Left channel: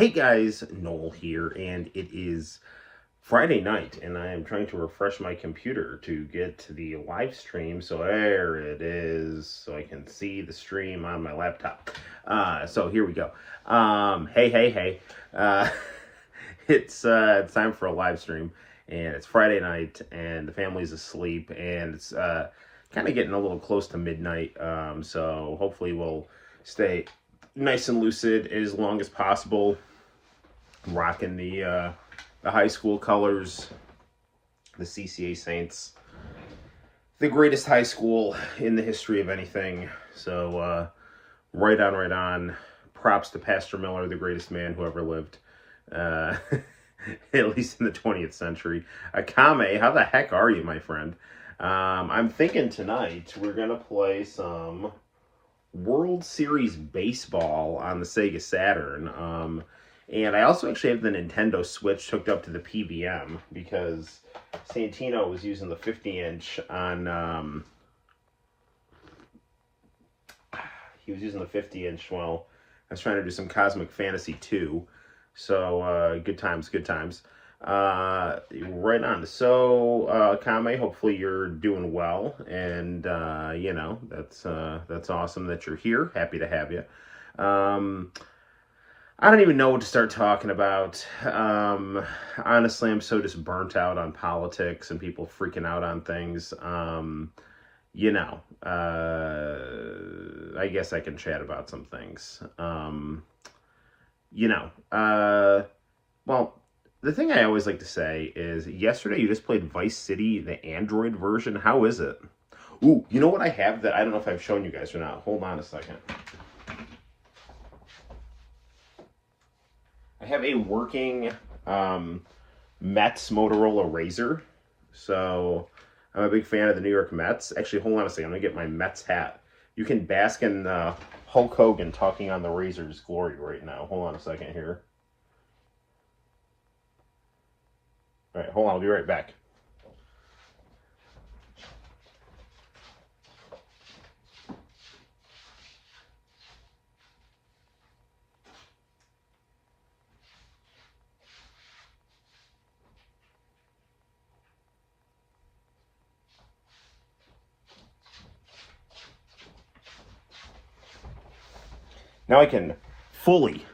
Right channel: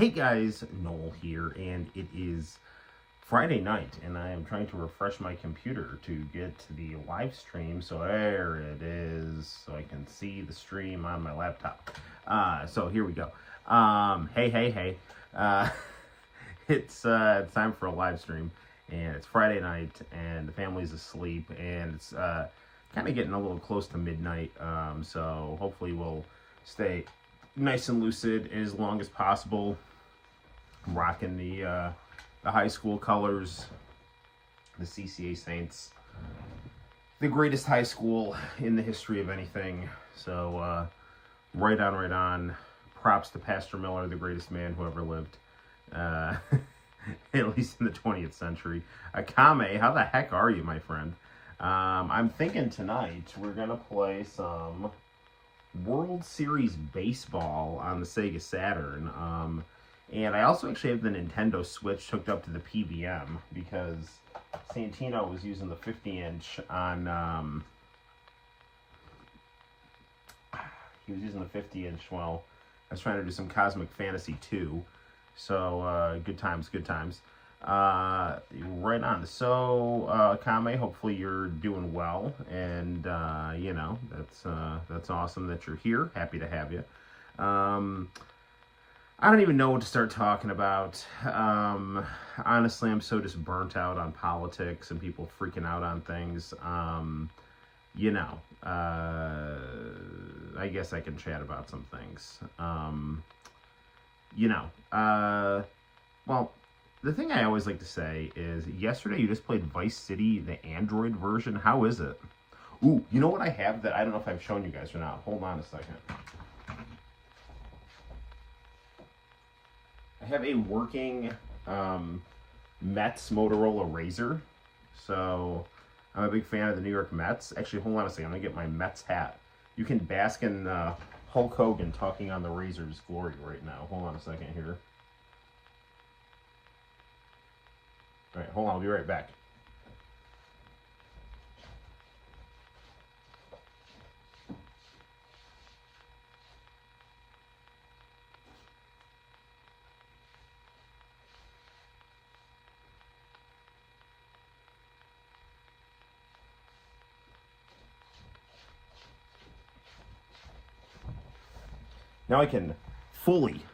Hey guys, Noel here, and it is Friday night, and I am trying to refresh my computer to get to the live stream. So there it is, so I can see the stream on my laptop. So here we go. Hey. It's time for a live stream, and it's Friday night, and the family's asleep, and it's kind of getting a little close to midnight. So hopefully we'll stay nice and lucid as long as possible. I'm rocking the high school colors, the CCA Saints, the greatest high school in the history of anything. So right on. Props to Pastor Miller, the greatest man who ever lived, at least in the 20th century. Akame, how the heck are you, my friend? I'm thinking tonight we're gonna play some World Series Baseball on the Sega Saturn. And I also actually have the Nintendo Switch hooked up to the PVM because Santino was using the 50-inch on, he was using the 50-inch while I was trying to do some Cosmic Fantasy 2. So, good times. Right on. So, Kame, hopefully you're doing well, and, that's awesome that you're here. Happy to have you. I don't even know what to start talking about. Honestly, I'm so just burnt out on politics and people freaking out on things. I guess I can chat about some things. Well, the thing I always like to say is, yesterday you just played Vice City, the Android version. How is it? Ooh, you know what I have that I don't know if I've shown you guys or not? Hold on a second. I have a working Mets Motorola Razr. So I'm a big fan of the New York Mets. Actually, hold on a second. I'm going to get my Mets hat. You can bask in Hulk Hogan talking on the Razor's glory right now. Hold on a second here. All right, hold on. I'll be right back. Now I can fully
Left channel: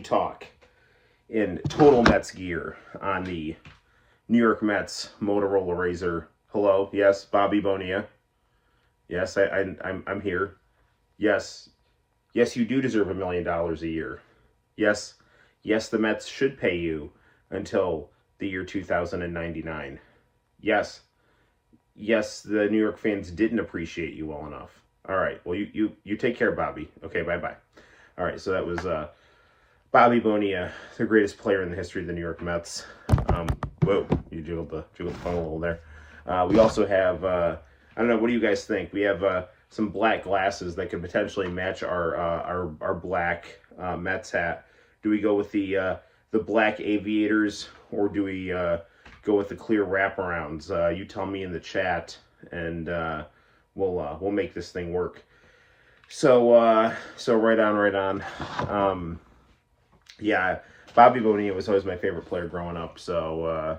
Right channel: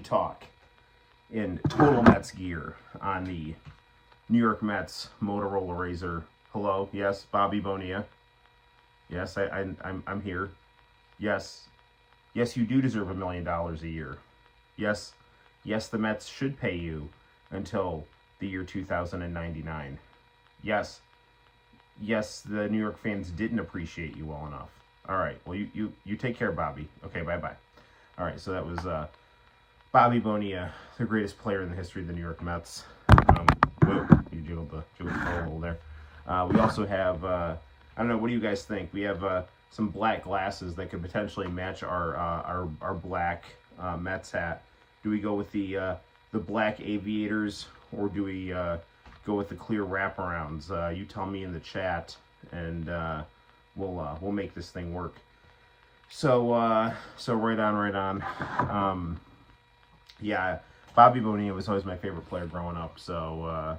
talk in total Mets gear on the New York Mets Motorola Razr. Hello, yes, Bobby Bonilla. Yes, I'm here. Yes, you do deserve $1 million a year. Yes, the Mets should pay you until the year 2099. Yes, the New York fans didn't appreciate you well enough. All right, well, you take care, Bobby. Okay, bye-bye. All right, so that was Bobby Bonilla, the greatest player in the history of the New York Mets. Whoa, you jiggled the phone a little there. We also have, I don't know, what do you guys think? We have some black glasses that could potentially match our black Mets hat. Do we go with the black aviators, or do we go with the clear wraparounds? You tell me in the chat, and we'll make this thing work. So right on. Yeah, Bobby Bonilla was always my favorite player growing up. So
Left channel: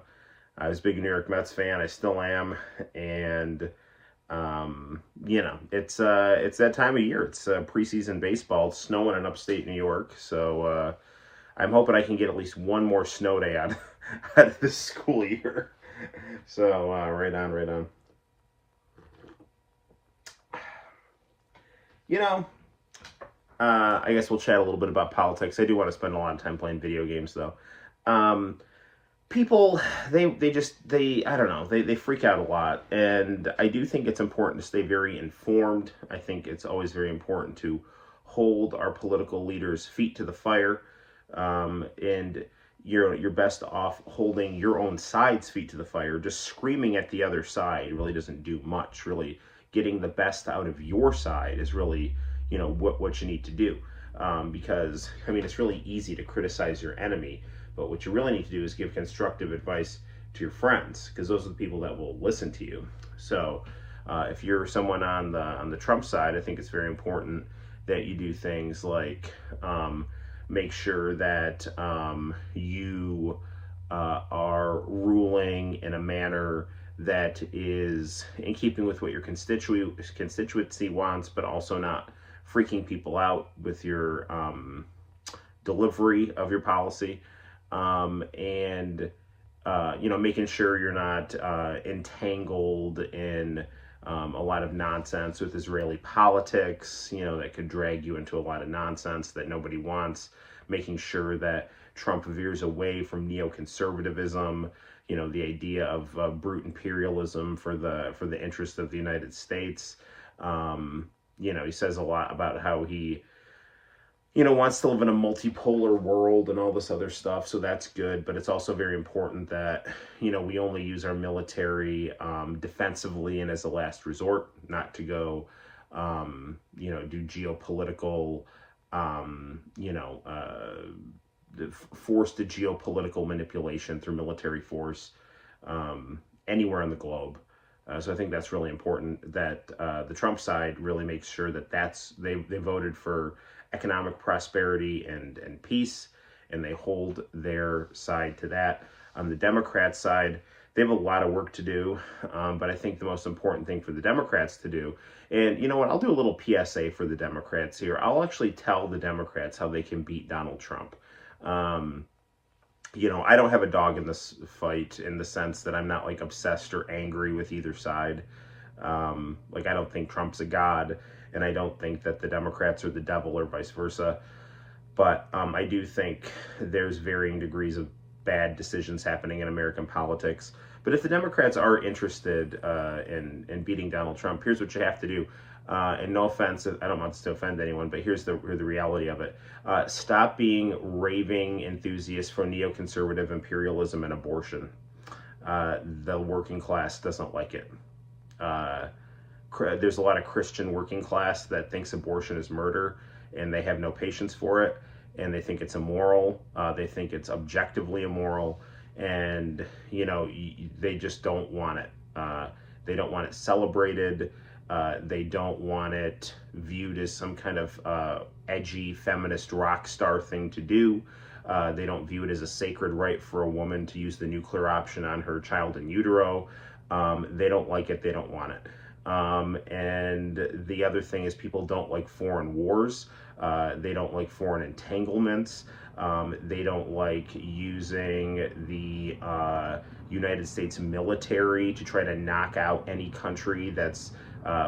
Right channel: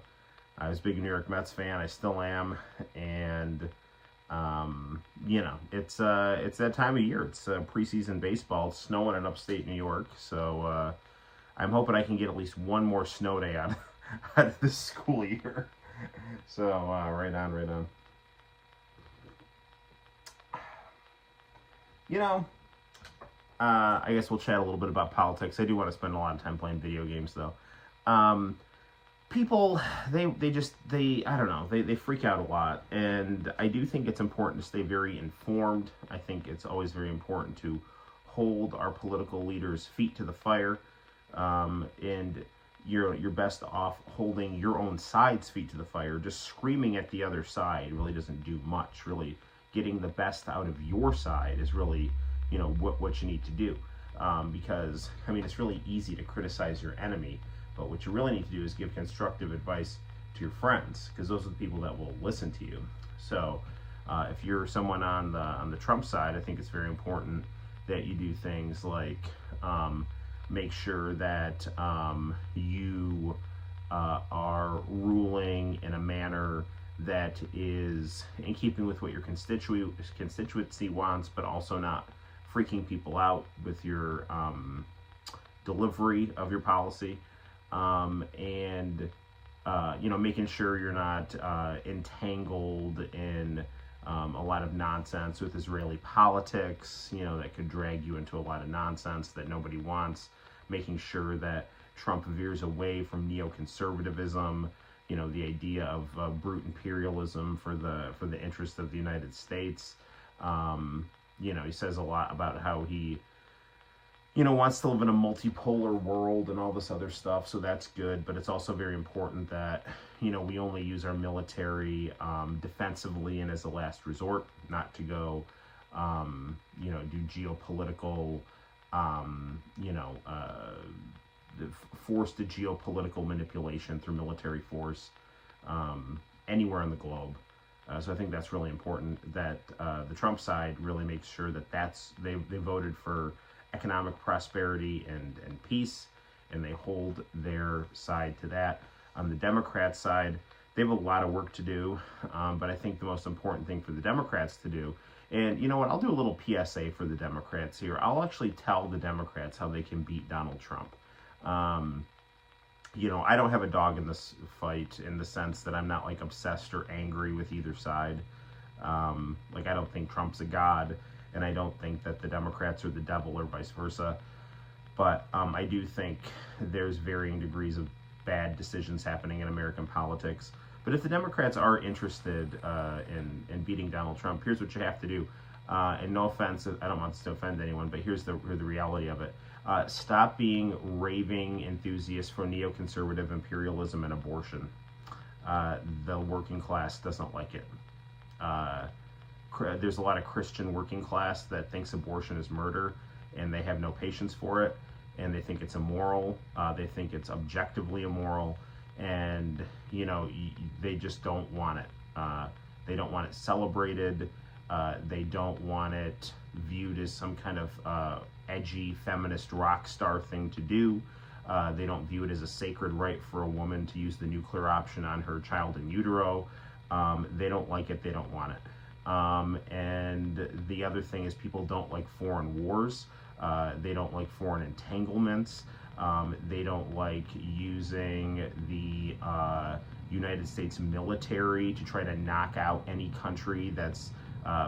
I was a big New York Mets fan. I still am, and it's that time of year. It's preseason baseball. It's snowing in upstate New York, so I'm hoping I can get at least one more snow day out of this school year. So right on. I guess we'll chat a little bit about politics. I do want to spend a lot of time playing video games, though. People, they I don't know, they freak out a lot, and I do think it's important to stay very informed. I think it's always very important to hold our political leaders' feet to the fire, and you're best off holding your own side's feet to the fire. Just screaming at the other side really doesn't do much. Really, getting the best out of your side is really, what you need to do. Because, it's really easy to criticize your enemy, but what you really need to do is give constructive advice to your friends, because those are the people that will listen to you. So, if you're someone on the Trump side, I think it's very important that you do things like make sure that you are ruling in a manner that is in keeping with what your constituency wants, but also not freaking people out with your delivery of your policy, and making sure you're not entangled in a lot of nonsense with Israeli politics, that could drag you into a lot of nonsense that nobody wants, making sure that Trump veers away from neoconservatism, the idea of brute imperialism for the interest of the United States. He says a lot about how he wants to live in a multipolar world and all this other stuff, so that's good, but it's also very important that, we only use our military defensively and as a last resort, not to go, do geopolitical, forced geopolitical manipulation through military force anywhere on the globe. So I think that's really important that the Trump side really makes sure that they voted for economic prosperity and peace, and they hold their side to that. On the Democrat side, they have a lot of work to do, but I think the most important thing for the Democrats to do, and you know what, I'll do a little PSA for the Democrats here. I'll actually tell the Democrats how they can beat Donald Trump. I don't have a dog in this fight in the sense that I'm not like obsessed or angry with either side. I don't think Trump's a god, and I don't think that the Democrats are the devil or vice versa. But I do think there's varying degrees of bad decisions happening in American politics. But if the Democrats are interested in beating Donald Trump, here's what you have to do. And no offense, I don't want this to offend anyone, but here's the reality of it. Stop being raving enthusiasts for neoconservative imperialism and abortion. The working class doesn't like it. There's a lot of Christian working class that thinks abortion is murder, and they have no patience for it, and they think it's immoral. They think it's objectively immoral, and they just don't want it. They don't want it celebrated. They don't want it viewed as some kind of edgy feminist rock star thing to do. They don't view it as a sacred right for a woman to use the nuclear option on her child in utero. They don't like it. They don't want it. And the other thing is, people don't like foreign wars. They don't like foreign entanglements. They don't like using the United States military to try to knock out any country that's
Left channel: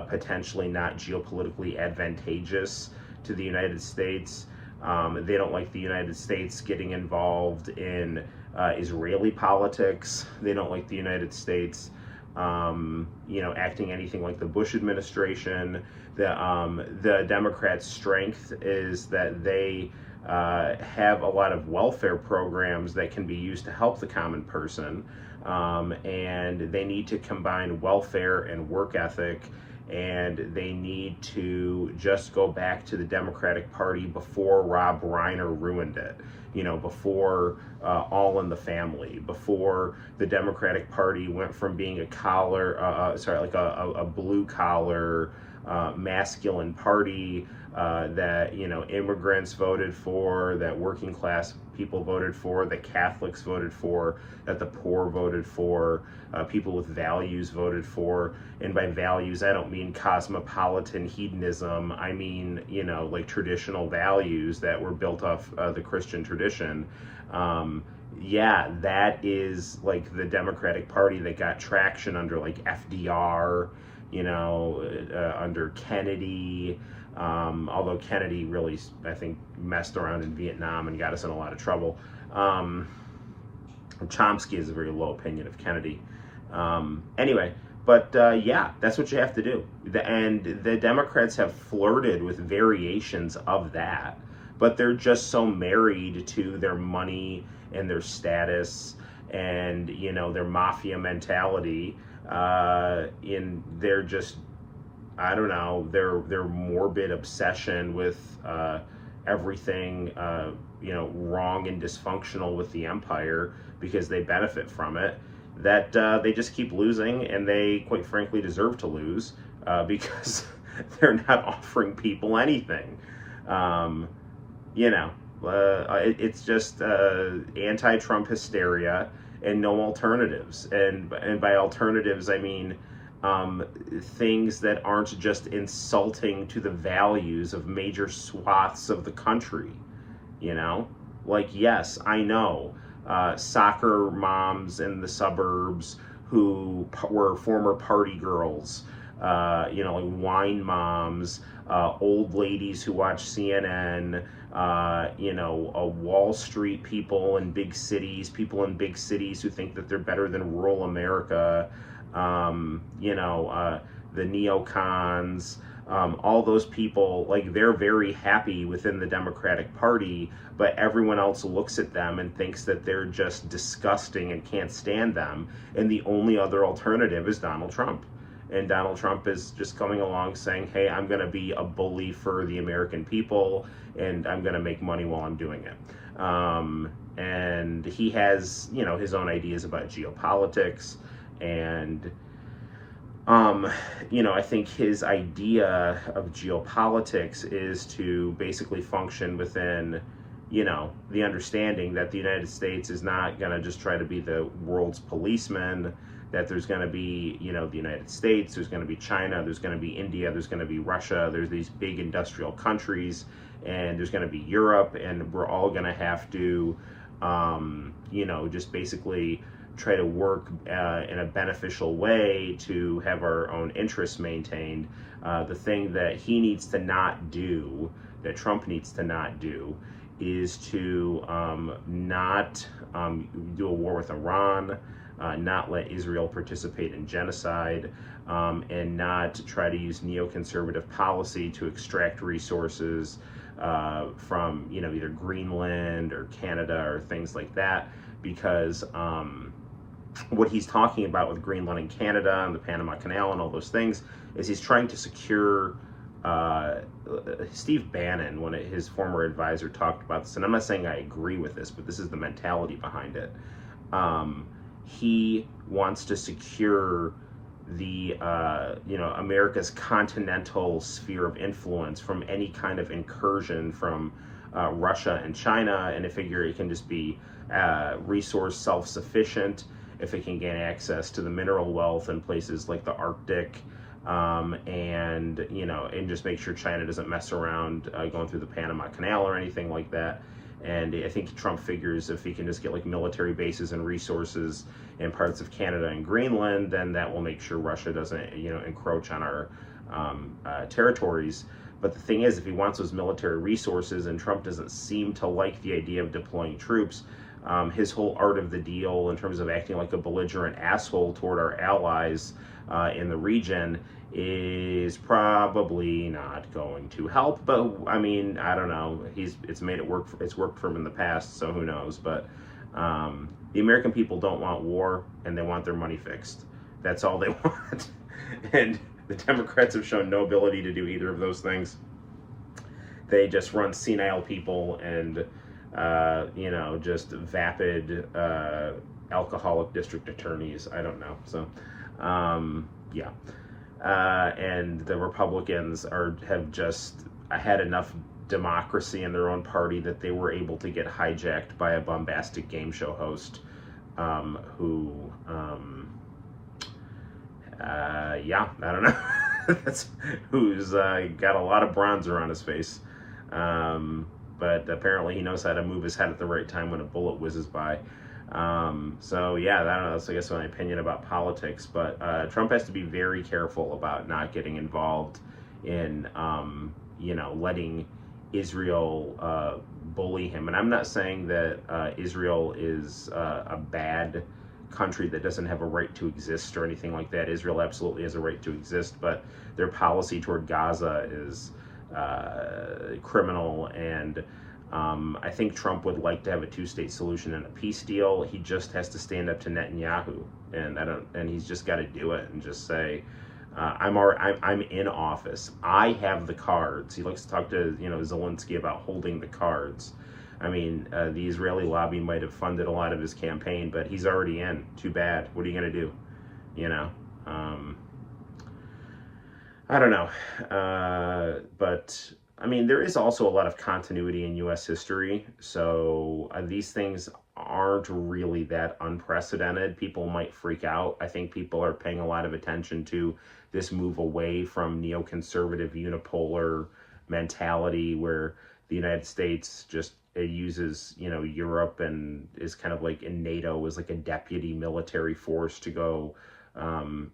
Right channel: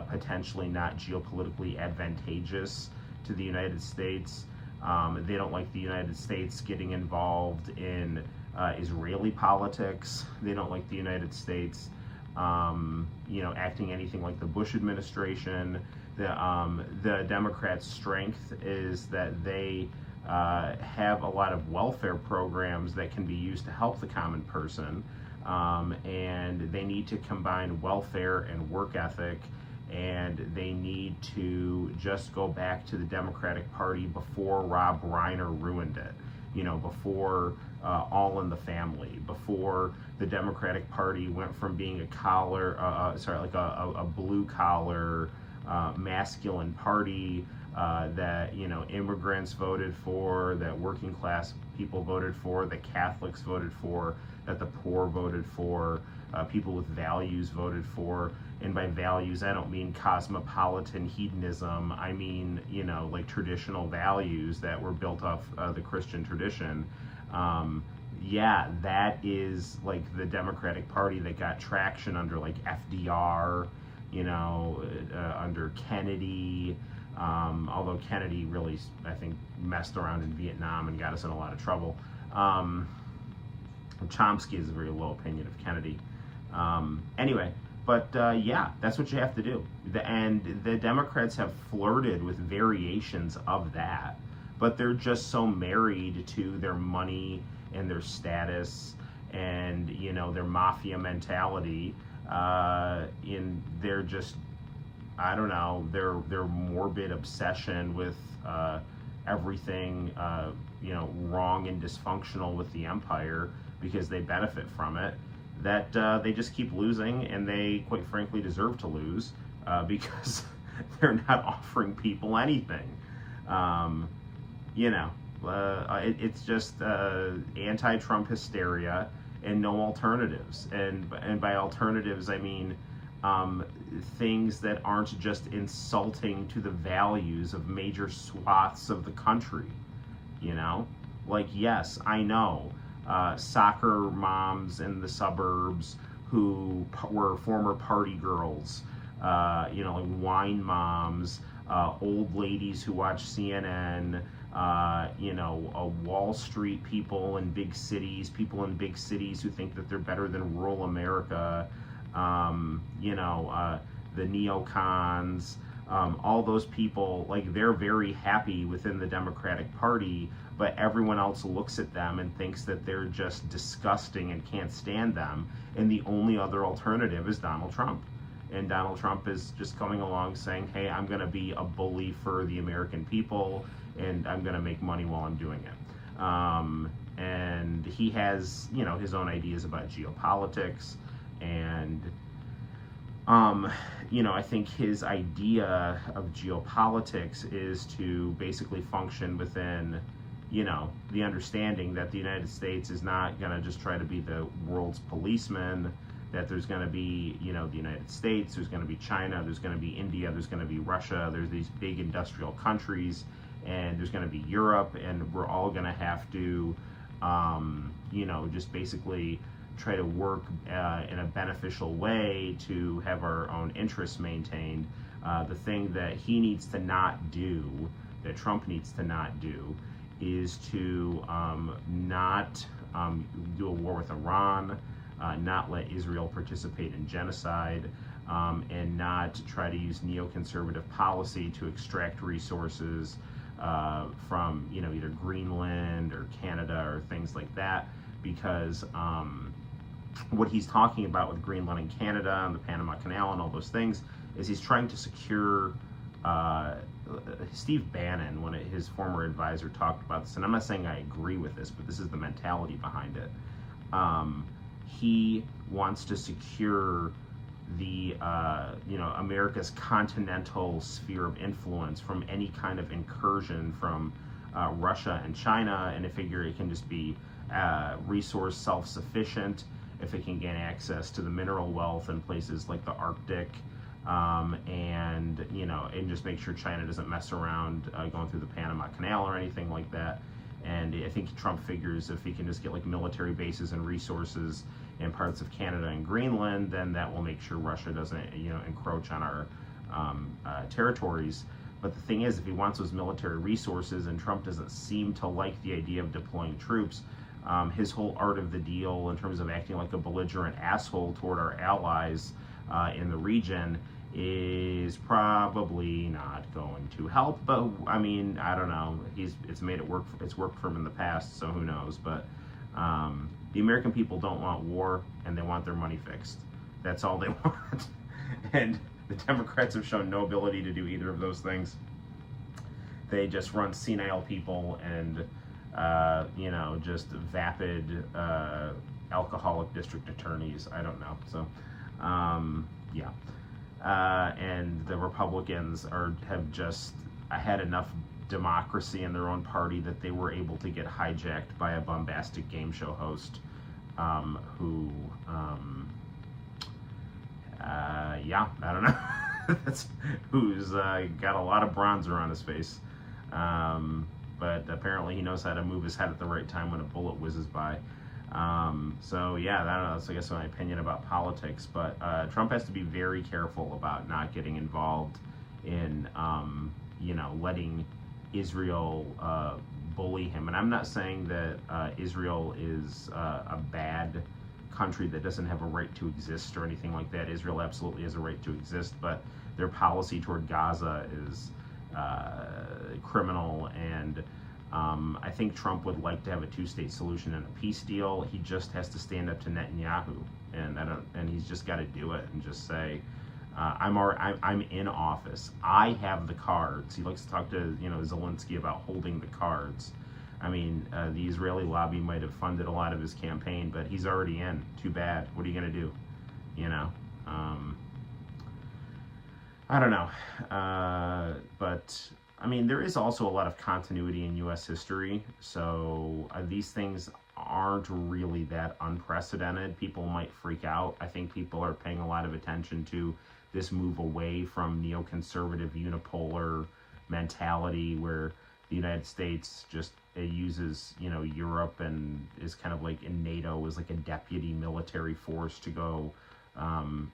potentially not geopolitically advantageous to the United States. They don't like the United States getting involved in Israeli politics. They don't like the United States acting anything like the Bush administration. The Democrats' strength is that they have a lot of welfare programs that can be used to help the common person, and they need to combine welfare and work ethic, and they need to just go back to the Democratic Party before Rob Reiner ruined it. Before All in the Family, before the Democratic Party went from being a blue collar, masculine party that immigrants voted for, that working class people voted for, that Catholics voted for, that the poor voted for, people with values voted for. And by values, I don't mean cosmopolitan hedonism. I mean, traditional values that were built off the Christian tradition. That is like the Democratic Party that got traction under like FDR, under Kennedy. Although Kennedy really, I think, messed around in Vietnam and got us in a lot of trouble. Chomsky has a very low opinion of Kennedy. But that's what you have to do. And the Democrats have flirted with variations of that, but they're just so married to their money and their status and, their mafia mentality. In their just, I don't know, their morbid obsession with everything, wrong and dysfunctional with the empire, because they benefit from it, that they just keep losing, and they quite frankly deserve to lose because they're not offering people anything. It's just anti-Trump hysteria and no alternatives. And by alternatives, I mean things that aren't just insulting to the values of major swaths of the country. You know, like, yes, I know soccer moms in the suburbs who were former party girls, like wine moms, old ladies who watch CNN, Wall Street people in big cities, who think that they're better than rural America, the neocons, all those people, like, they're very happy within the Democratic Party, but everyone else looks at them and thinks that they're just disgusting and can't stand them. And the only other alternative is Donald Trump. And Donald Trump is just coming along saying, hey, I'm going to be a bully for the American people, and I'm going to make money while I'm doing it. And he has, his own ideas about geopolitics. And, I think his idea of geopolitics is to basically function within, the understanding that the United States is not going to just try to be the world's policeman, that there's going to be, the United States, there's going to be China, there's going to be India, there's going to be Russia, there's these big industrial countries, and there's going to be Europe, and we're all going to have to, just basically try to work in a beneficial way to have our own interests maintained. The thing that he needs to not do, that Trump needs to not do, is to not do a war with Iran, not let Israel participate in genocide, and not try to use neoconservative policy to extract resources from, either Greenland or Canada or things like that, because what he's talking about with Greenland and Canada and the Panama Canal and all those things is he's trying to secure. Steve Bannon, his former advisor, talked about this, and I'm not saying I agree with this, but this is the mentality behind it. He wants to secure the America's continental sphere of influence from any kind of incursion from Russia and China, and I figure it can just be resource self-sufficient if it can gain access to the mineral wealth in places like the Arctic, and just make sure China doesn't mess around going through the Panama Canal or anything like that. And I think Trump figures if he can just get like military bases and resources in parts of Canada and Greenland, then that will make sure Russia doesn't, encroach on our territories. But the thing is, if he wants those military resources, and Trump doesn't seem to like the idea of deploying troops, his whole art of the deal in terms of acting like a belligerent asshole toward our allies in the region is probably not going to help. But I mean, I don't know. It's made it work. It's worked for him in the past, so who knows? But the American people don't want war, and they want their money fixed. That's all they want. And the Democrats have shown no ability to do either of those things. They just run senile people and just vapid alcoholic district attorneys. I don't know. So yeah. And the Republicans have just had enough democracy in their own party that they were able to get hijacked by a bombastic game show host who, I don't know, who's got a lot of bronzer on his face, but apparently he knows how to move his head at the right time when a bullet whizzes by. So yeah, I don't know, that's I guess my opinion about politics, but Trump has to be very careful about not getting involved in, letting Israel bully him. And I'm not saying that Israel is a bad country that doesn't have a right to exist or anything like that. Israel absolutely has a right to exist, but their policy toward Gaza is criminal, and I think Trump would like to have a two-state solution and a peace deal. He just has to stand up to Netanyahu, and he's just got to do it and just say, I'm in office. I have the cards. He likes to talk to Zelensky about holding the cards. I mean, the Israeli lobby might have funded a lot of his campaign, but he's already in. Too bad. What are you gonna do? I don't know. But I mean, there is also a lot of continuity in U.S. history, so these things aren't really that unprecedented. People might freak out. I think people are paying a lot of attention to this move away from neoconservative unipolar mentality where the United States just uses, you know, Europe and is kind of like in NATO as like a deputy military force to go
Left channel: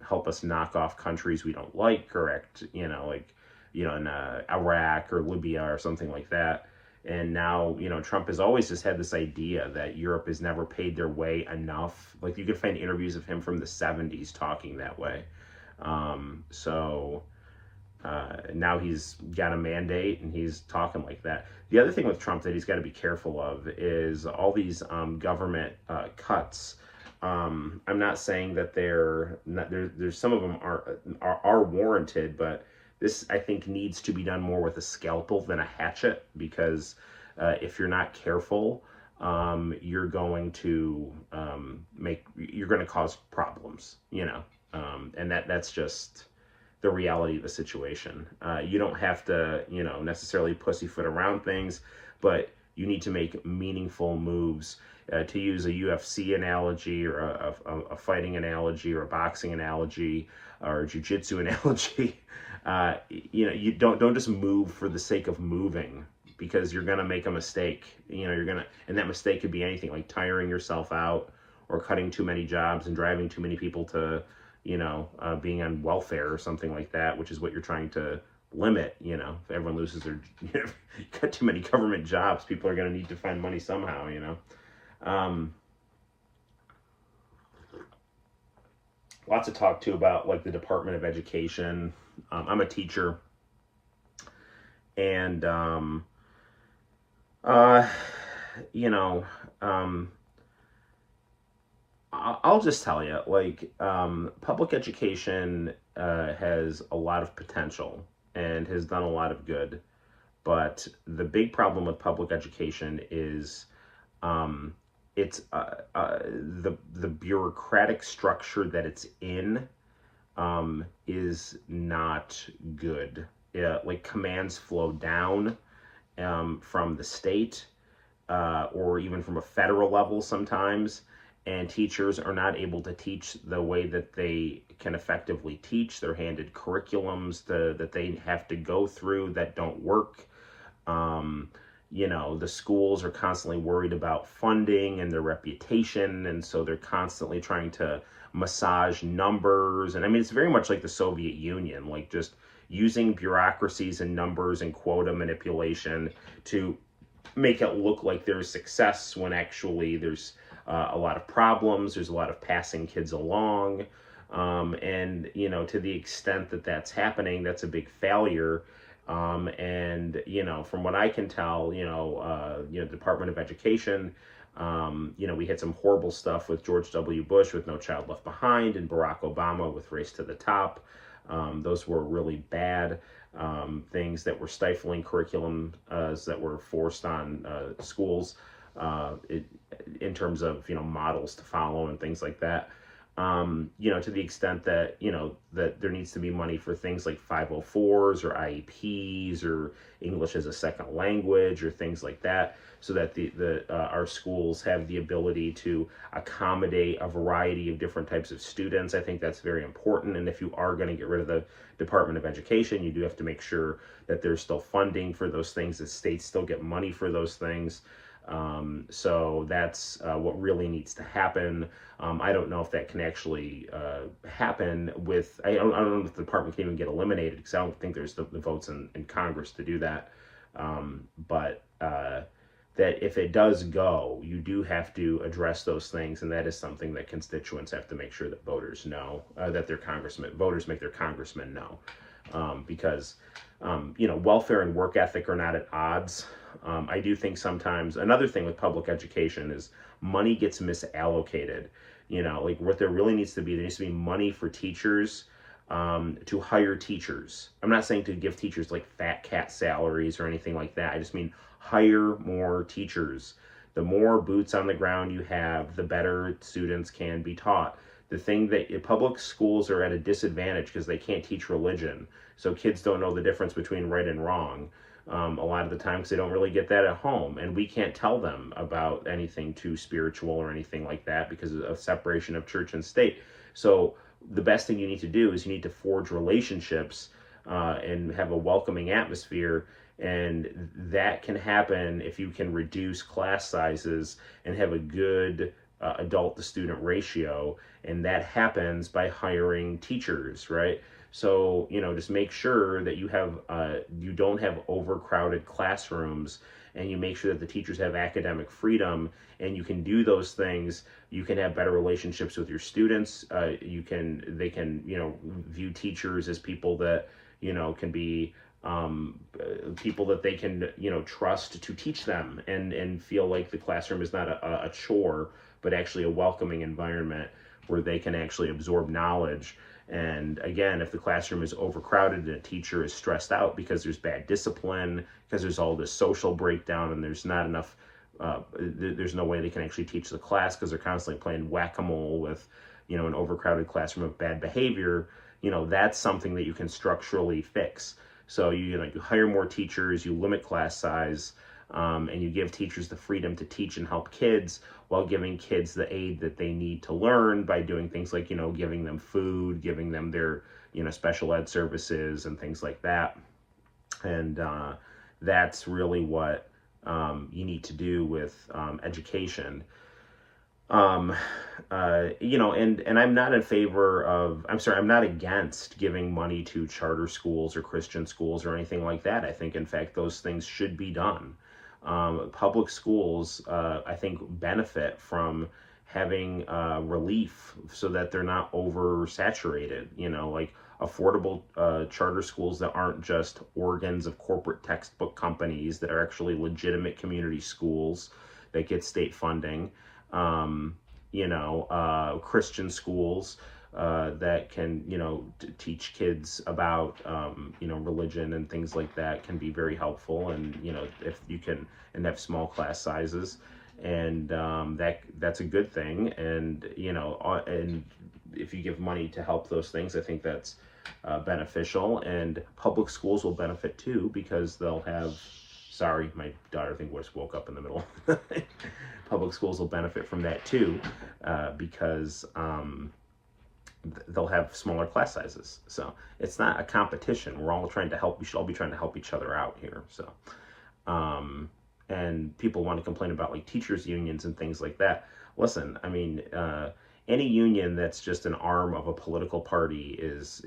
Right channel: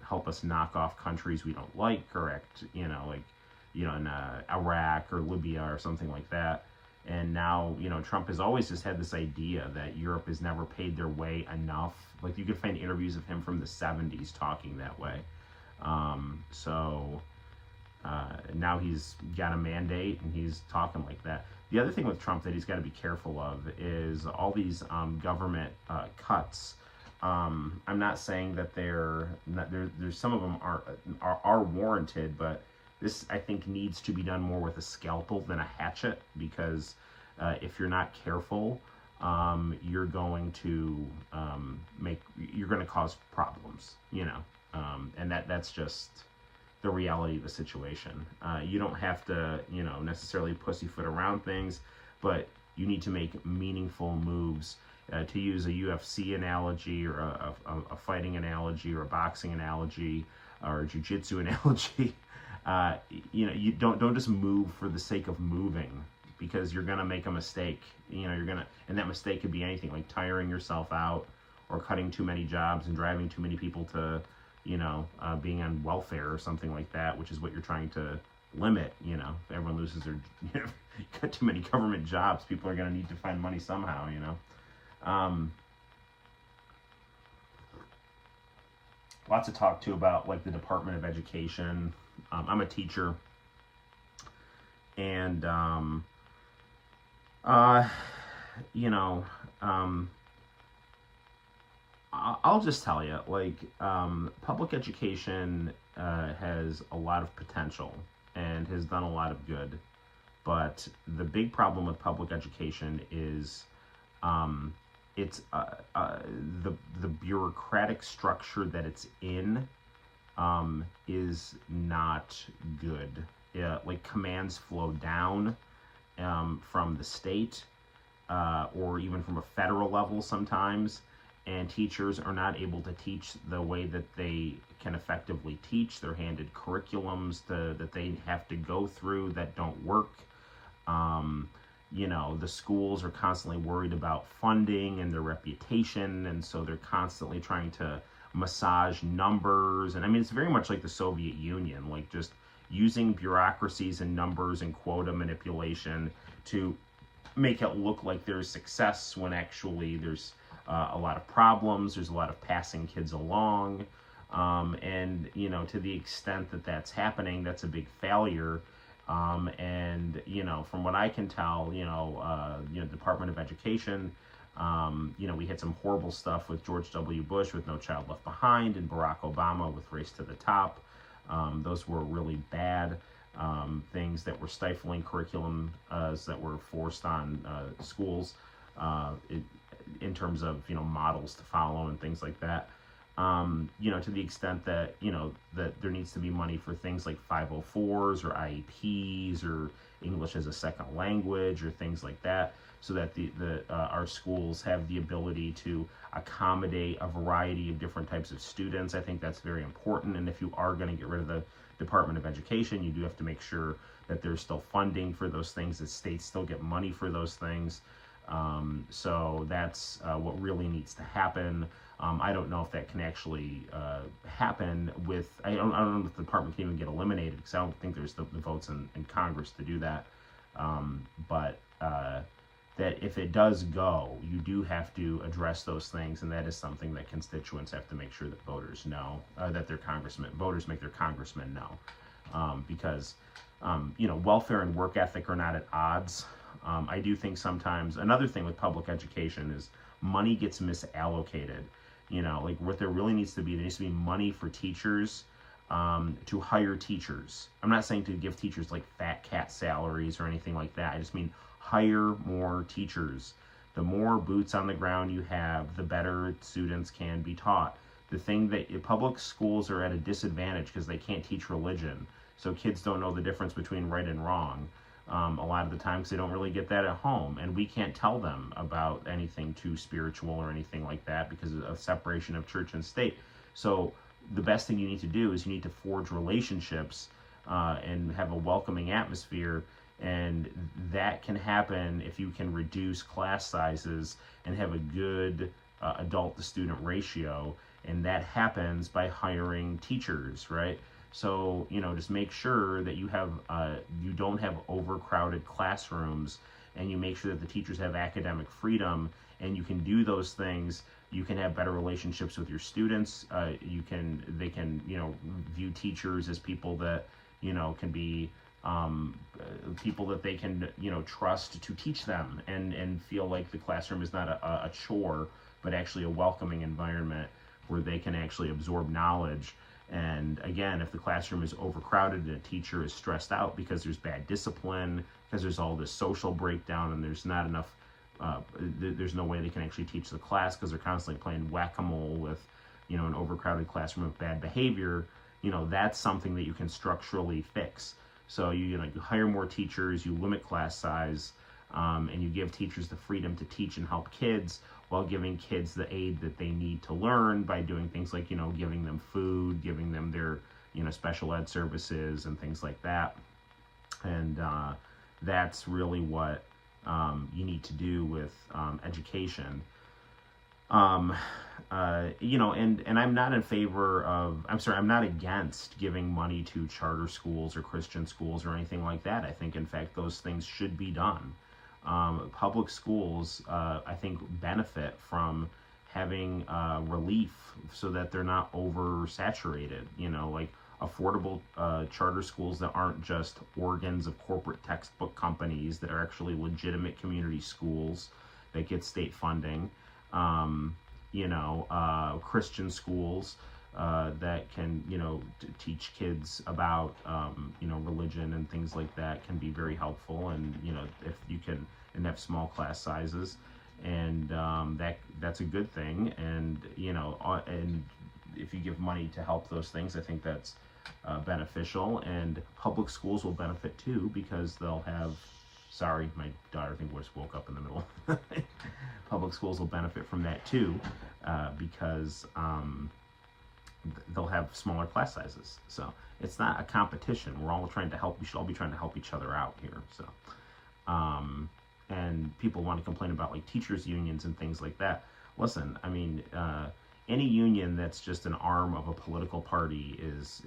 help us knock off countries we don't like, correct, you know, like, you know, in Iraq or Libya or something like that. And now, you know, Trump has always just had this idea that Europe has never paid their way enough. Like, you could find interviews of him from the 70s talking that way. So now he's got a mandate and he's talking like that. The other thing with Trump that he's got to be careful of is all these government cuts. I'm not saying that they're not, there's some of them are warranted, but this, I think, needs to be done more with a scalpel than a hatchet, because if you're not careful, you're going to you're going to cause problems, you know, and that's just the reality of the situation. You don't have to, you know, necessarily pussyfoot around things, but you need to make meaningful moves. To use a UFC analogy or a fighting analogy or a boxing analogy or a jiu-jitsu analogy, you know, you don't just move for the sake of moving, because you're gonna make a mistake. You know, and that mistake could be anything like tiring yourself out or cutting too many jobs and driving too many people to, you know, being on welfare or something like that, which is what you're trying to limit. You know, if everyone loses their, you know, you cut too many government jobs, people are gonna need to find money somehow, you know. Lots of talk too about like the Department of Education. I'm a teacher, and you know, I'll just tell you, like, public education has a lot of potential and has done a lot of good, but the big problem with public education is it's the bureaucratic structure that it's in is not good. Like, commands flow down from the state or even from a federal level sometimes, and teachers are not able to teach the way that they can effectively teach. They're handed curriculums that they have to go through that don't work. You know, the schools are constantly worried about funding and their reputation, and so they're constantly trying to massage numbers. And I mean, it's very much like the Soviet Union, like just using bureaucracies and numbers and quota manipulation to make it look like there's success when actually there's a lot of problems. There's a lot of passing kids along. And, you know, to the extent that that's happening, that's a big failure. And, you know, from what I can tell, Department of Education, you know, we had some horrible stuff with George W. Bush with No Child Left Behind, and Barack Obama with Race to the Top. Those were really bad things that were stifling curriculum that were forced on schools in terms of, you know, models to follow and things like that. You know, to the extent that, you know, that there needs to be money for things like 504s or IEPs or English as a second language or things like that, so that our schools have the ability to accommodate a variety of different types of students. I think that's very important. And if you are going to get rid of the Department of Education, you do have to make sure that there's still funding for those things, that states still get money for those things. So that's what really needs to happen. I don't know if that can actually happen with, I don't know if the department can even get eliminated, because I don't think there's the votes in Congress to do that. But that if it does go, you do have to address those things, and that is something that constituents have to make sure that voters know, that voters make their congressmen know. Because, you know, welfare and work ethic are not at odds. I do think sometimes, another thing with public education is money gets misallocated. You know, like what there really needs to be, there needs to be money for teachers to hire teachers. I'm not saying to give teachers like fat cat salaries or anything like that. I just mean hire more teachers. The more boots on the ground you have, the better students can be taught. The thing that public schools are at a disadvantage because they can't teach religion. So kids don't know the difference between right and wrong. a lot of the time, because they don't really get that at home, and we can't tell them about anything too spiritual or anything like that because of separation of church and state. So the best thing you need to do is you need to forge relationships and have a welcoming atmosphere, and that can happen if you can reduce class sizes and have a good adult to student ratio, and that happens by hiring teachers, right? So, just make sure that you have you don't have overcrowded classrooms, and you make sure that the teachers have academic freedom, and you can do those things. You can have better relationships with your students. They can view teachers as people that can be people that they can trust to teach them, and feel like the classroom is not a chore, but actually a welcoming environment where they can actually absorb knowledge. And again, if the classroom is overcrowded and a teacher is stressed out because there's bad discipline, because there's all this social breakdown, and there's not enough, there's no way they can actually teach the class because they're constantly playing whack-a-mole with, an overcrowded classroom of bad behavior, that's something that you can structurally fix. So you hire more teachers, you limit class size, and you give teachers the freedom to teach and help kids, while giving kids the aid that they need to learn by doing things like, giving them food, giving them their, special ed services and things like that. And that's really what you need to do with education. And I'm not in favor of, I'm not against giving money to charter schools or Christian schools or anything like that. I think, in fact, those things should be done. Public schools, I think, benefit from having relief so that they're not oversaturated, like affordable charter schools that aren't just organs of corporate textbook companies, that are actually legitimate community schools that get state funding. Christian schools that can, teach kids about, religion and things like that, can be very helpful. And, if you can, and have small class sizes, and that's a good thing. And, and if you give money to help those things, I think that's beneficial. And public schools will benefit too, because they'll have, sorry, my daughter, I think, just woke up in the middle. Public schools will benefit from that too, because they'll have smaller class sizes. So it's not a competition. We're all trying to help. We should all be trying to help each other out here. So, and people want to complain about like teachers unions and things like that. Listen, I mean, any union that's just an arm of a political party is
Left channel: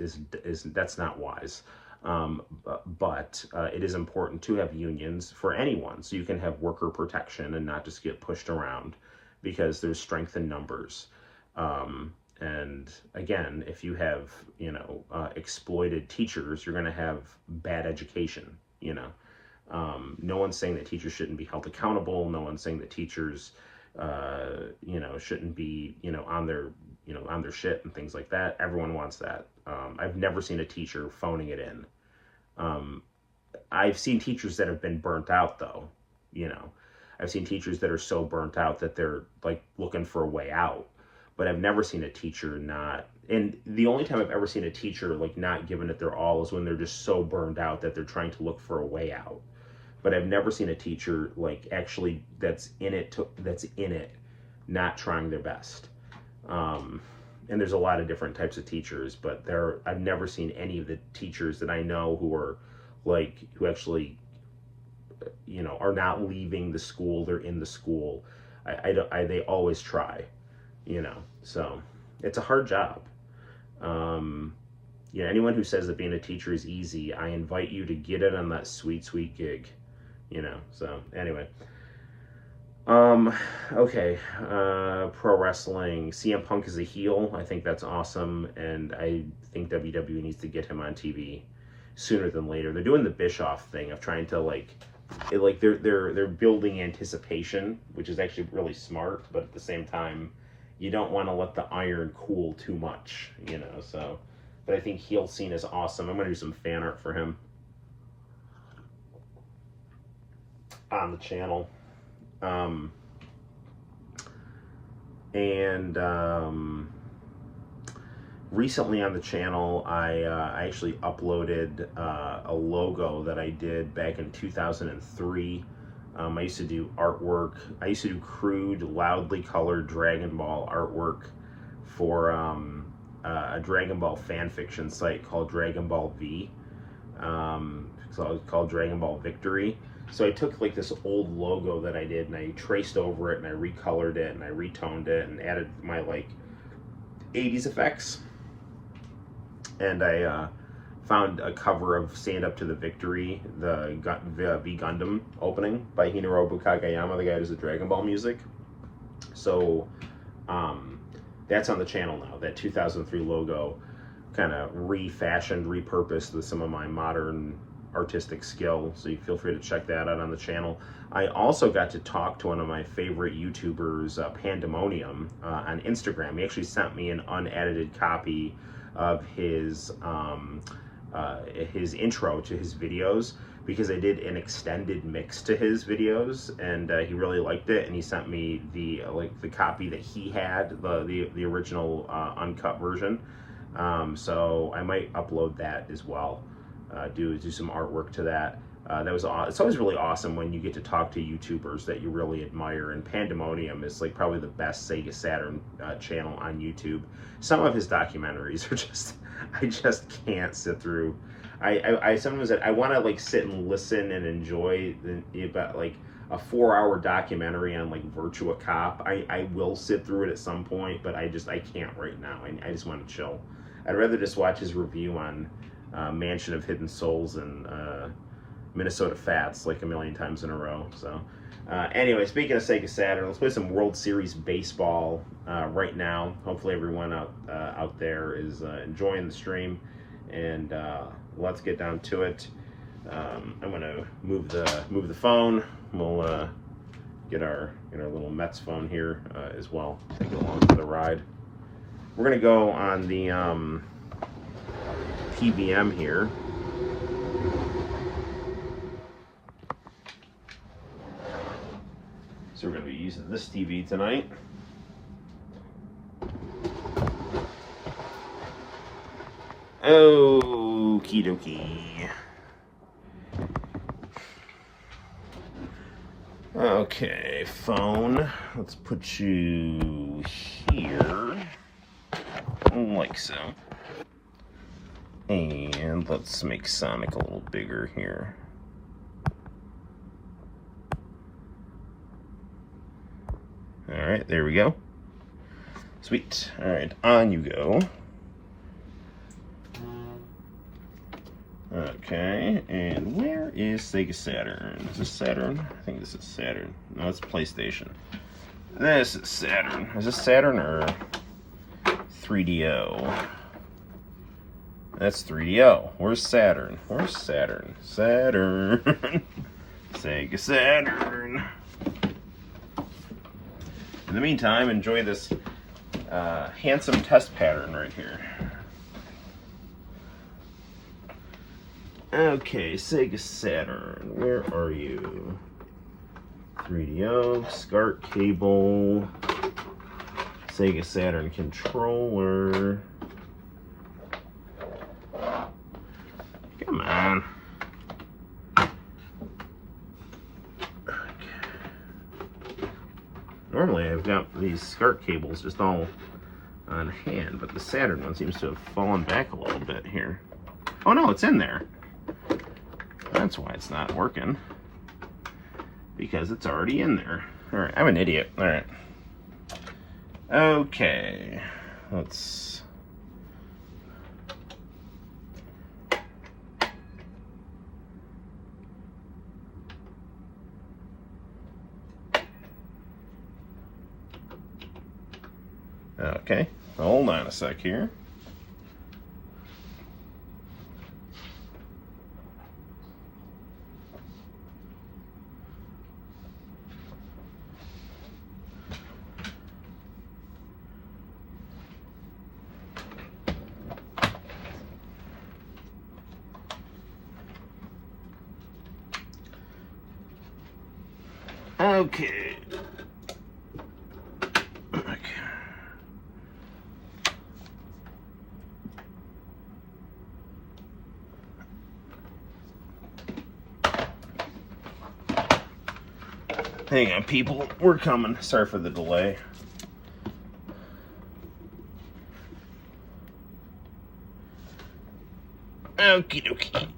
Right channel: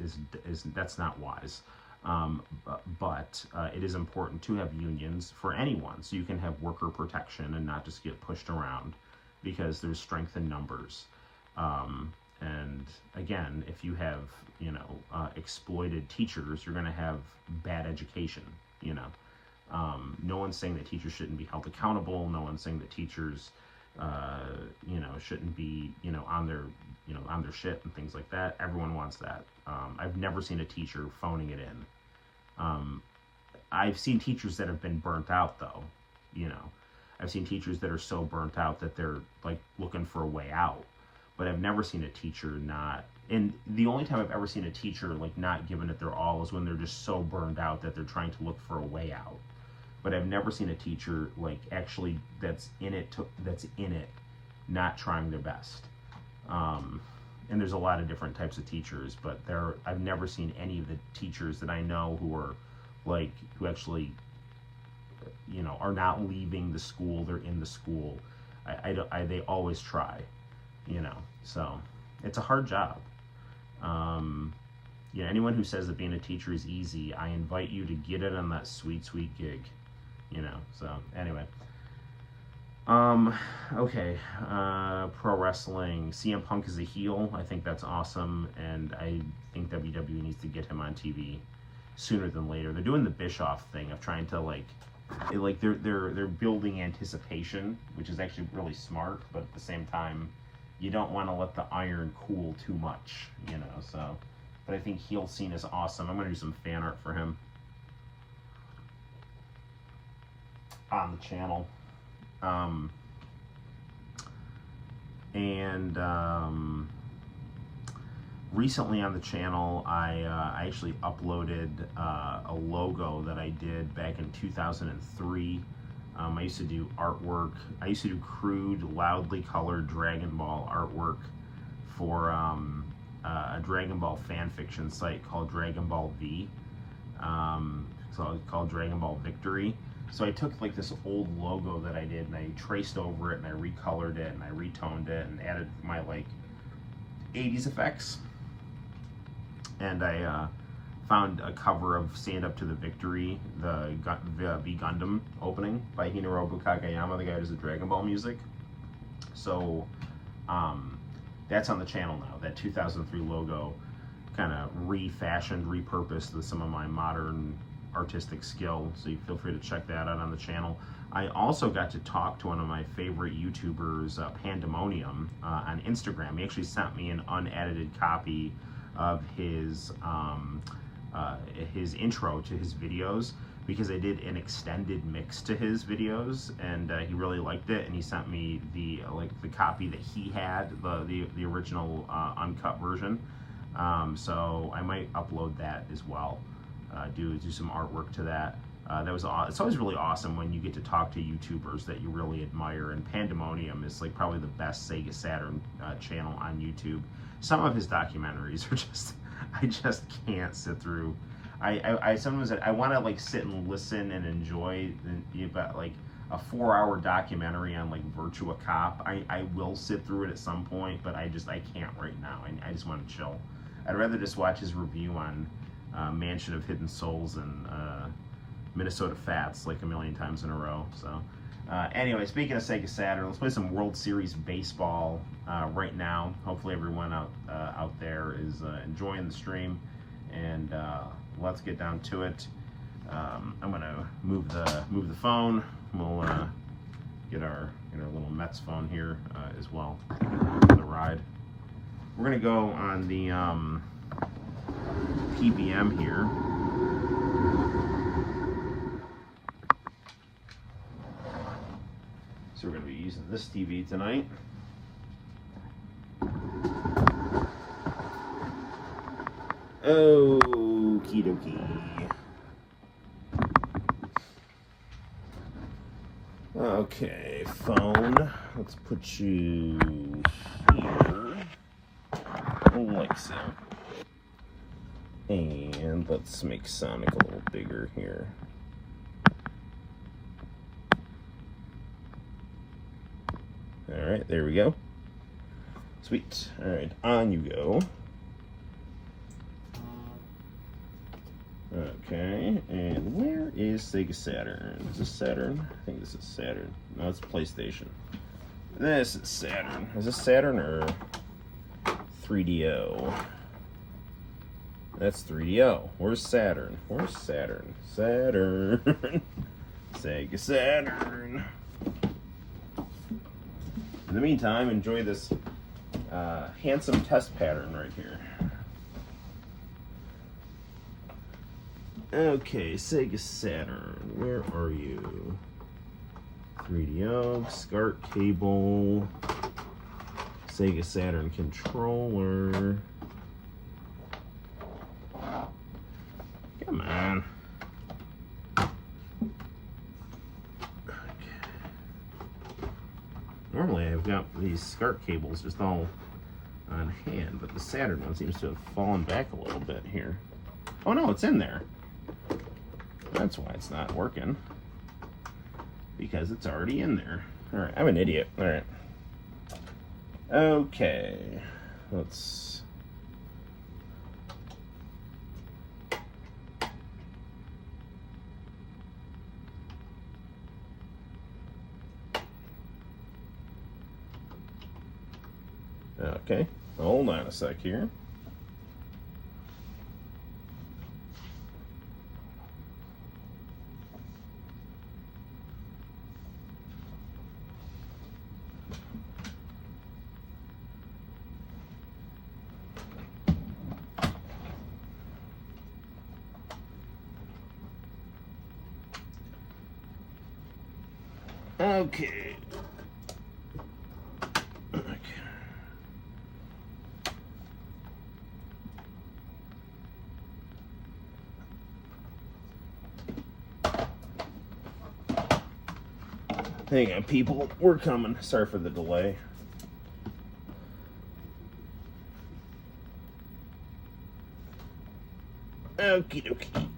that's not wise. But it is important to have unions for anyone, so you can have worker protection and not just get pushed around, because there's strength in numbers. And again, if you have, exploited teachers, you're going to have bad education. No one's saying that teachers shouldn't be held accountable. No one's saying that teachers, shouldn't be, on their shit and things like that. Everyone wants that. I've never seen a teacher phoning it in. I've seen teachers that have been burnt out, though. I've seen teachers that are so burnt out that they're like looking for a way out. But I've never seen a teacher not. And the only time I've ever seen a teacher like not giving it their all is when they're just so burned out that they're trying to look for a way out. But I've never seen a teacher like actually that's in it, not trying their best. And there's a lot of different types of teachers, but I've never seen any of the teachers that I know who are like, who actually, are not leaving the school. They're in the school. They always try, so it's a hard job. Anyone who says that being a teacher is easy, I invite you to get in on that sweet, sweet gig, so anyway. Okay, pro wrestling. CM Punk is a heel. I think that's awesome, and I think WWE needs to get him on TV sooner than later. They're doing the Bischoff thing of trying to they're building anticipation, which is actually really smart, but at the same time, you don't want to let the iron cool too much, so. But I think heel scene is awesome. I'm going to do some fan art for him on the channel. recently on the channel, I actually uploaded a logo that I did back in 2003. I used to do artwork. I used to do crude, loudly colored Dragon Ball artwork for a Dragon Ball fan fiction site called Dragon Ball V. So it was called Dragon Ball Victory. So I took like this old logo that I did and I traced over it and I recolored it and I retoned it and added my like 80s effects. And I found a cover of Stand Up to the Victory, the V Gundam opening by Hinorobu Kagayama, the guy who does the Dragon Ball music. So that's on the channel now. That 2003 logo, kind of refashioned, repurposed with some of my modern artistic skill. So you feel free to check that out on the channel. I also got to talk to one of my favorite YouTubers, Pandemonium, on Instagram. He actually sent me an unedited copy of his intro to his videos, because I did an extended mix to his videos, and he really liked it, and he sent me the copy that he had, the original uncut version. So I might upload that as well. Do some artwork to that. It's always really awesome when you get to talk to YouTubers that you really admire, and Pandemonium is like probably the best Sega Saturn channel on YouTube. Some of his documentaries are just, I just can't sit through. I sometimes I want to like sit and listen and enjoy about like a 4-hour documentary on like Virtua Cop. I will sit through it at some point, but I can't right now. I just want to chill. I'd rather just watch his review on Mansion of Hidden Souls and Minnesota Fats like a million times in a row. So anyway, speaking of Sega Saturn, let's play some World Series baseball right now. Hopefully everyone out there is enjoying the stream, and let's get down to it. I'm gonna move the phone. We'll get our little Mets phone here as well. Take it along for the ride. We're gonna go on the PVM here. So we're going to be using this TV tonight. Okie dokie. Okay, phone. Let's put you here. Like so. And let's make Sonic a little bigger here. Alright, there we go. Sweet. Alright, on you go. Okay, and where is Sega Saturn? Is this Saturn? I think this is Saturn. No, it's PlayStation. This is Saturn. Is this Saturn or 3DO? That's 3DO. Where's Saturn? Where's Saturn? Saturn. Sega Saturn. In the meantime, enjoy this handsome test pattern right here. Okay, Sega Saturn, where are you? 3DO, SCART cable, Sega Saturn controller. Come on. Normally I've got these SCART cables just all on hand, but the Saturn one seems to have fallen back a little bit here. Oh no, it's in there. That's why it's not working. Because it's already in there. Alright, I'm an idiot. Alright. Okay. Let's... Okay, hold on a sec here. Okay. Hang on, people. We're coming. Sorry for the delay. Okie dokie.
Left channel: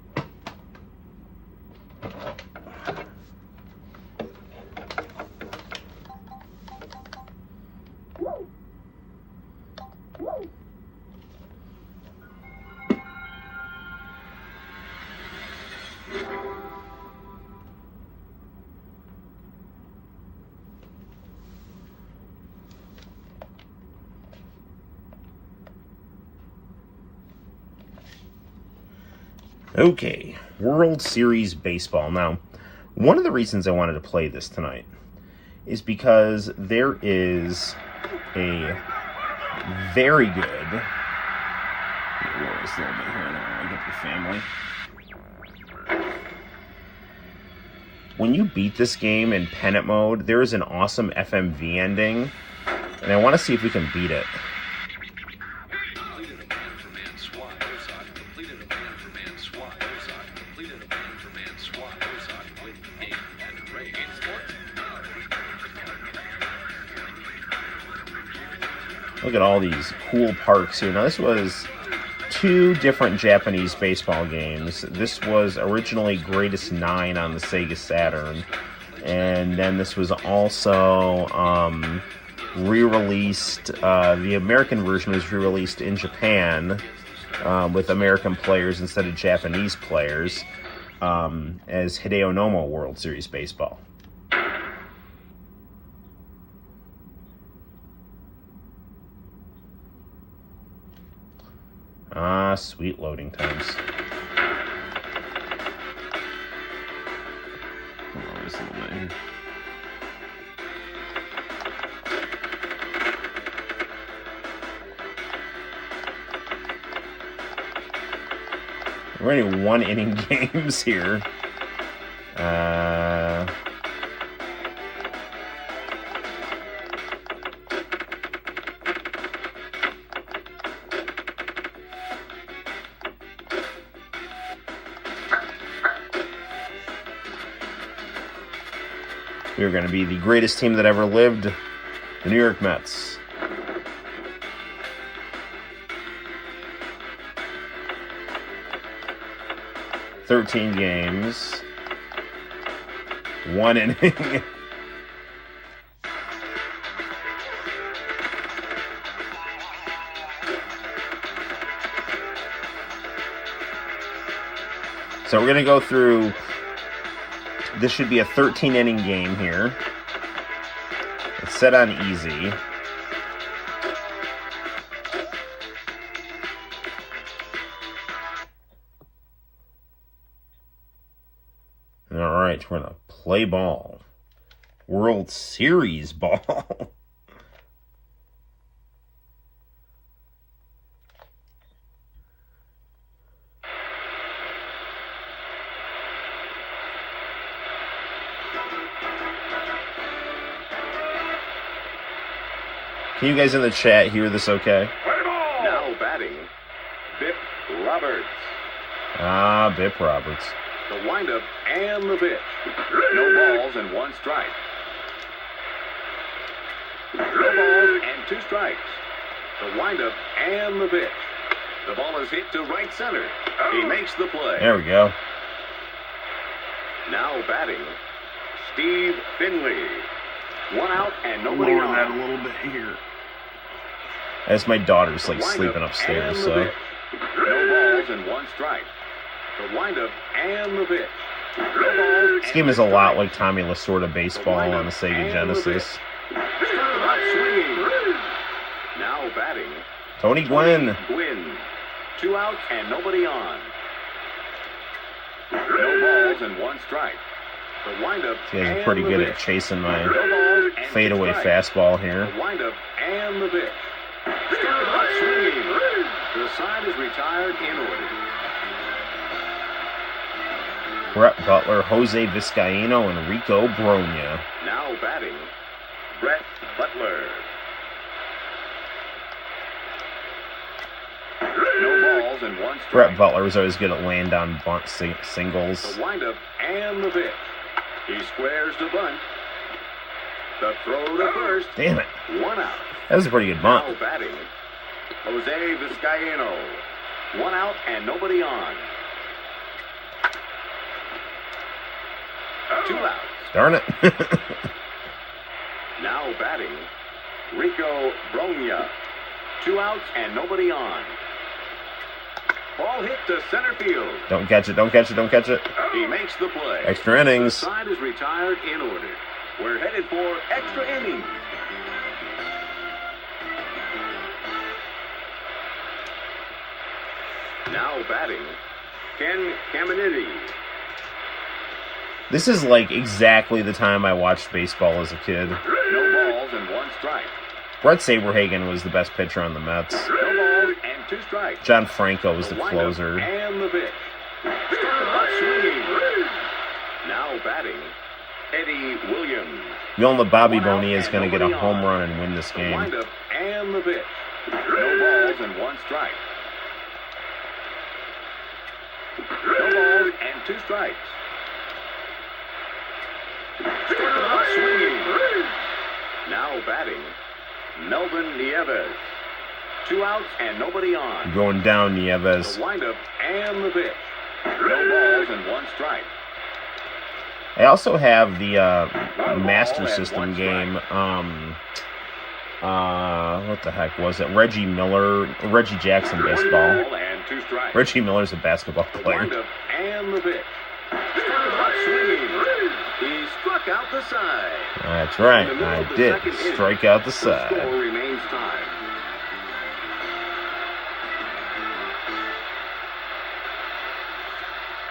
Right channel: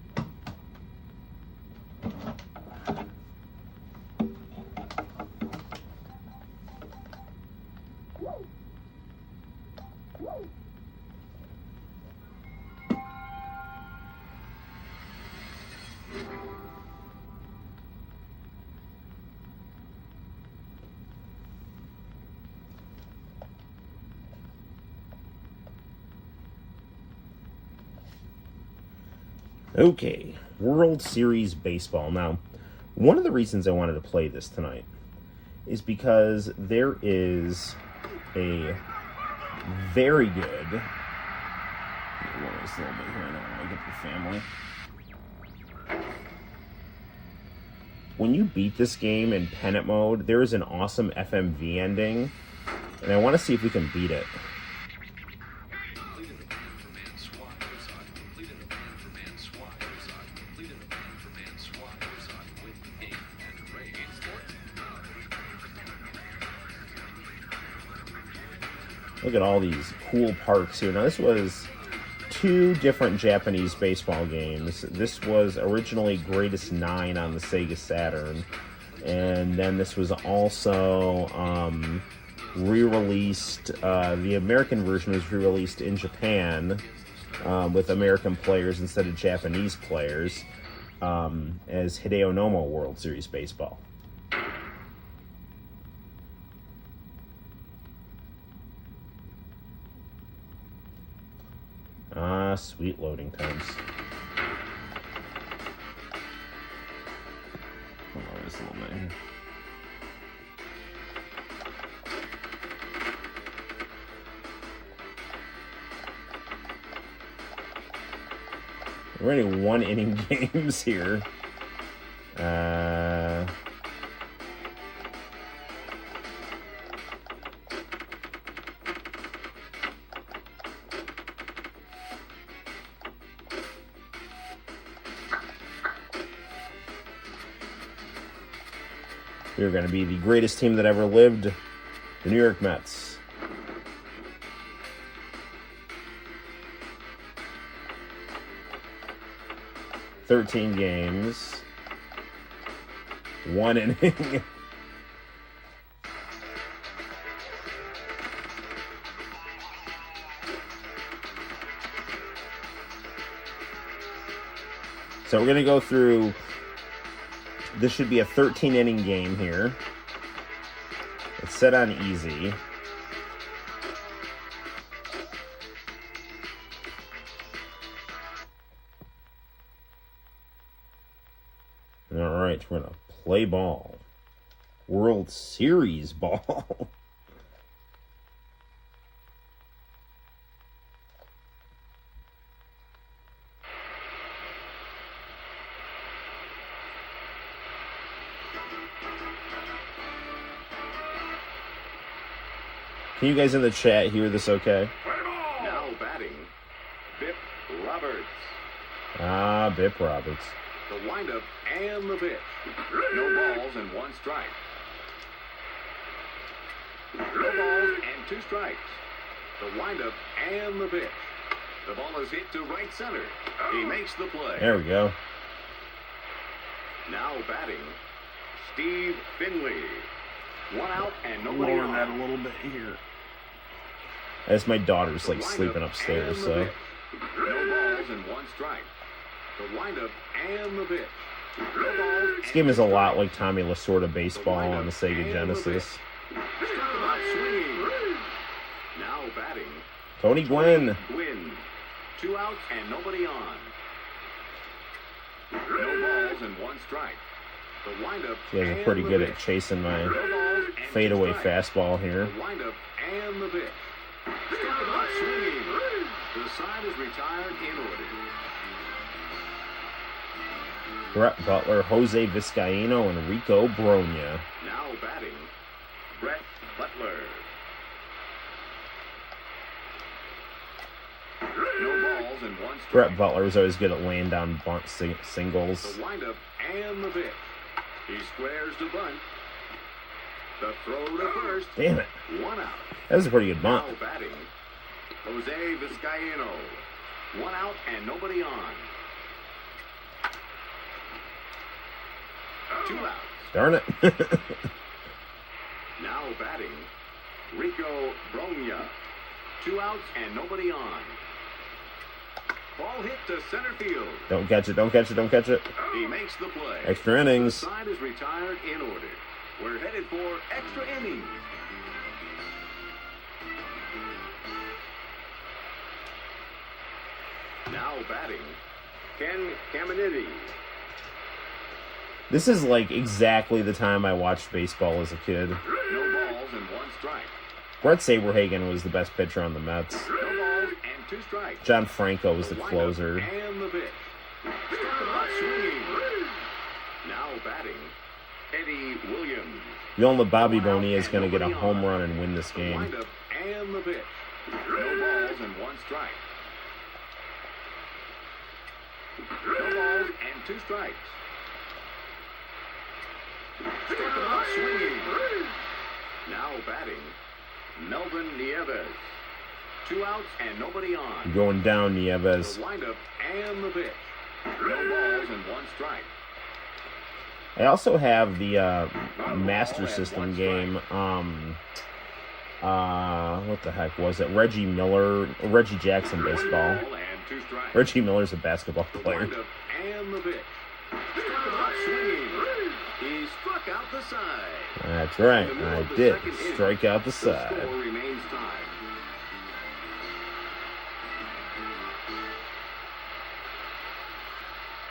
Okay, World Series Baseball. Now, one of the reasons I wanted to play this tonight is because there is a very good... When you beat this game in pennant mode, there is an awesome FMV ending, and I want to see if we can beat it. Look at all these cool parks here. Now, this was 2 different Japanese baseball games. This was originally Greatest 9 on the Sega Saturn. And then this was also re-released. The American version was re-released in Japan with American players instead of Japanese players as Hideo Nomo World Series Baseball. Ah, sweet loading times. We're running 1-inning games here. We're going to be the greatest team that ever lived, the New York Mets. "13 games, 1 inning." So we're going to go through. This should be a 13-inning game here. It's set on easy. All right, we're going to play ball. World Series ball. Can you guys in the chat hear this okay? Now batting, Bip Roberts. Ah, Bip Roberts. The windup and the pitch. No balls and 1 strike. No balls and 2 strikes. The windup and the pitch. The ball is hit to right center. He makes the play. There we go. Now batting, Steve Finley. 1 out and nobody on. That a little bit here. As my daughter's like sleeping upstairs, so. No balls and 1 strike. The windup and the pitch. No balls. This game is a lot like Tommy Lasorda Baseball on the Sega Genesis. Now batting, Tony Gwynn. 2 out and nobody on. No balls and 1 strike. The windup. He's pretty good at chasing my fadeaway fastball here. The windup and the pitch. Swinging. The side is retired in order. Brett Butler, Jose Vizcaíno, and Rico Brogna. Now batting, Brett Butler. No balls and 1 strike. Brett Butler was always good at laying down bunt singles. The windup and the pitch. He squares to bunt. The throw to first. Damn it. 1 out. That was a pretty good bunt. Now batting, Jose Vizcaíno. 1 out and nobody on. 2 outs. Darn it. Now batting, Rico Bronya. 2 outs and nobody on. Ball hit to center field. Don't catch it, don't catch it, don't catch it. He makes the play. Extra innings. The side is retired in order. We're headed for extra innings. Now batting, Ken Caminiti. This is like exactly the time I watched baseball as a kid. No balls and 1 strike. Brett Saberhagen was the best pitcher on the Mets. No balls and 2 strikes. John Franco was the windup closer. And the pitch. Struck him out swinging. Now batting, Eddie Williams. We all know Bobby 1 out Bonilla is and going to get a nobody home on. run and win this The game. windup and the pitch. No balls and 1 strike. No balls and 2 strikes. Struck him out swinging. Now batting, Melvin Nieves. 2 outs and nobody on. Going down, Nieves. The windup and the pitch. No balls and 1 strike. I also have the Master ball and System 1 strike. game. What the heck was it? Reggie Jackson 1 baseball. ball and 2 strikes. Reggie Miller's a basketball The player. windup and the pitch. Struck him out swinging. He struck out the side. That's right. In the middle I of the did. second inning, Strike out the The side. score remains tied.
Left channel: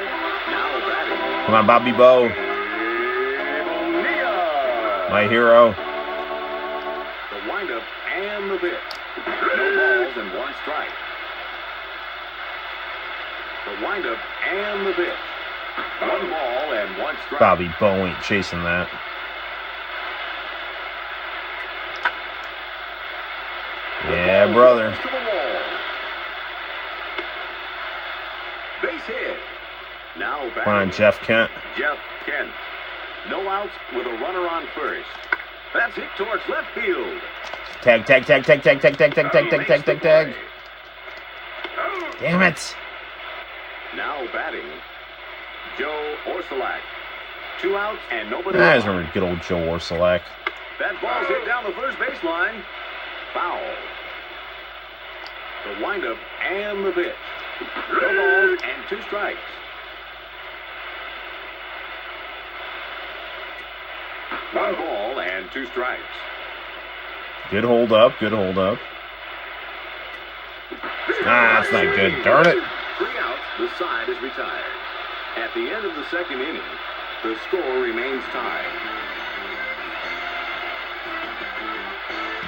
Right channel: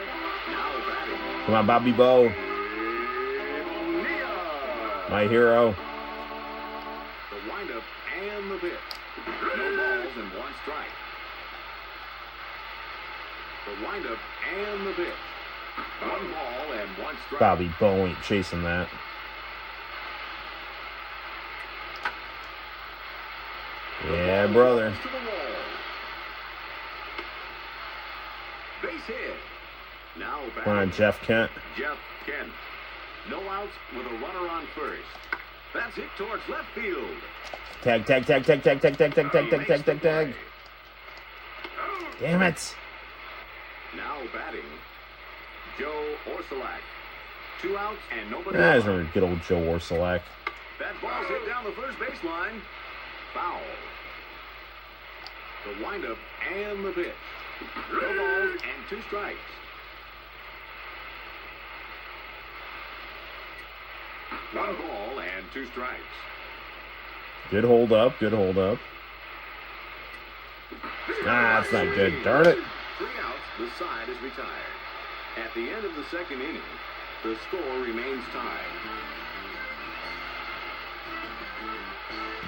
Now batting, Come on, Bobby Bo. Bonilla. My hero. The windup and the pitch. No balls and 1 strike. The windup and the pitch. 1 ball and 1 strike. Bobby Bo ain't chasing that. Yeah, brother. To the wall. Base hit. Now Come on, batting, Jeff Kent. Jeff Kent. No outs with a runner on first. That's hit towards left field. Tag, tag, tag, tag, tag, tag, tag, tag, tag, He tag, makes tag, the tag, tag. play. Damn it. Now batting, Joe Orsulak. 2 outs and nobody I just on. remember good old Joe Orsulak. That ball's hit down the first baseline. Foul. The windup and the pitch. No balls and 2 strikes. One ball and 2 strikes. Good hold up, good hold up. Ah, that's not good. Darn it. 3 outs, the side is retired. At the end of the second inning, the score remains tied.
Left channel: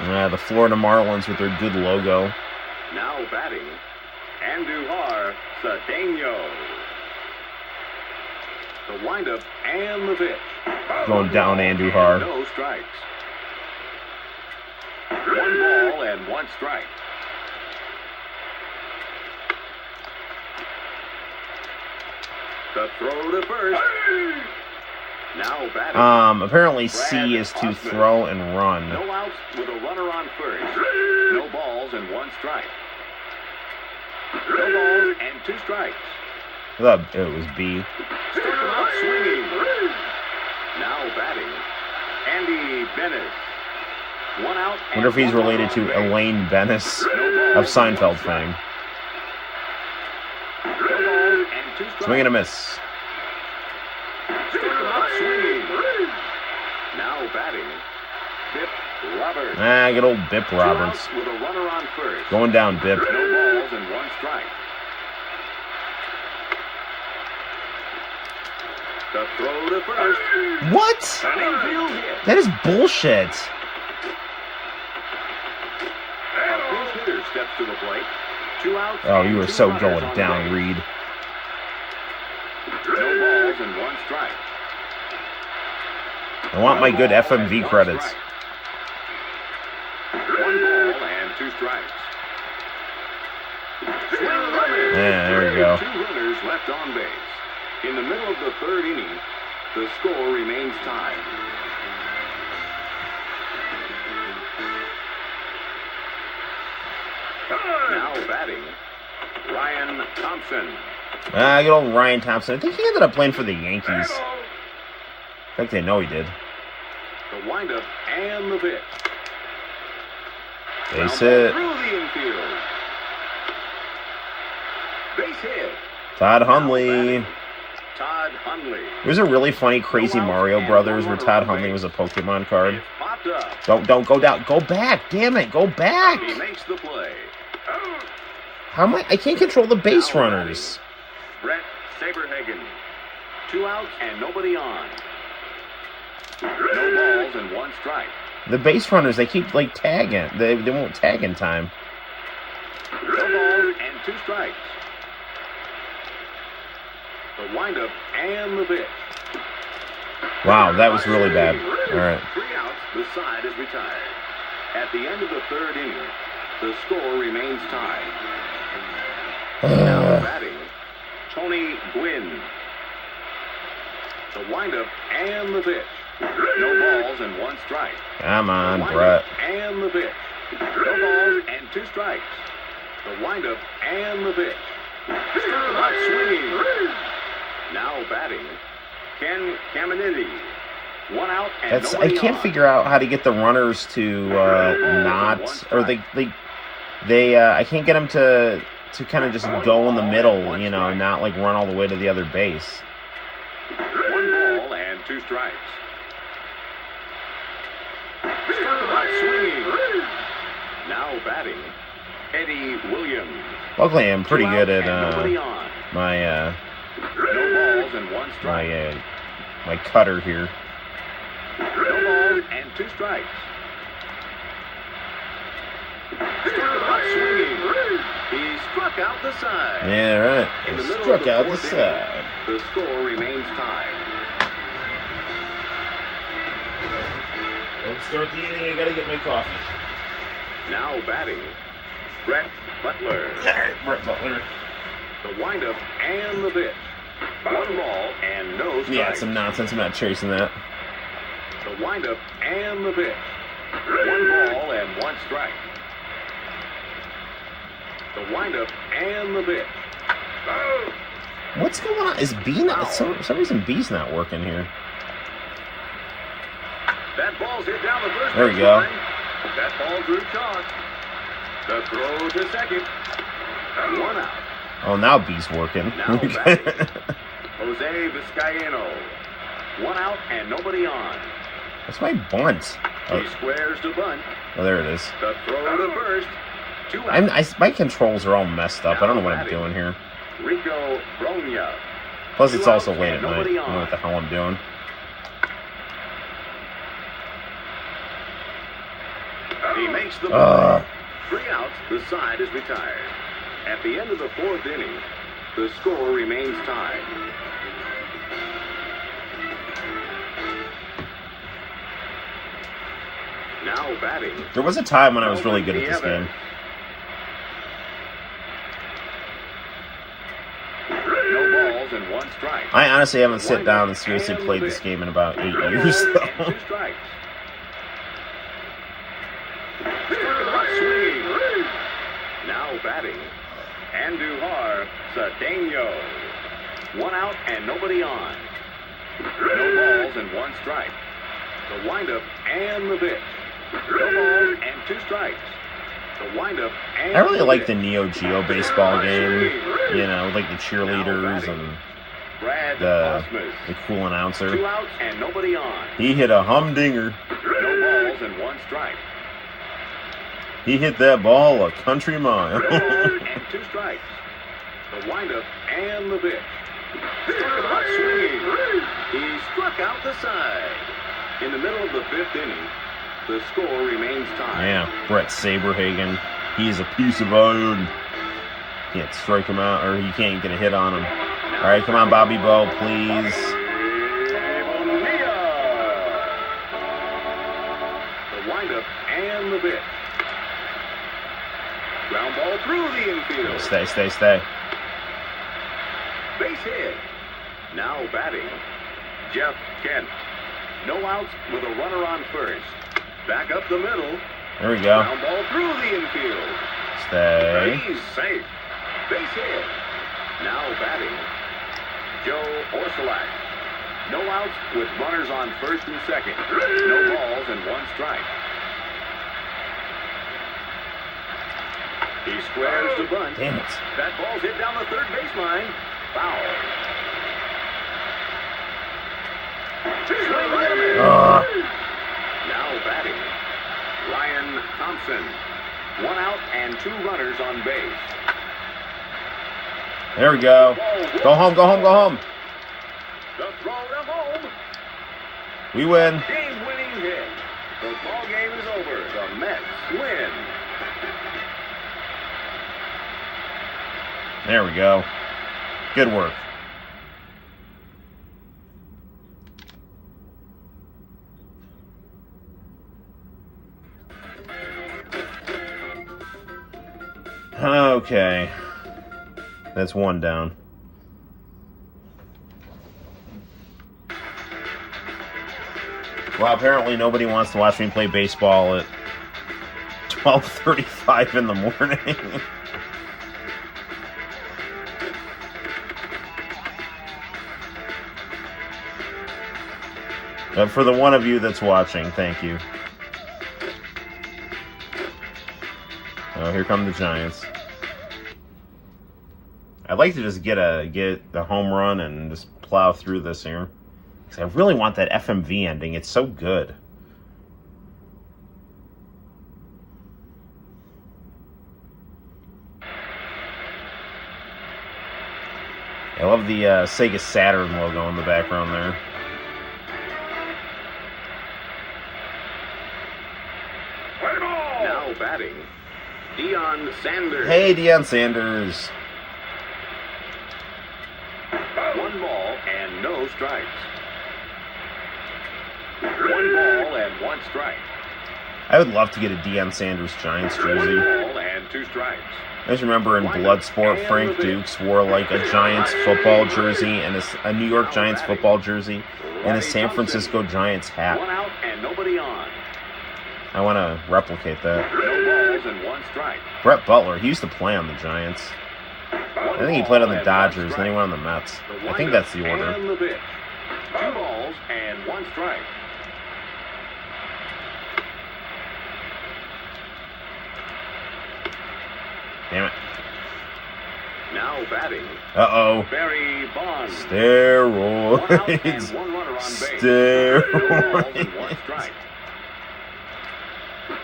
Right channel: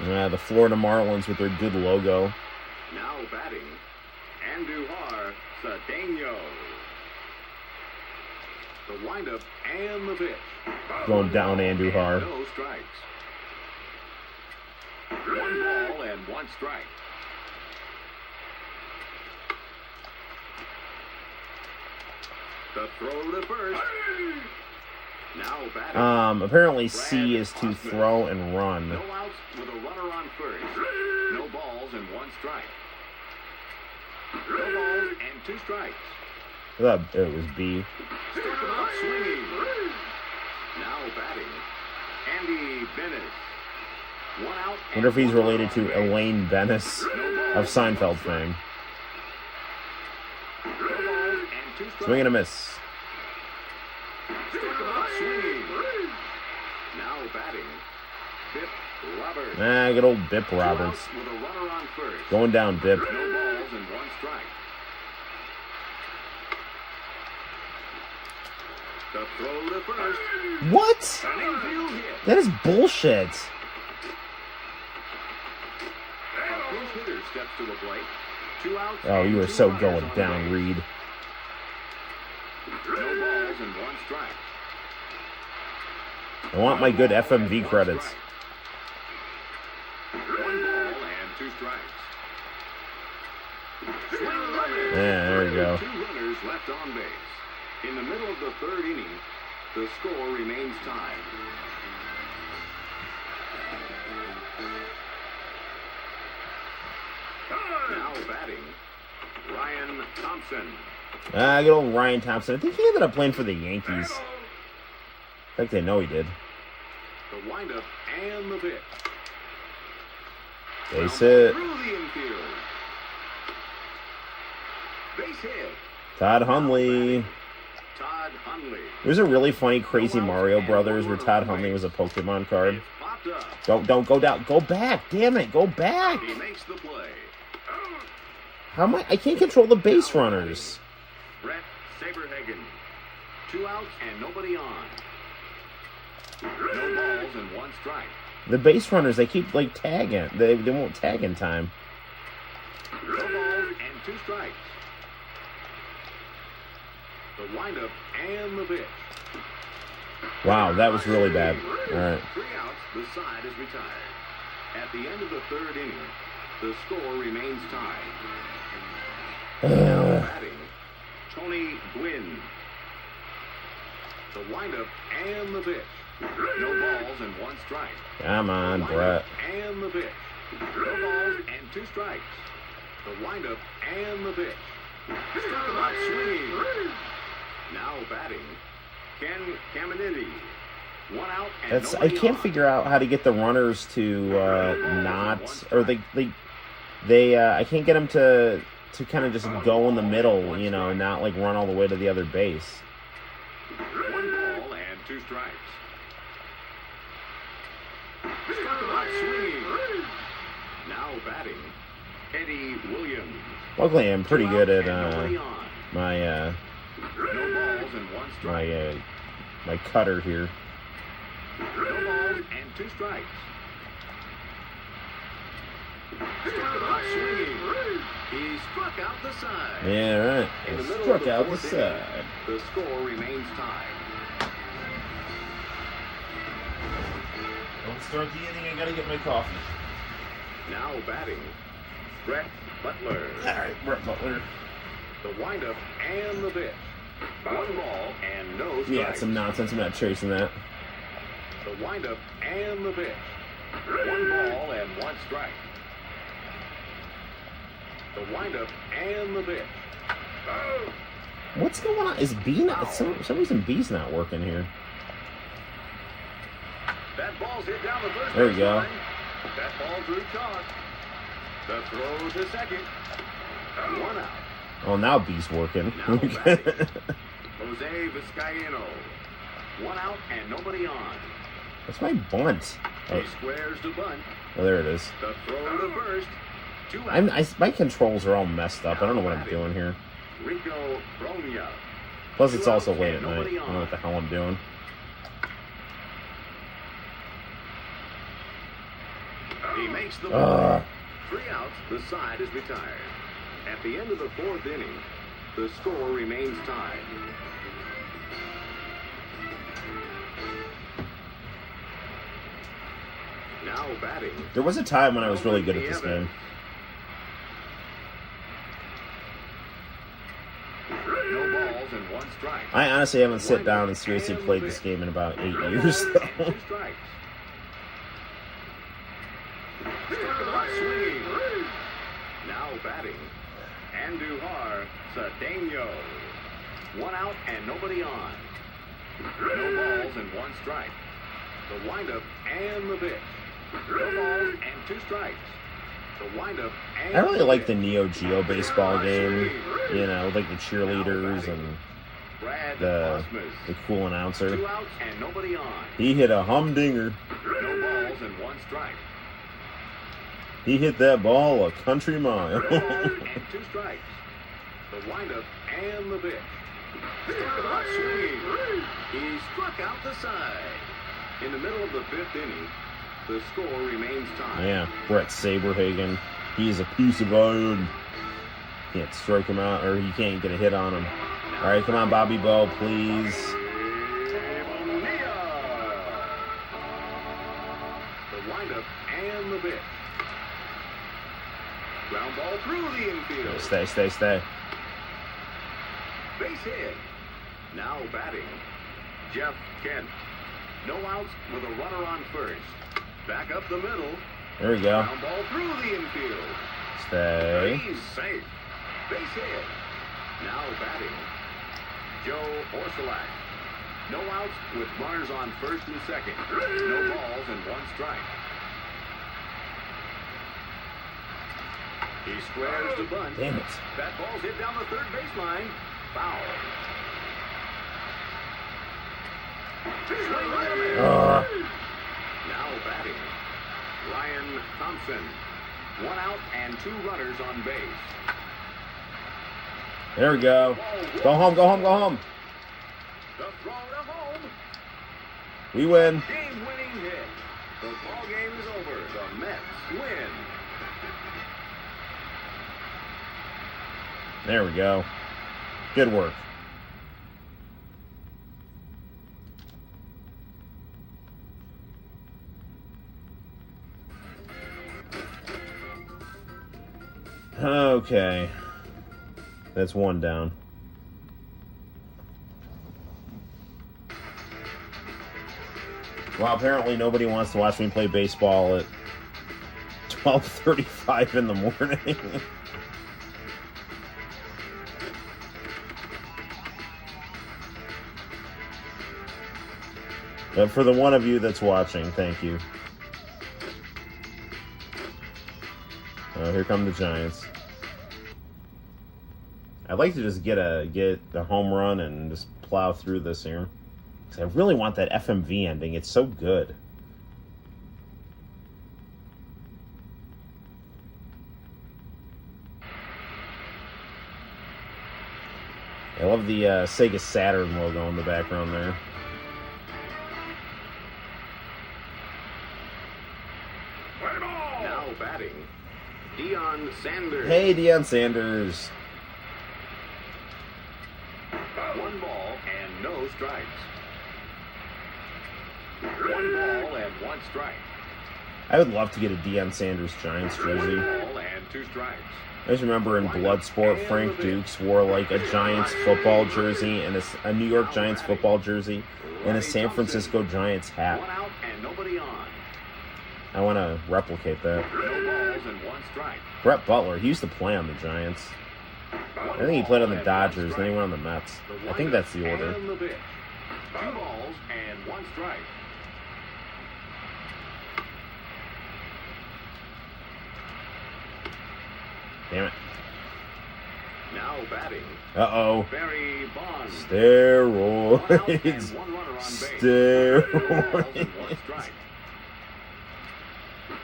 Yeah, the Florida Marlins with their good logo. Now batting, Andujar Cedeno. The windup and the pitch. Going down, And Andujar. no strikes. 1 ball and 1 strike. The throw to first. Now batting. Apparently C is to throw and run. No outs with a runner on first. No balls and 1 strike. No balls and 2 strikes. I thought it was B. Struck him out swinging. Now batting, Andy Bennis. 1 out. Wonder if and he's 1 related to on base. Elaine Bennis No of balls and 1 Seinfeld strike. fame. No balls and 2 strikes. Swing and a miss. Struck him out swinging. Now batting, Bip Roberts. Ah, good old Bip 2 Roberts. outs with a runner on first. Going down, Bip. No balls and 1 strike. The throw to first. What? An infield hit. That is bullshit. A pinch hitter steps to the plate. 2 outs. Oh, you and were 2 so runners going on down, base. Reed. No balls and 1 strike. I want my 1 good ball FMV and 1 credits. strike. 1 ball and 2 strikes. Swing and a miss. Yeah, there you go. 2 runners left on base. In the middle of the 3rd inning, the score remains tied. Now batting, Ryan Thompson. Good old Ryan Thompson. I think he ended up playing for the Yankees. In fact, I know he did. The windup and the pitch. Base Ground ball hit. through the infield. Base hit. Todd Now Hundley. batting, Todd Hundley. There's a really funny Crazy Mario Brothers where Todd Hundley was a Pokemon card. It's popped up. Don't go down. Go back. Damn it. Go back. He makes the play. How am I can't control the base runners. Brett Saberhagen. 2 outs and nobody on. No balls and 1 strike. The base runners, they keep like tagging. They won't tag in time. No balls and 2 strikes. The windup and the pitch. Wow, that was really bad. All right. 3 outs, the side is retired. At the end of the 3rd inning, the score remains tied. Now batting, Tony Gwynn. The windup and the pitch. No balls and 1 strike. Come on, The Brett. windup and the pitch. No balls and 2 strikes. The windup and the pitch. Not swinging. Now batting, Ken Caminiti. 1 out and I nobody can't on. figure out how to get the runners to not, or I can't get them to kind of just go in the middle, you know, not like run all the way to the other base. 1 ball and 2 strikes. Not swinging. Now batting, Eddie Williams. Luckily, I'm pretty 2 good outs and at nobody on. my No balls and 1 strike. my cutter here. No balls and 2 strikes. Not swinging. He struck out the side. Yeah, right. In the middle of Struck the out the 4th side. inning, the score remains tied. Don't start the inning. I gotta get my coffee. Now batting, Brett Butler. All right, Brett Butler. The windup and the pitch. 1 ball and no strikes. Yeah, it's some nonsense. I'm not chasing that. The windup and the pitch. 1 ball and 1 strike. The windup and the pitch. What's going on? Is B not? For some reason, B's not working here. That ball's hit down the first There we base go. line. That ball drew chalk. The throw to second. 1 out. Oh, now B's working. Now batting, Jose Vizcaino. 1 out and nobody on. That's my bunt. He squares to bunt. Oh, there it is. The throw to first. 2 outs. My controls are all messed up. I don't know what I'm doing here. Rico Bronya. Plus, it's 2 also outs late and at night. I nobody don't know on. what the hell I'm doing. 3 outs, the side is retired. At the end of the 4th inning, the score remains tied. Now batting, There was a time when I was really good at this game. no balls and 1 strike. I honestly haven't sat down and seriously played this game in about 8 years. And 2 strikes. Not swinging. Now batting, Andujar Cedeno. 1 out and nobody on. No balls and 1 strike. The windup and the pitch. No balls and 2 strikes. The windup and I really the like the pitch. Neo Geo baseball game. You know, like the cheerleaders and Brad the Osmus. cool 2 announcer. outs and nobody on. He hit a humdinger. No balls and 1 strike. He hit that ball a country mile. No balls and 2 strikes. The windup and the pitch. Not swinging. He struck out the side. In the middle of the 5th inning, the score remains tied. Yeah, Brett Saberhagen. He's a piece of iron. Can't strike him out, or you can't get a hit on him. All right, come on, Bobby Bo, please. The windup and the pitch. Ground ball through the infield. Stay. Base hit. Now batting, Jeff Kent. No outs with a runner on first. Back up the middle. There we go. Ground ball through the infield. Stay. He's safe. Base hit. Now batting, Joe Orsolak. No outs with runners on first and second. No balls and one strike. He squares the bunt. Damn it. That ball's hit down the third baseline. Foul. Now batting, Ryan Thompson. 1 out and 2 runners on base. There we go. Go home, go home, go home. The throw to home. We win. Game-winning hit. The ball game is over. The Mets win. There we go. Good work. Okay. That's 1 down. Well, apparently nobody wants to watch me play baseball at 12:35 in the morning. But for the one of you that's watching, thank you. Oh, here come the Giants. I'd like to just get a home run and just plow through this here. Because I really want that FMV ending. It's so good. I love the Sega Saturn logo in the background there. Now batting, Deion Sanders. Hey, Deion Sanders. 1 ball and no strikes. 1 ball and 1 strike. I would love to get a Deion Sanders Giants 1 jersey. ball and 2 strikes. I just remember in Bloodsport, Frank Dukes wore like a Giants football jersey and a New York Giants football jersey and a San Francisco Giants hat. 1 out and nobody on. I want to replicate that. No balls and 1 strike. Brett Butler, he used to play on the Giants. I think he played on the Dodgers, then he went on the Mets. I think that's the order. And the pitch. 2 balls and 1 strike. Damn it. Now batting, Uh-oh. Barry Bonds. 1 out and Steroids. 1 runner on base. Steroids. No balls and 1 strike.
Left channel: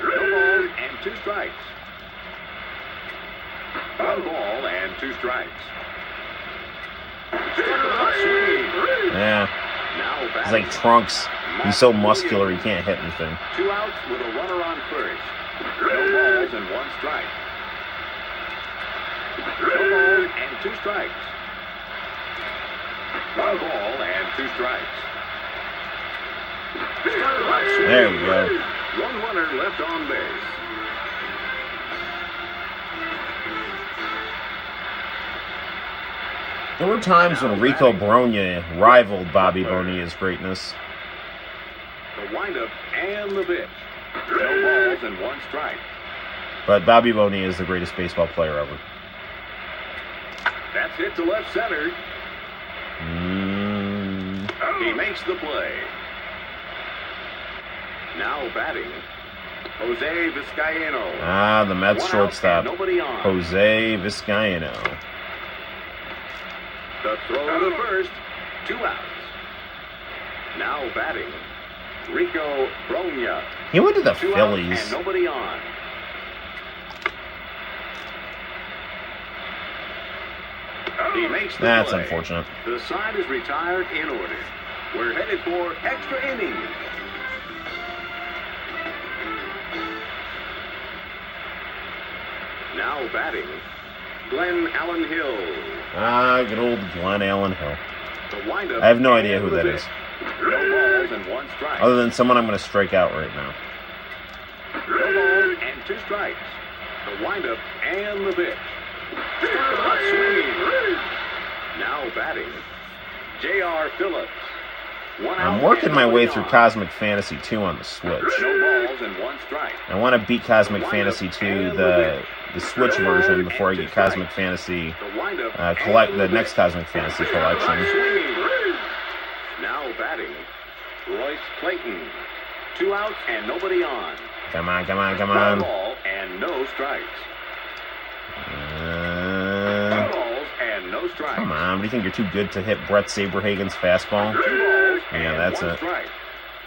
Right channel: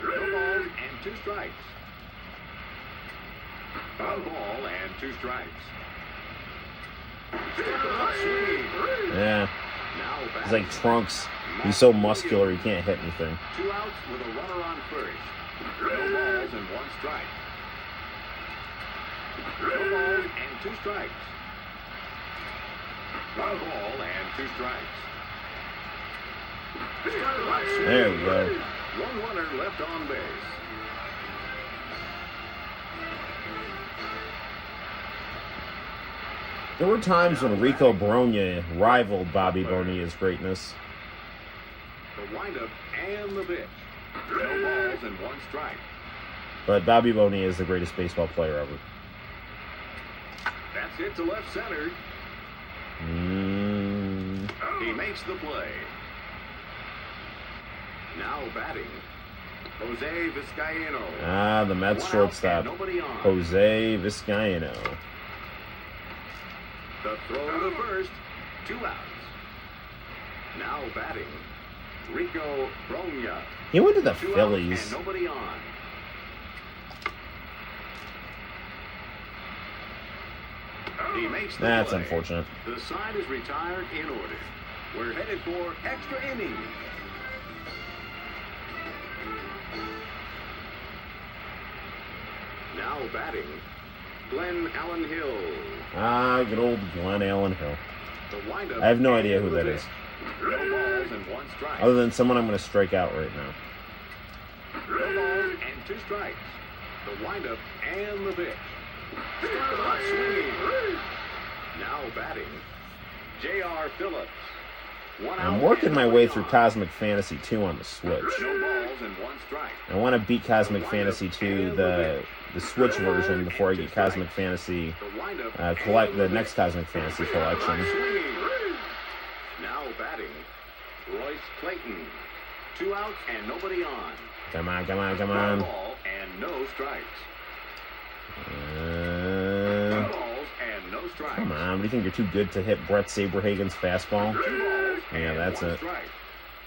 No balls and 2 strikes. 1 ball and 2 strikes. Swinging. Yeah. Now He's batting, like Trunks. He's so muscular he can't hit anything. 2 outs with a runner on first. No balls and 1 strike. No balls and 2 strikes. 1 ball and 2 strikes. There you go. 1 runner left on base. There were times when Rico Brogna rivaled Bobby Bonilla's greatness. The windup and the pitch. No balls and 1 strike. But Bobby Bonilla is the greatest baseball player ever. That's hit to left center. He makes the play. Now batting, Jose Vizcaino. Ah, the Mets 1 out shortstop, and nobody on. Jose Vizcaino. The throw to first, 2 outs. Now batting, Rico Brogna. He went to the 2 outs Phillies. and nobody on. He makes the That's play. unfortunate. The side is retired in order. We're headed for extra innings. Now batting, Glenn Allen Hill. Ah, good old Glenn Allen Hill. The windup I have no idea and who the that pitch. is. No balls and 1 strike. Other than someone I'm going to strike out right now. No balls and 2 strikes. The windup and the pitch. Swinging. Now batting, J.R. Phillips. 1 out I'm working and my nobody way through on. Cosmic Fantasy 2 on the Switch. No balls and 1 strike. I want to beat Cosmic Fantasy 2, the Switch version before I get Cosmic Fantasy, collect the next Cosmic Fantasy collection. Now batting, Royce Clayton. 2 outs and nobody on. Come on, come on, come Foul on. ball and no strikes. Foul balls and no strikes. Come on, do you think you're too good to hit Brett Saberhagen's fastball? 2 balls Yeah, and that's 1 it. strike.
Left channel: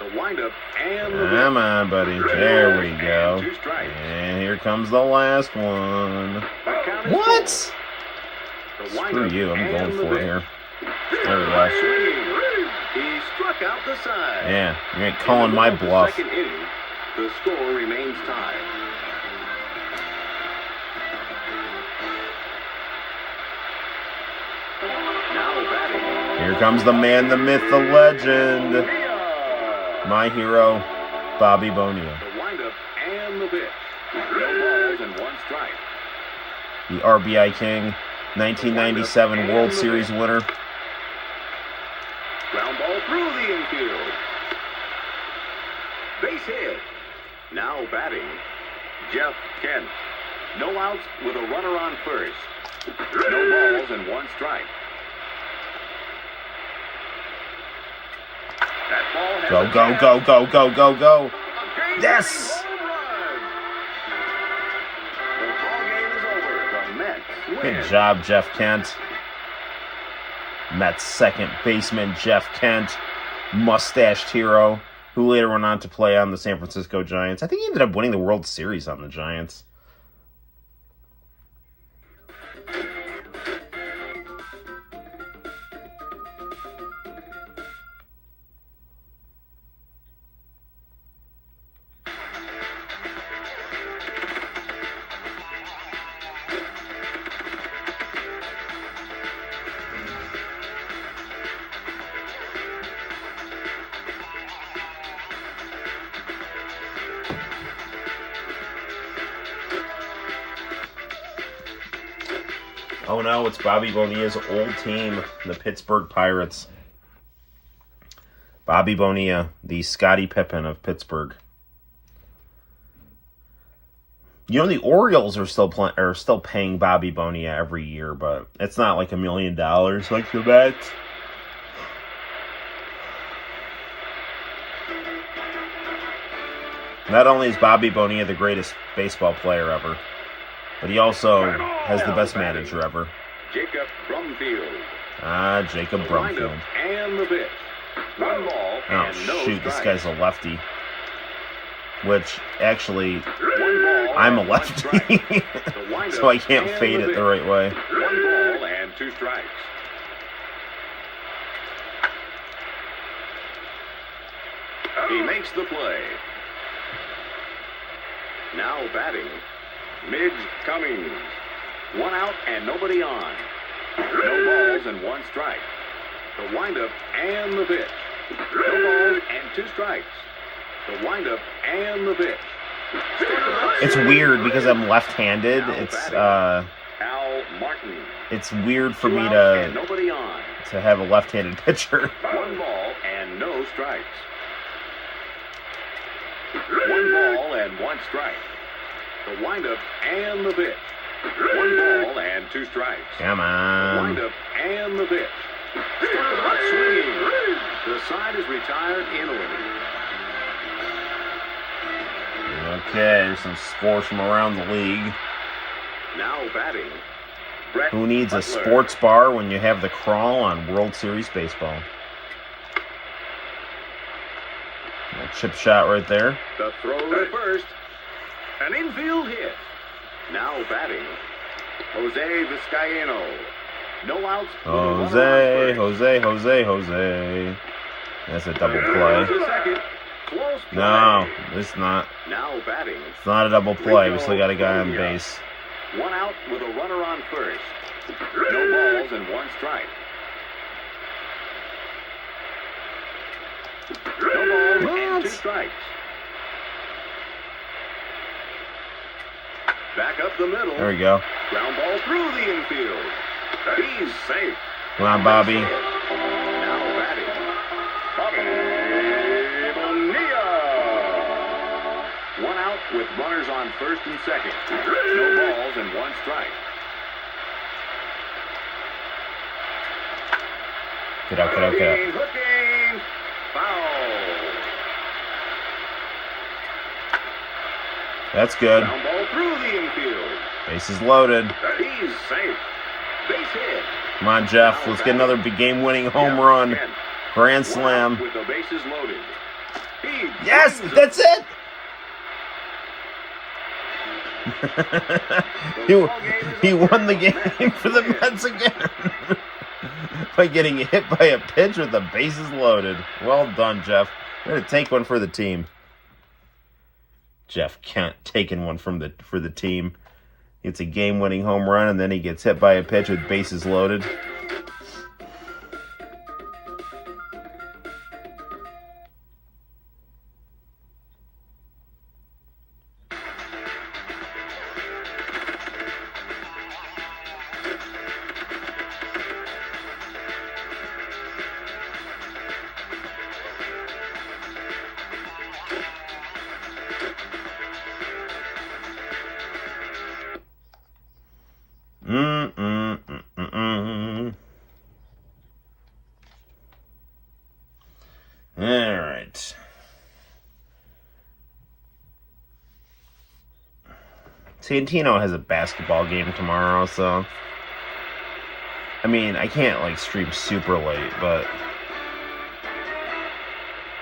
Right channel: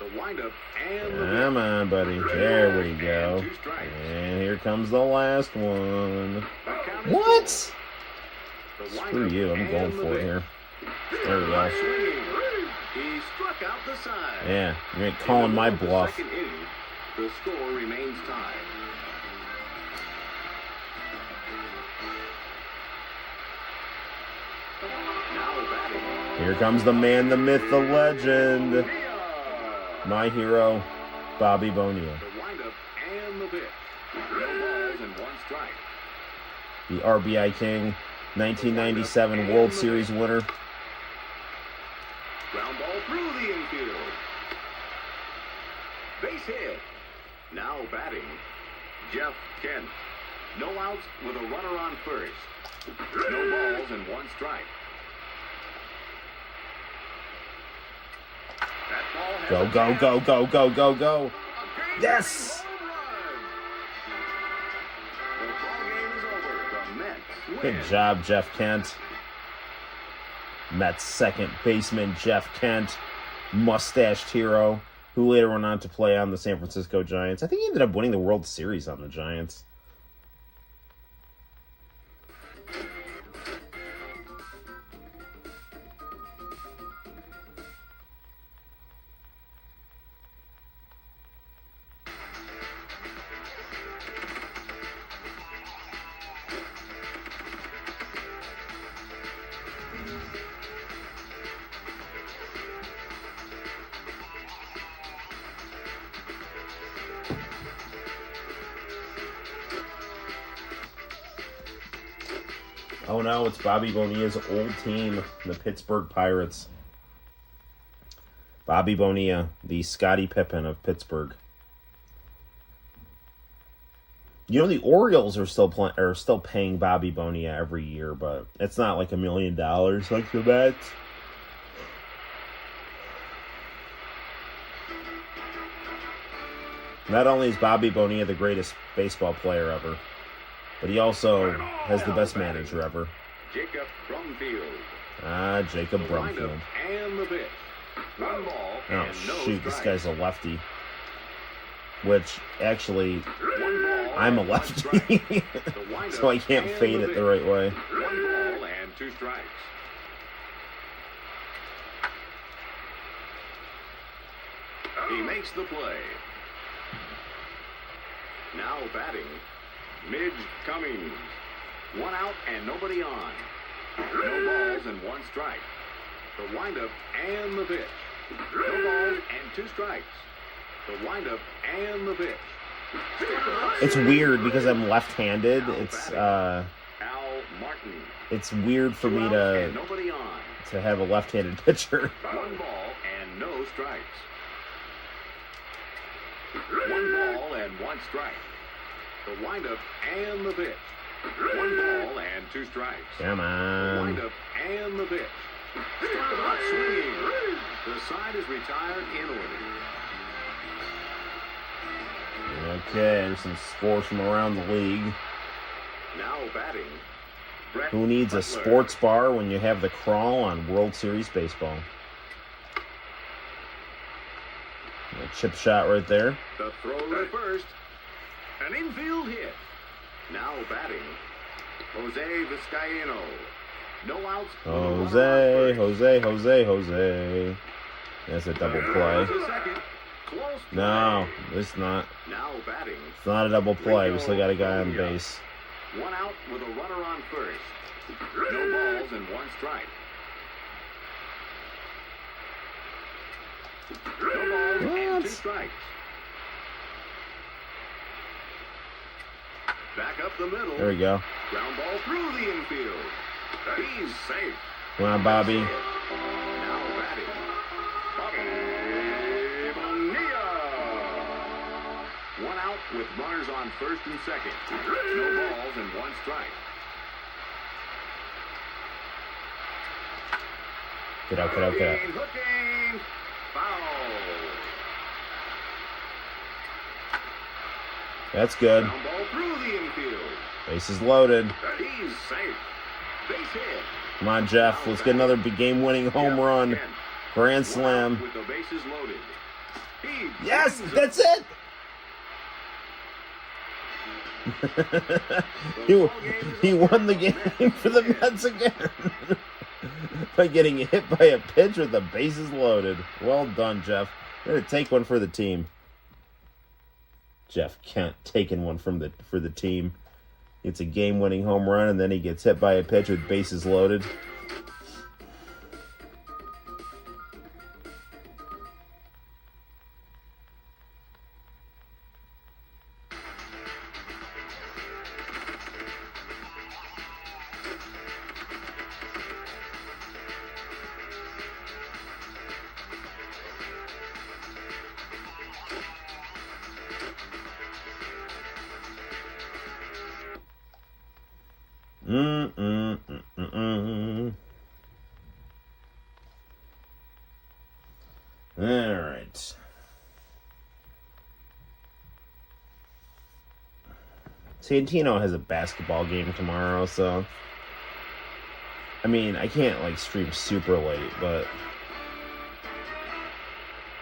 The windup and the Come on, buddy. There we go. And 2 strikes. And here comes the last one. The count is What? 4. The Screw windup you, I'm and going the for it pitch. here. There we go. Swinging. He struck out the side. Yeah, you ain't In the calling my middle of the bluff. second inning, the score remains tied. Now batting. Here comes the man, the myth, the legend. Bonilla. My hero, Bobby Bonilla. The windup and the pitch. No balls and 1 strike. The RBI King, 1997 World Series winner. Ground ball through the infield. Base hit. Now batting, Jeff Kent. No outs with a runner on first. No balls and 1 strike. That ball has Go, a go, jab. go, go, go, go, go. A game-winning Yes! home run. The ball game is over. The Mets win. Good job, Jeff Kent. Mets second baseman Jeff Kent, mustached hero, who later went on to play on the San Francisco Giants. I think he ended up winning the World Series on the Giants. Oh no, it's Bobby Bonilla's old team, the Pittsburgh Pirates. Bobby Bonilla, the Scottie Pippen of Pittsburgh. You know, the Orioles are still paying Bobby Bonilla every year, but it's not like $1 million like the Mets. Not only is Bobby Bonilla the greatest baseball player ever, but he also has the best manager ever. Jacob Brumfield. Ah, Jacob The Brumfield. windup and the pitch. 1 ball Oh, and no shoot, this strikes. guy's a lefty. Which, actually, 1 ball I'm a and 1 lefty. strike. The windup So I can't and fade the it pitch. the right way. 1 ball and 2 strikes. He makes the play. Now batting, Midge Cummings. 1 out and nobody on. No balls and 1 strike. The windup and the pitch. No balls and 2 strikes. The windup and the pitch. It's weird because I'm left-handed. Al Martin. It's weird for 2 me outs to and nobody on. have a left-handed pitcher. 1 ball and no strikes. 1 ball and 1 strike. The windup and the pitch. 1 ball and 2 strikes. Come The on. windup and the pitch. Not swinging. The side is retired in order. Okay, there's some scores from around the league. Now batting, Brett Who needs a Butler. sports bar when you have the crawl on World Series Baseball? A chip shot right there. The throw to first. An infield hit. Now batting, Jose Vizcaino. No outs with a runner on Jose. That's a double first. play. To second. Close play. No, it's not. Now batting, It's not a double play. We still got a guy on base. 1 out with a runner on first. No balls and 1 strike. No balls and 2 strikes. Back up the middle. There we go. Ground ball through the infield. He's safe. Come on, Bobby. Now batting, Bobby Bonilla. 1 out with runners on first and second. No balls and one strike. Get out, get out, get out. Hooking, foul. That's good. Ground ball through the infield. Bases loaded. He's safe. Base hit. Come on, Jeff. Let's get another big game-winning home run. Grand slam. With the bases loaded. Yes, that's it. he won the game for the Mets again by getting hit by a pitch with the bases loaded. Well done, Jeff. I'm gonna take one for the team. Jeff Kent taking one for the team. It's a game-winning home run, and then he gets hit by a pitch with bases loaded. Alright. Santino has a basketball game tomorrow, so I mean, I can't like stream super late, but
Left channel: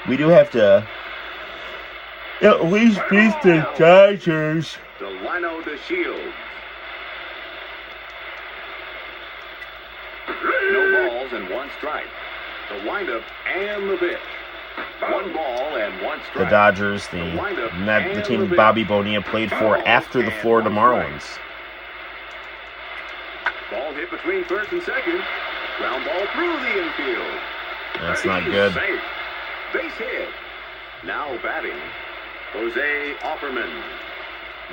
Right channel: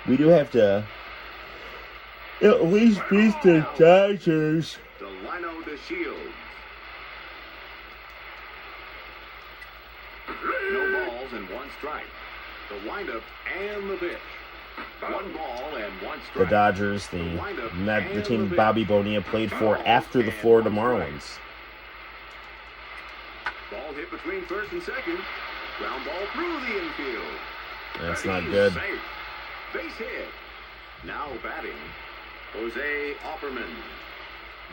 we do have to at least beat the Dodgers. Delino to Shields. No balls and one strike. The windup and the pitch. One ball and one strike. The Dodgers, the team Bobby Bonilla played for after the Florida Marlins. Ball hit between first and second. Ground ball through the infield. That's not good. Safe. Base hit. Now batting, Jose Offerman.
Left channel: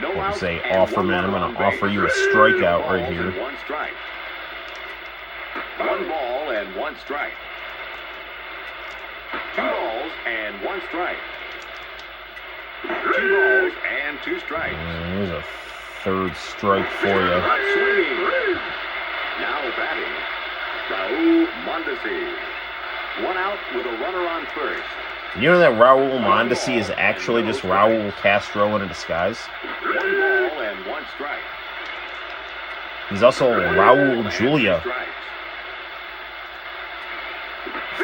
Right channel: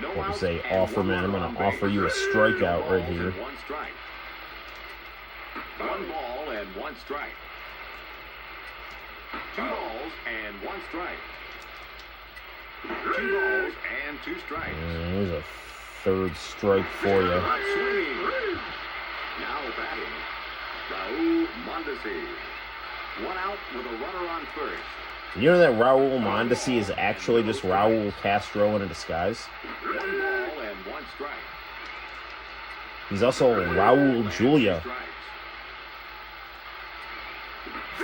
No out Jose and Offerman, I'm one going to offer you a strikeout right here. One strike. One ball and one strike. Two balls and one strike. Two balls and two strikes. There's a third strike for you. Hot swinging. Now batting, Raul Mondesi. One out with a runner on first. You know that Raul Mondesi is actually just Raul Castro in a disguise? One ball and one strike. He's also Raul Julia.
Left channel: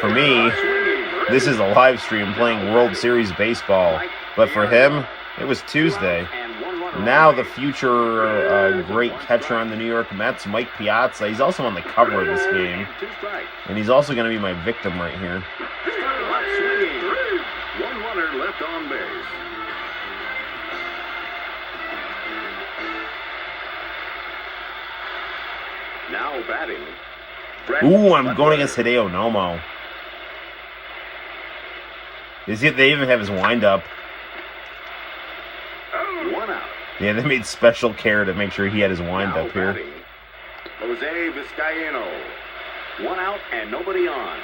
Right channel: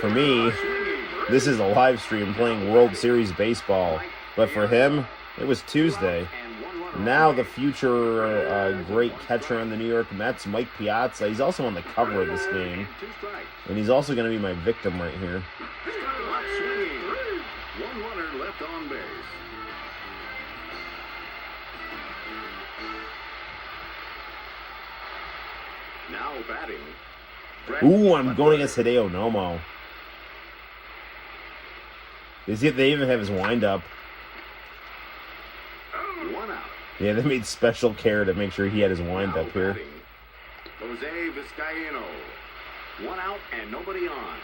For me, this is a live stream playing World Series baseball. But for him, it was Tuesday. Now the future great catcher on the New York Mets, Mike Piazza, he's also on the cover of this game. And he's also going to be my victim right here. One runner left on base. Now batting. Ooh, I'm going against Hideo Nomo. They even have his windup. One out. Yeah, they made special care to make sure he had his windup here. Batting, Jose Vizcaino. One out and nobody on.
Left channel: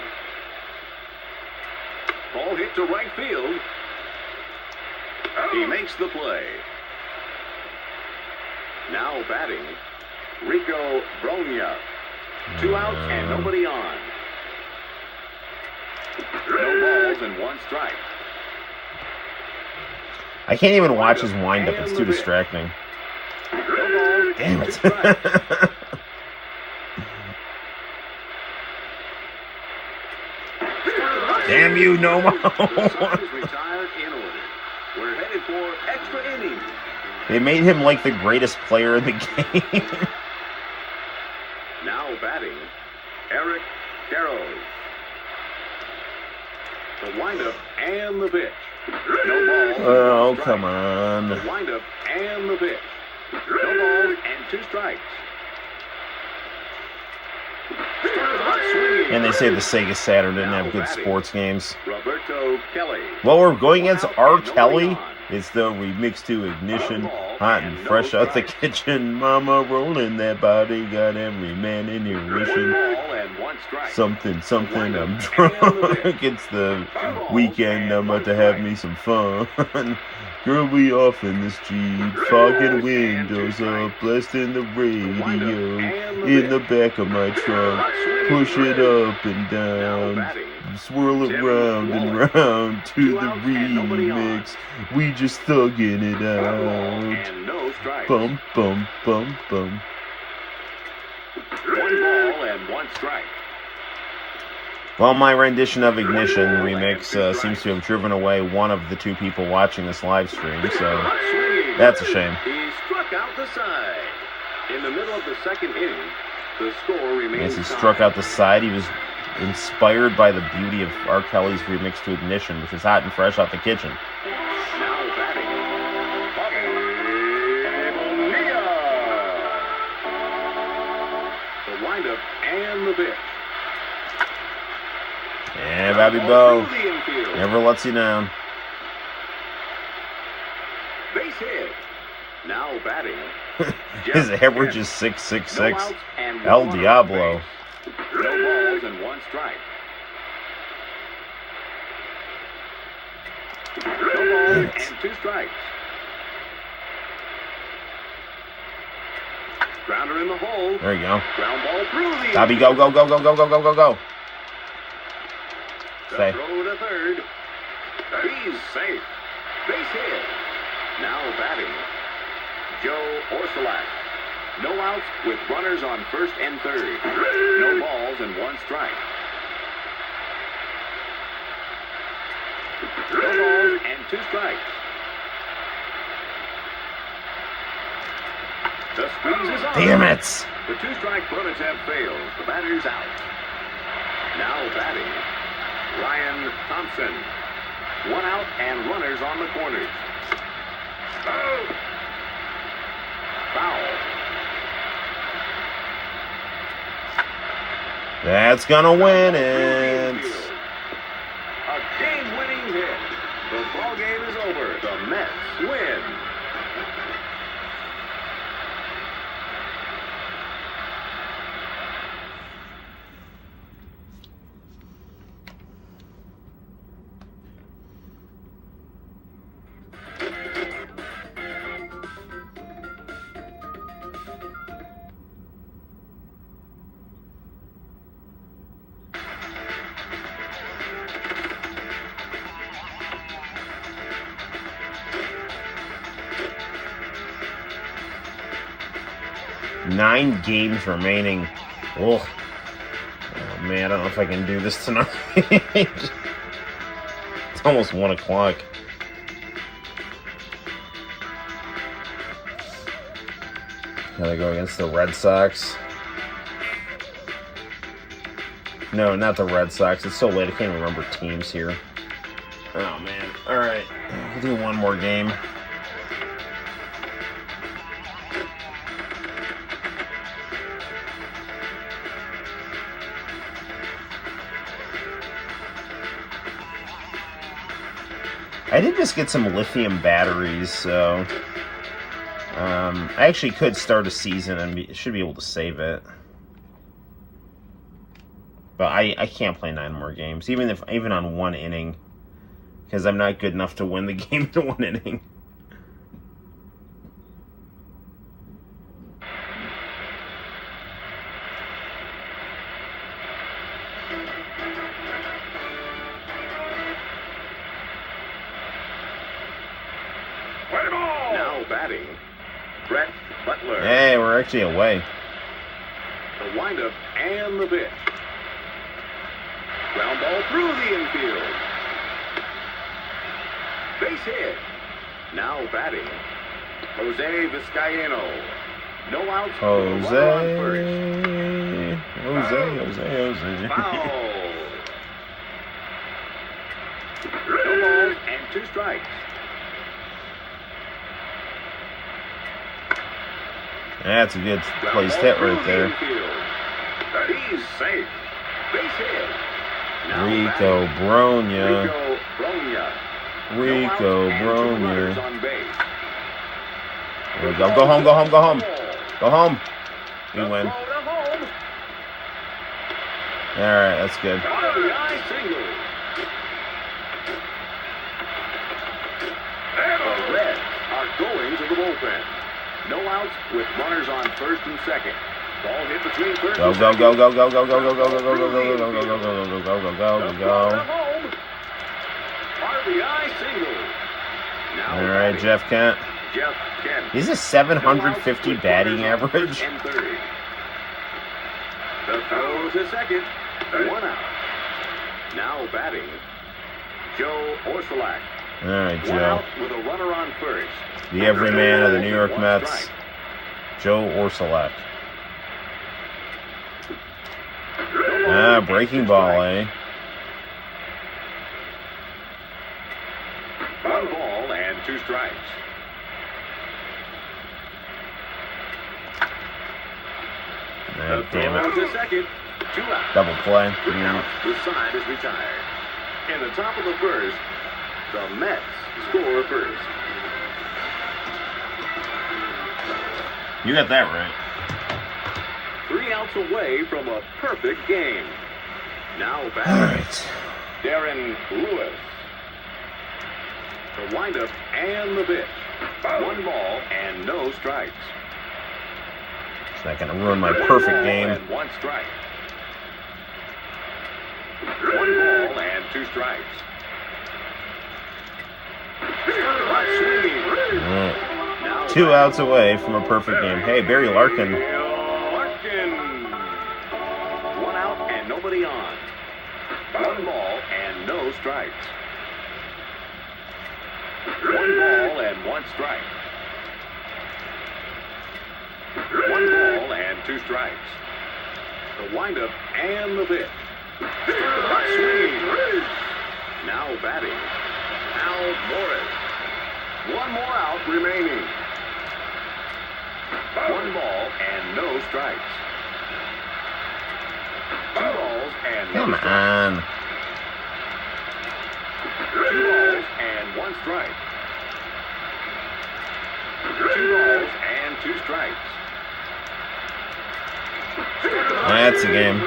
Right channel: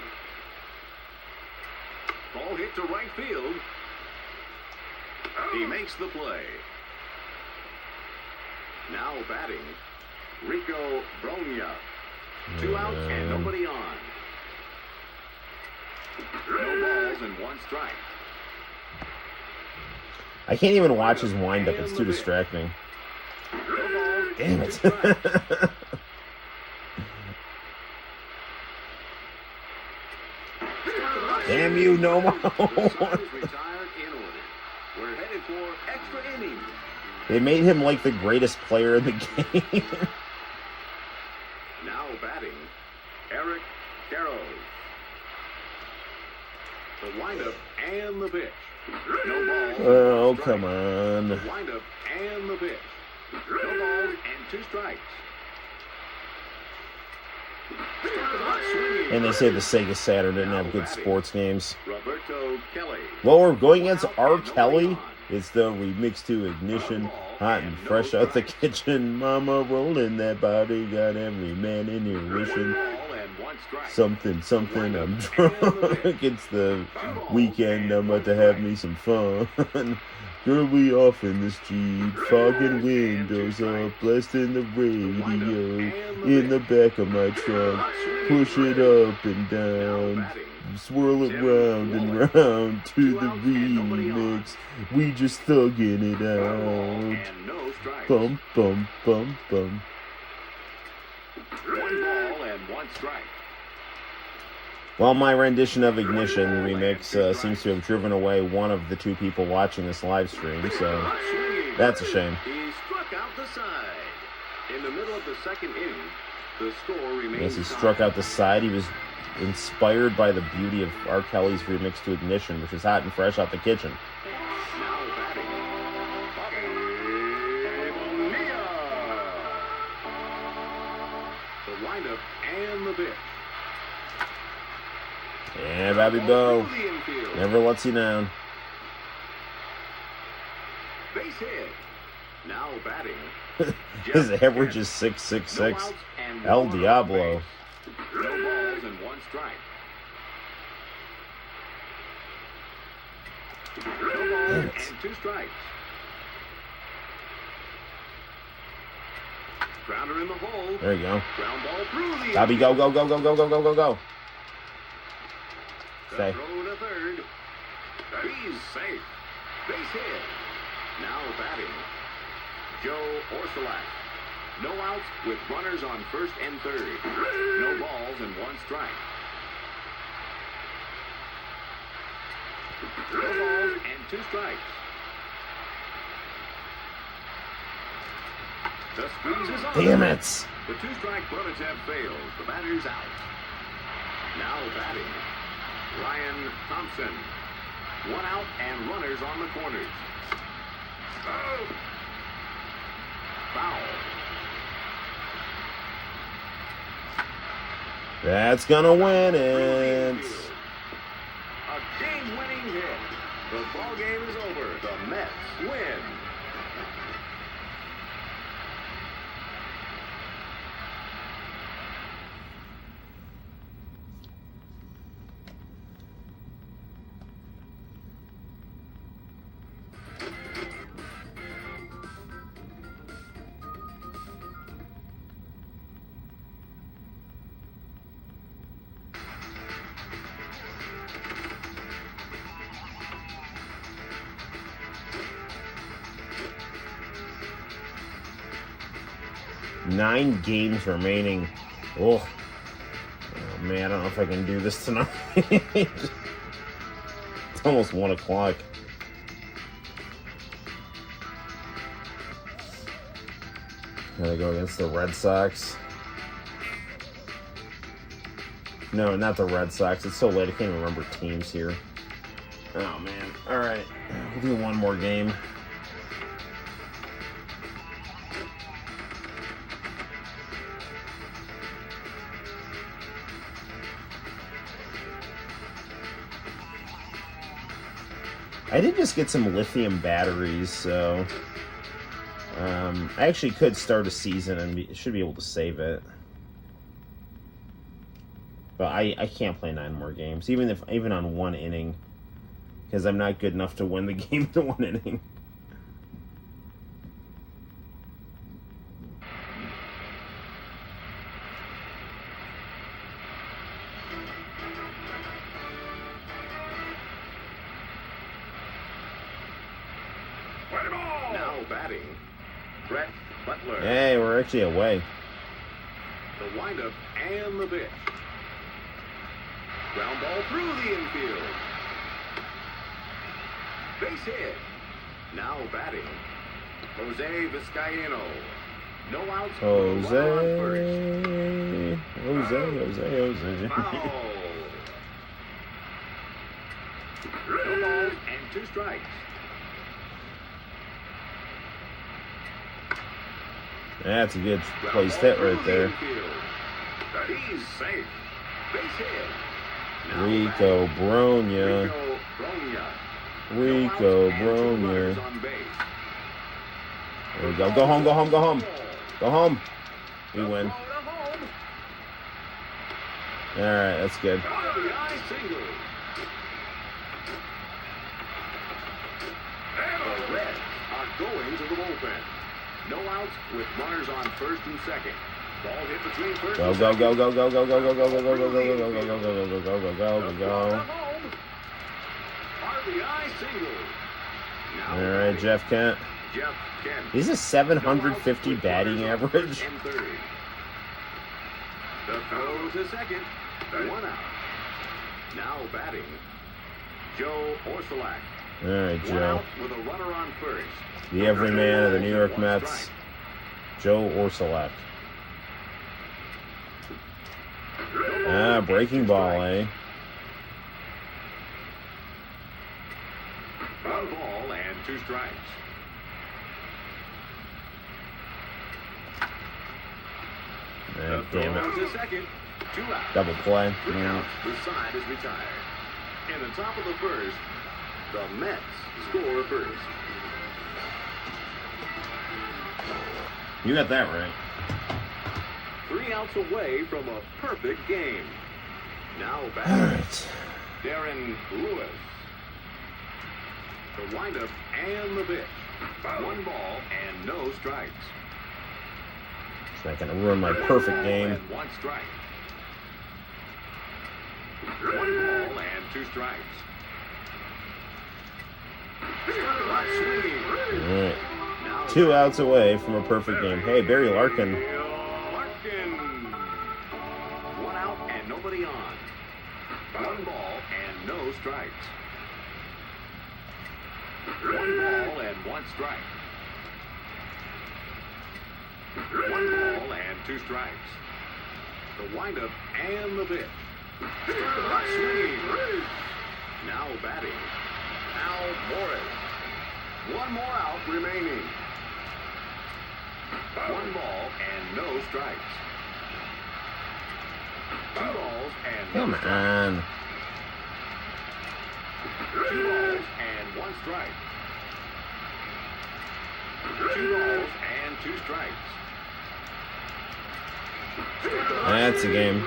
Ball hit to right field. He makes the play. Now batting, Rico Bronya. Two outs and nobody on. No balls and one strike. I can't even watch his windup. It's too distracting. No balls Damn and it. strikes. Damn you, Nomo. Retired in order. We're headed for extra innings. They made him like the greatest player in the game. Now batting, Eric Carroll. The windup and the pitch. No balls and Oh, one strike. come on. The windup and the pitch. No balls and two strikes. And they say the Sega Saturn didn't have good sports games. Roberto Kelly. Well, we're going against R. Kelly. It's the remix to Ignition. Hot and fresh out the kitchen. Mama rolling that body. Got every man in your mission. Something, something. I'm drunk. It's the weekend. I'm about to have me some fun. Girly off in the street, fogging windows up, blasting the radio in the back of my trunk. Push it up and down, swirl it round and round to the remix. We just thugging it out. Bum, bum, bum, bum. 1 ball and 1 strike. Well, my rendition of Ignition remix seems to have driven away one of the 2 people watching this live stream, so that's a shame. He struck out the side. In the middle of the 2nd inning, the score remains As he struck out the side, he was inspired by the beauty of R. Kelly's remix to Ignition, which is hot and fresh out the kitchen. Now batting, Bobby Bonilla. The windup and the pitch. And Bobby Bo never lets you down. Base hit. Now batting. His average is 6.66. El Diablo. No balls and 1 strike. No balls and 2 strikes. Grounder in the hole. There you go. Ground ball through the. Bobby, go, go, go, go, go, go, go, go, go. The throw to third. He's safe. Base hit. Now batting, Joe Orsolak. No outs with runners on 1st and 3rd. No balls and 1 strike. No balls and 2 strikes. The squeeze is on. Damn it. The 2-strike bonus have failed. The batter's out. Now batting, Ryan Thompson. 1 out and runners on the corners. Oh. Foul. That's gonna win it. A game-winning hit. The ball game is over. The Mets win. Nine games remaining. Ugh. Oh man, I don't know if I can do this tonight. It's almost 1 o'clock. Gotta go against the Red Sox. No, not the Red Sox. It's so late, I can't remember teams here. Oh man. Alright. I'll do 1 more game. I did just get some lithium batteries, so I actually could start a season and should be able to save it. But I can't play 9 more games, even on 1 inning, because I'm not good enough to win the game in 1 inning. Now batting, Brett Butler. Hey, we're actually away. The windup and the pitch. Ground ball through the infield. Base hit. Now batting, Jose Vizcaino. No outs with a runner on first. Jose. Foul. No balls and 2 strikes. That's a good placed hit right there. He's safe. Base hit. Now Rico batting, Bronya. Rico Bronya. Go home, go home, go home. Go home. Good win. Alright, that's good. The Reds are going to the bullpen. No outs with runners on first and second. Ball hit between first and second. Go. RBI single. Now All right, Jeff Kent. He's a 750 batting average. The throw to second. 1 out. Now batting, Joe Orsulak. All right, 1 out Joe. with a runner on first. The everyman of the New York Mets, Joe Orsulak. Breaking ball, eh? 1 ball and 2 strikes. The Damn throw it. to second. 2 out. Double play. 3 out. The side is retired. In the top of the first, the Mets score first. You got that right. 3 outs away from a perfect game. Now All back. right. Darren Lewis. The windup and the pitch. 1 ball and no strikes. It's not going to ruin my perfect game. And 1 strike. 1 ball and 2 strikes. Swinging. Now 2 outs away from a perfect game. Hey, Barry Larkin. Larkin. 1 out and nobody on. 1 ball and no strikes. 1 ball and 1 strike. 1 ball and 2 strikes. The windup and the pitch. Swinging. Now batting, Al Morris. 1 more out remaining. 1 ball and no strikes. 2 balls and no Come strikes. on. 2 balls and 1 strike. 2 balls and 2 strikes. That's a game.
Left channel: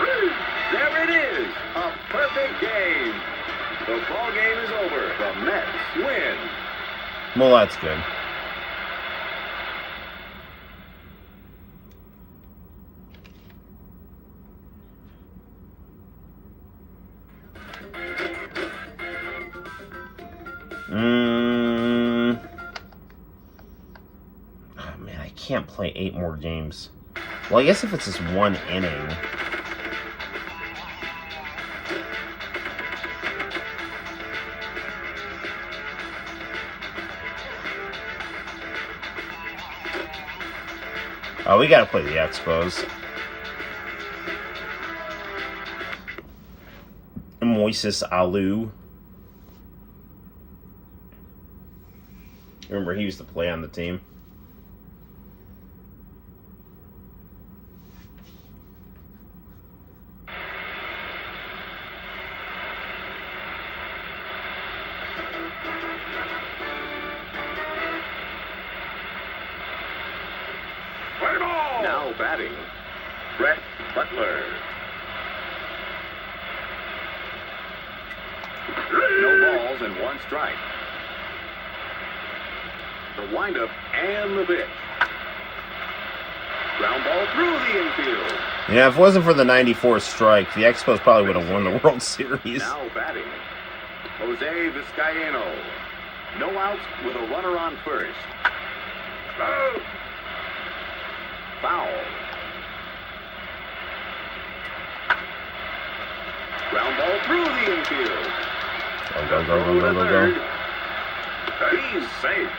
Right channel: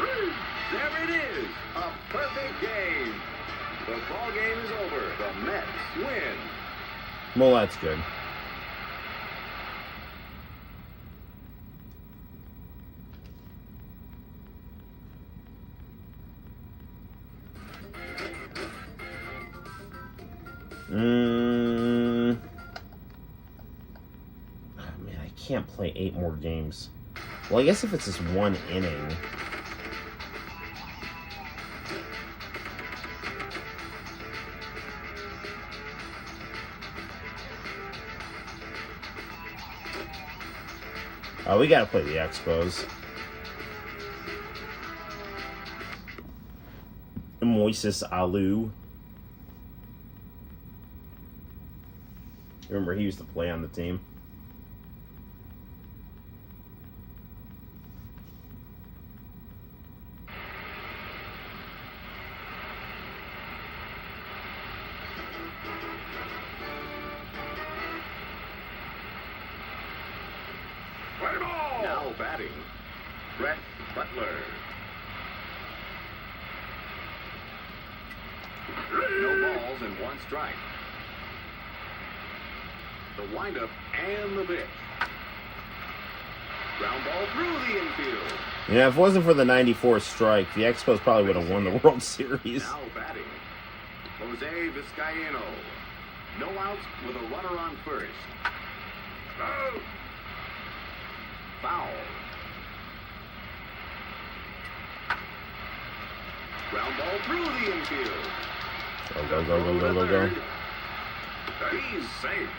There it is, a perfect game. The ball game is over. The Mets win. Well, that's good. Oh, man, I can't play 8 more games. Well, I guess if it's just 1 inning. Oh, we gotta play the Expos. Moises Alou. Remember, he used to play on the team. Now batting, Brett Butler. No balls and 1 strike. The windup and the pitch. Ground ball through the infield. Yeah, if it wasn't for the 94 strike, the Expos probably would have won the World Series. Now batting, Jose Vizcaino. No outs with a runner on first. Foul. Ground ball through the infield. Go. He's safe.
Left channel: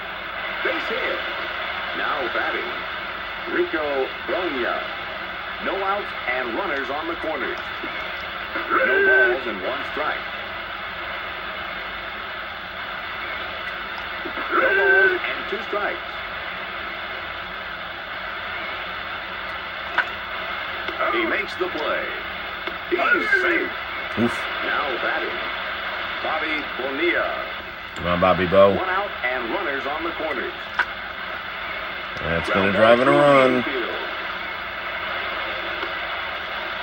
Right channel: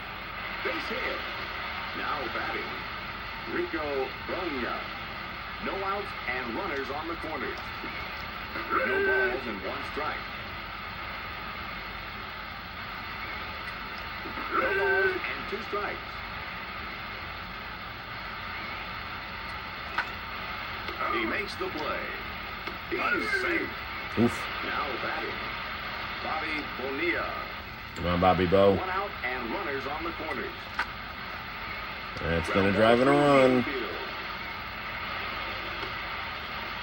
Base hit. Now batting, Rico Brogna. No outs and runners on the corners. No balls and 1 strike. No balls and 2 strikes. He makes the play. He's safe. Oof. Now batting, Bobby Bonilla. Come on, Bobby Bo. 1 out and runners on the corners. That's gonna drive it a run.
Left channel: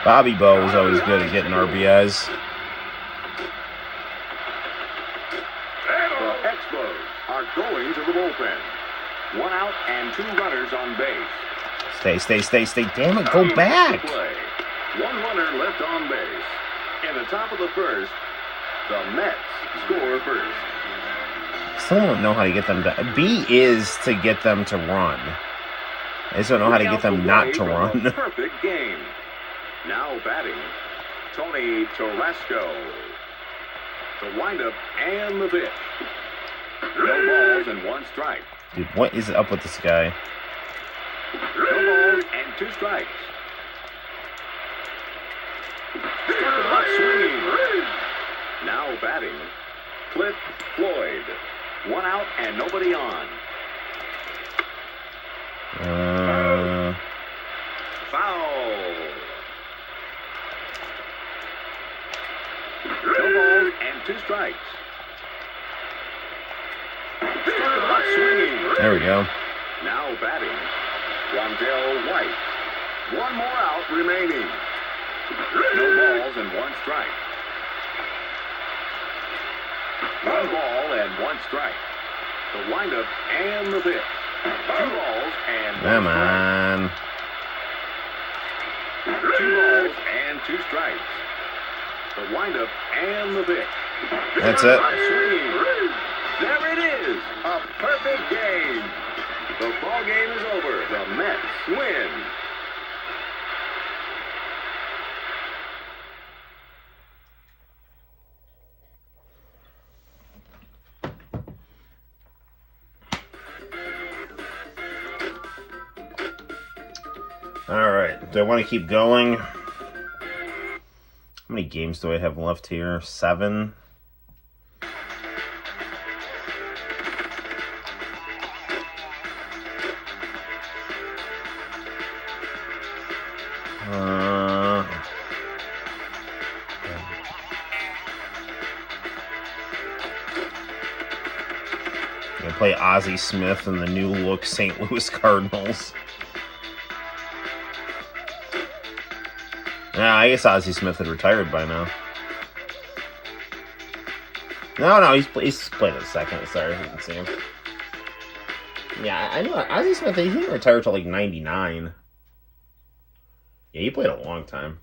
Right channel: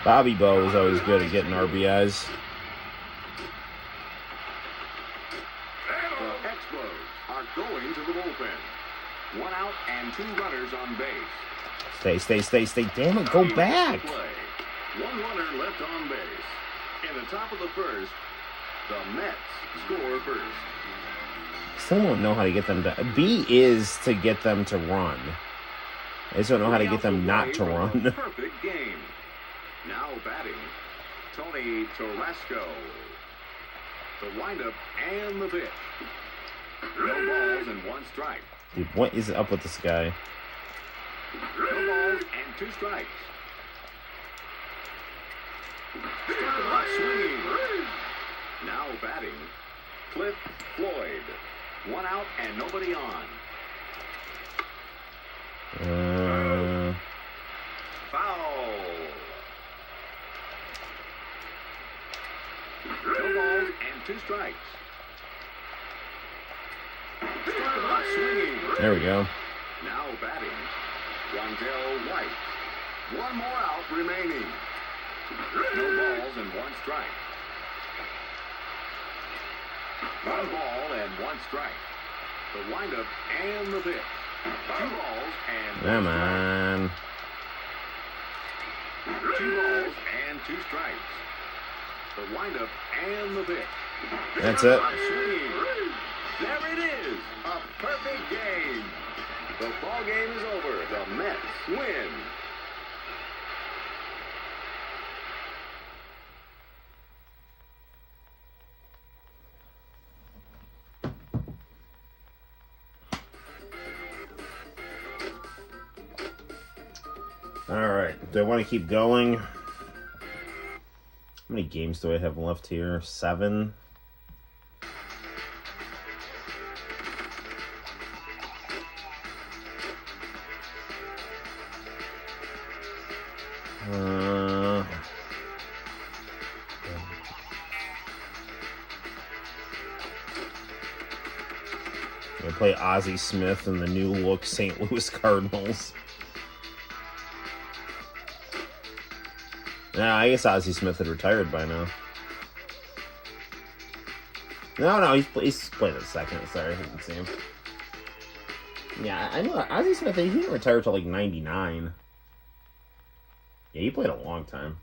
Bobby Bo is always good at getting RBIs. The Expos are going to the bullpen. 1 out and 2 runners on base. Stay. Damn it, go Game back. to play. 1 runner left on base. In the top of the first, the Mets score first. Still don't know how to get them to... B is to get them to run. I just don't know how to get them not to run. Perfect game. Now batting, Tony Tarasco. The windup and the pitch. No balls and 1 strike. Dude, what is up with this guy? No balls and 2 strikes. Not swinging. Now batting, Cliff Floyd. 1 out and nobody on. Foul. No balls and 2 strikes. Not swinging. There we go. Now batting, Rondell White. 1 more out remaining. No balls and 1 strike. 1 ball and 1 strike. The windup and the pitch. 2 balls and 1 Come strike. on. 2 balls and 2 strikes. The windup and the pitch. That's it. Not swinging. There it is. A perfect game. The ball game is over. The Mets win. Alright, do I want to keep going? How many games do I have left here? 7? I play Ozzie Smith and the new look St. Louis Cardinals. Yeah, I guess Ozzie Smith had retired by now. No, he's playing in second. Sorry, I didn't see him. Yeah, I know Ozzie Smith. He didn't retire till like 99. Yeah, he played a long time.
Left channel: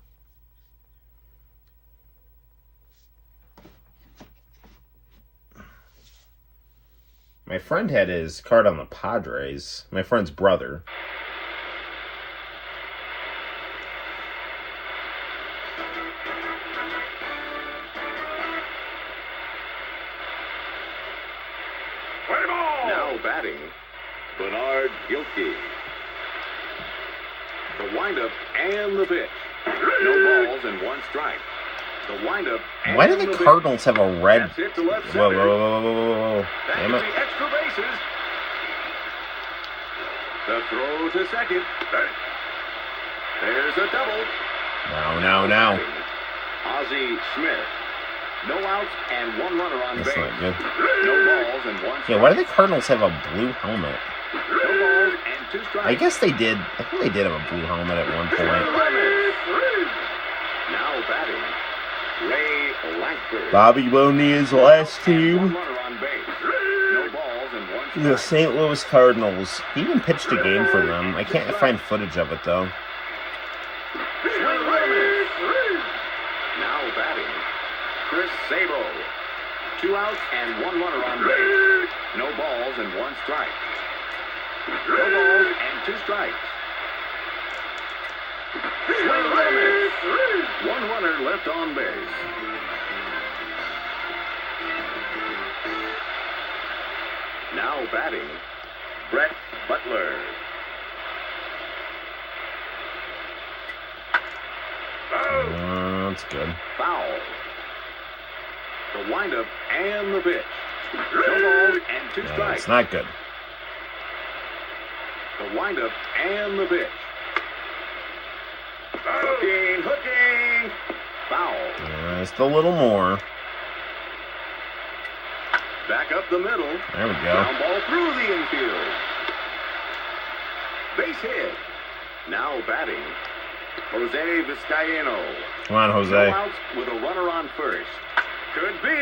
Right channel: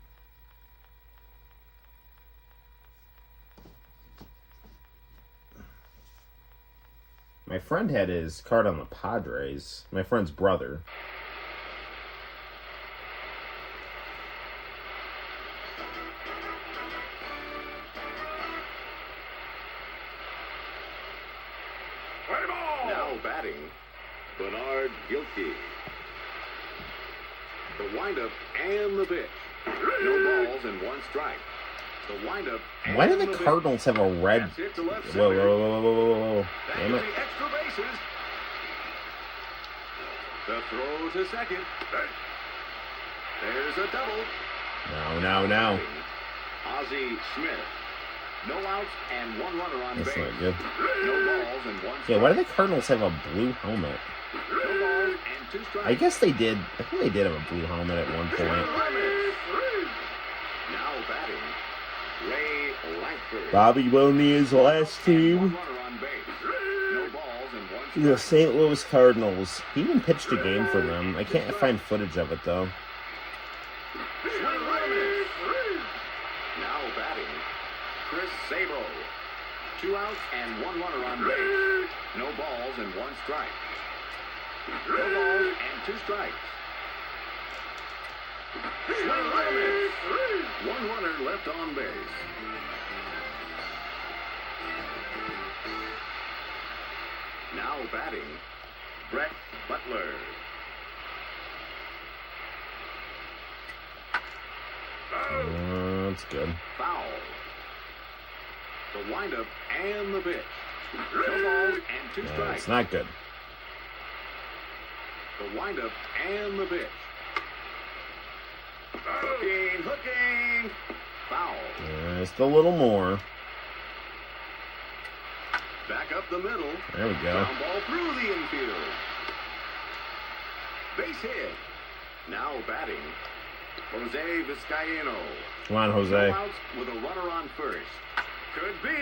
My friend had his card on the Padres. My friend's brother. Now batting, Bernard Gilkey. The windup and the pitch. No balls and 1 strike. The windup and Why do the Cardinals have a red... That's hit to left Whoa, center. whoa. That Damn could it. be extra bases. The throw to second. There's a double. No. Ozzie Smith. No outs and 1 runner on That's base. not good. No balls and 1 strike. Yeah, why do the Cardinals have a blue helmet? No balls and 2 strikes. I guess they did. I think they did have a blue helmet at one point. Now batting, Ray Lankford. Bobby Bonilla's last And team, 1 runner on base. No balls and 1 strike. the St. Louis Cardinals. He even pitched a game for them. I can't find footage of it, though. Swing and a miss. Now batting, Chris Sabo. 2 outs and 1 runner on base. No balls and 1 strike. No balls and 2 strikes. Swing and a miss. 1 runner left on base. Now batting, Brett Butler. That's good. Foul. The windup and the pitch. No balls and 2 Yeah, strikes. it's not good. The windup and the pitch. Hooking. Foul. Just a little more. Back up the middle. There we go. Ground ball through the infield. Base hit. Now batting, Jose Vizcaino. Come on, No Jose. outs with a runner on first. Could be.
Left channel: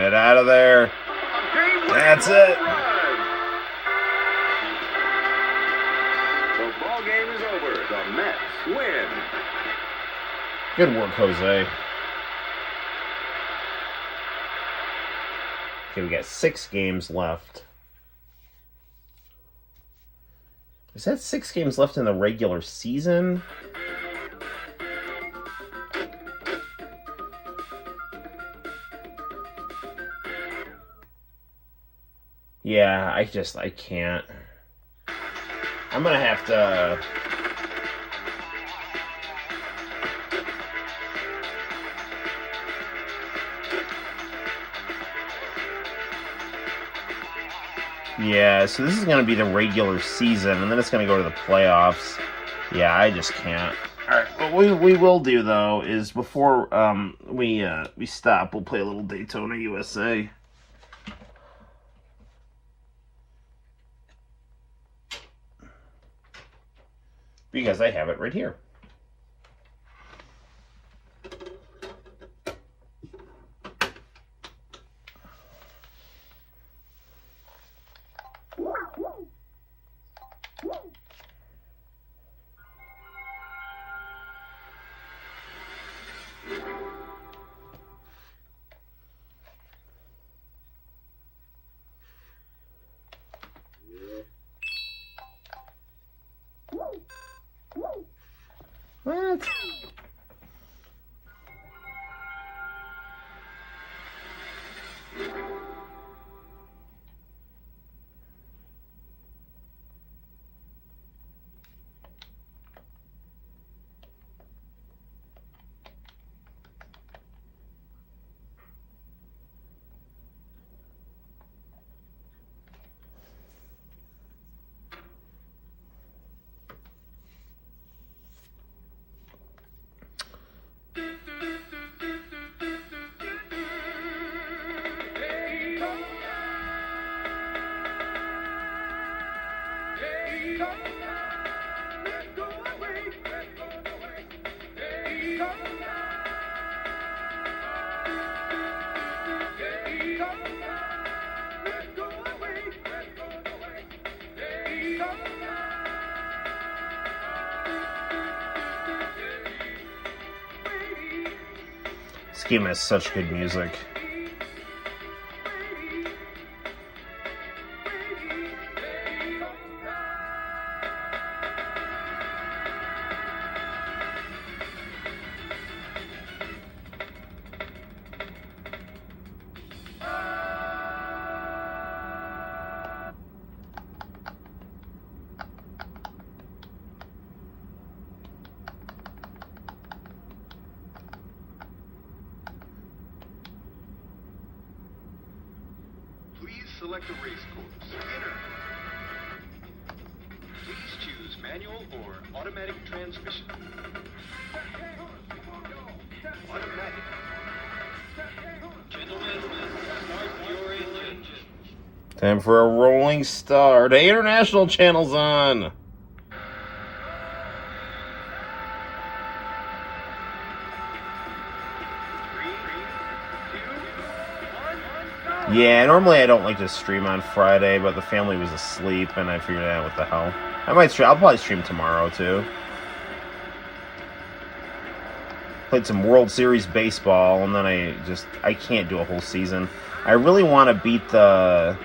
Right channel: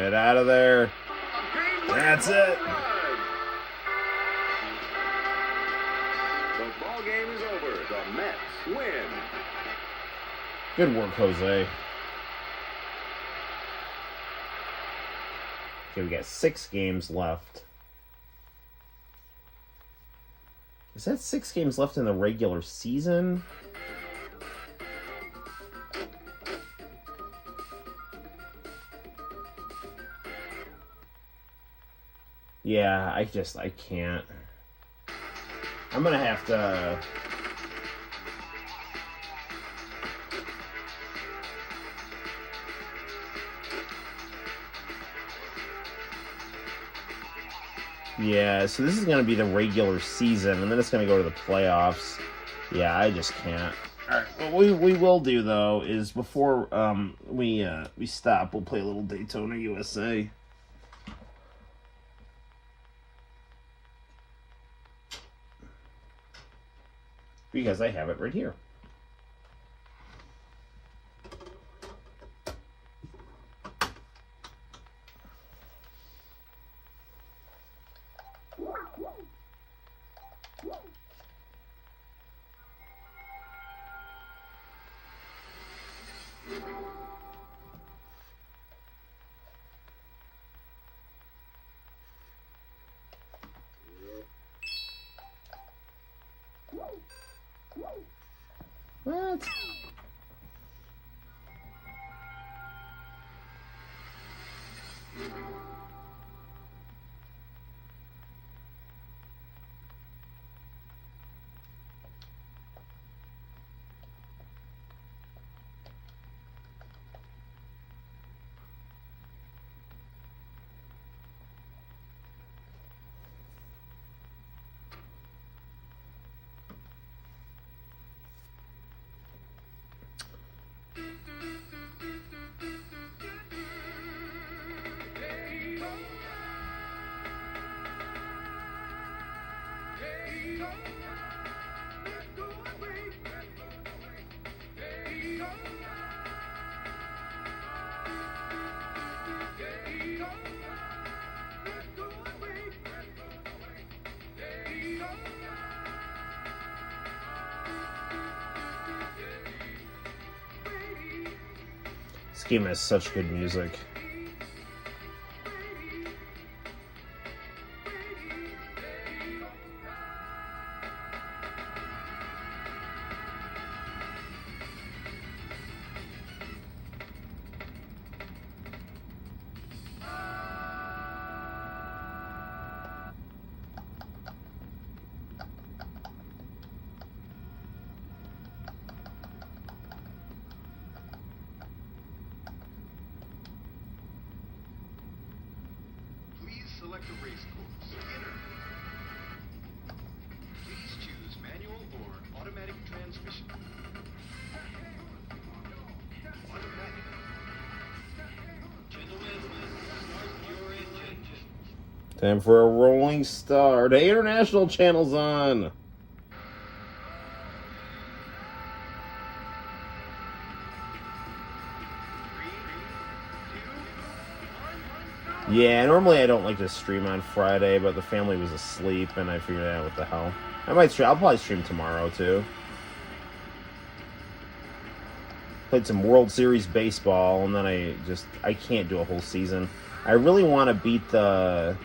Get out of there. That's it. The ball game is over. The Mets win. Good work, Jose. Okay, we got 6 games left. Is that 6 games left in the regular season? Yeah, I can't. I'm gonna have to... Yeah, so this is going to be the regular season, and then it's going to go to the playoffs. Yeah, I just can't. All right, but what we will do, though, is before we stop, we'll play a little Daytona USA. Because I have it right here. What? This game has such good music. Select a race course. Enter. Please choose manual or automatic transmission. Automatic. Gentlemen, start your engine. Time for a rolling start. Hey, international channel's on. Yeah, normally I don't like to stream on Friday, but the family was asleep, and I figured out what the hell. I'll probably stream tomorrow, too. Played some World Series baseball, and then I can't do a whole season. I really want to beat the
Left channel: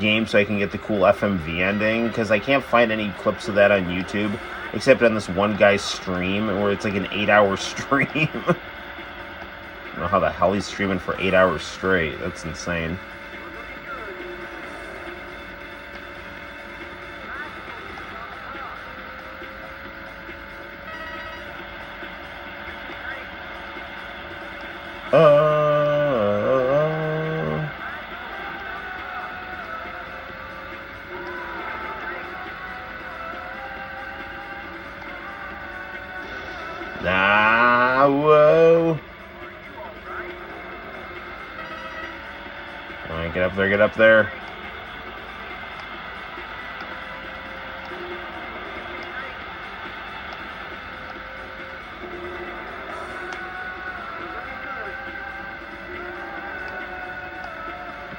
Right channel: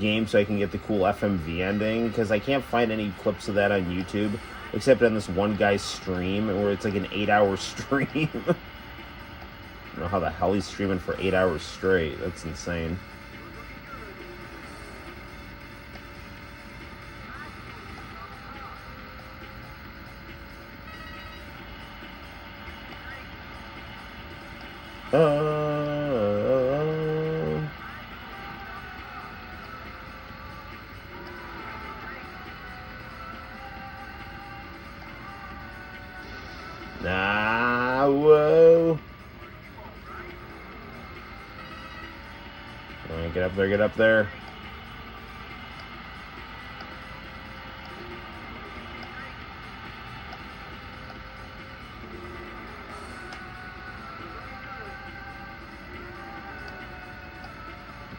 game so I can get the cool FMV ending, because I can't find any clips of that on YouTube, except on this one guy's stream, where it's like an 8-hour stream. I don't know how the hell he's streaming for 8 hours straight. That's insane. Whoa. All right, get up there, get up there.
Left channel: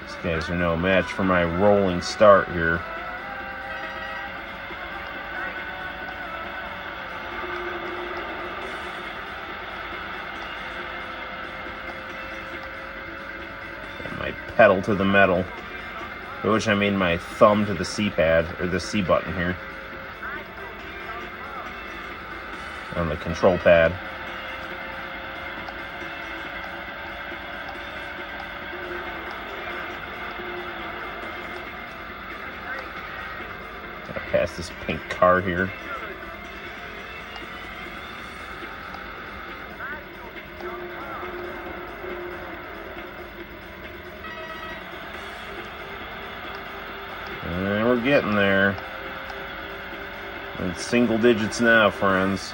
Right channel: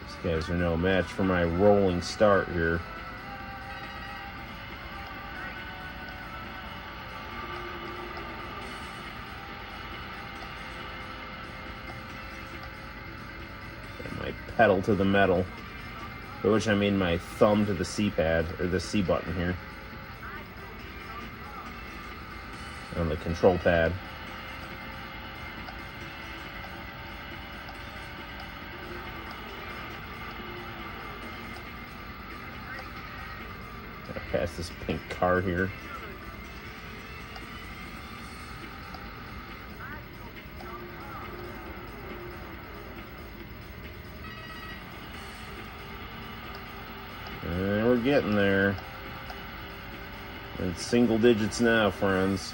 These guys are no match for my rolling start here. My pedal to the metal. By which I mean my thumb to the C pad, or the C button here. On the control pad. Past this pink car here. And we're getting there. It's single digits now, friends.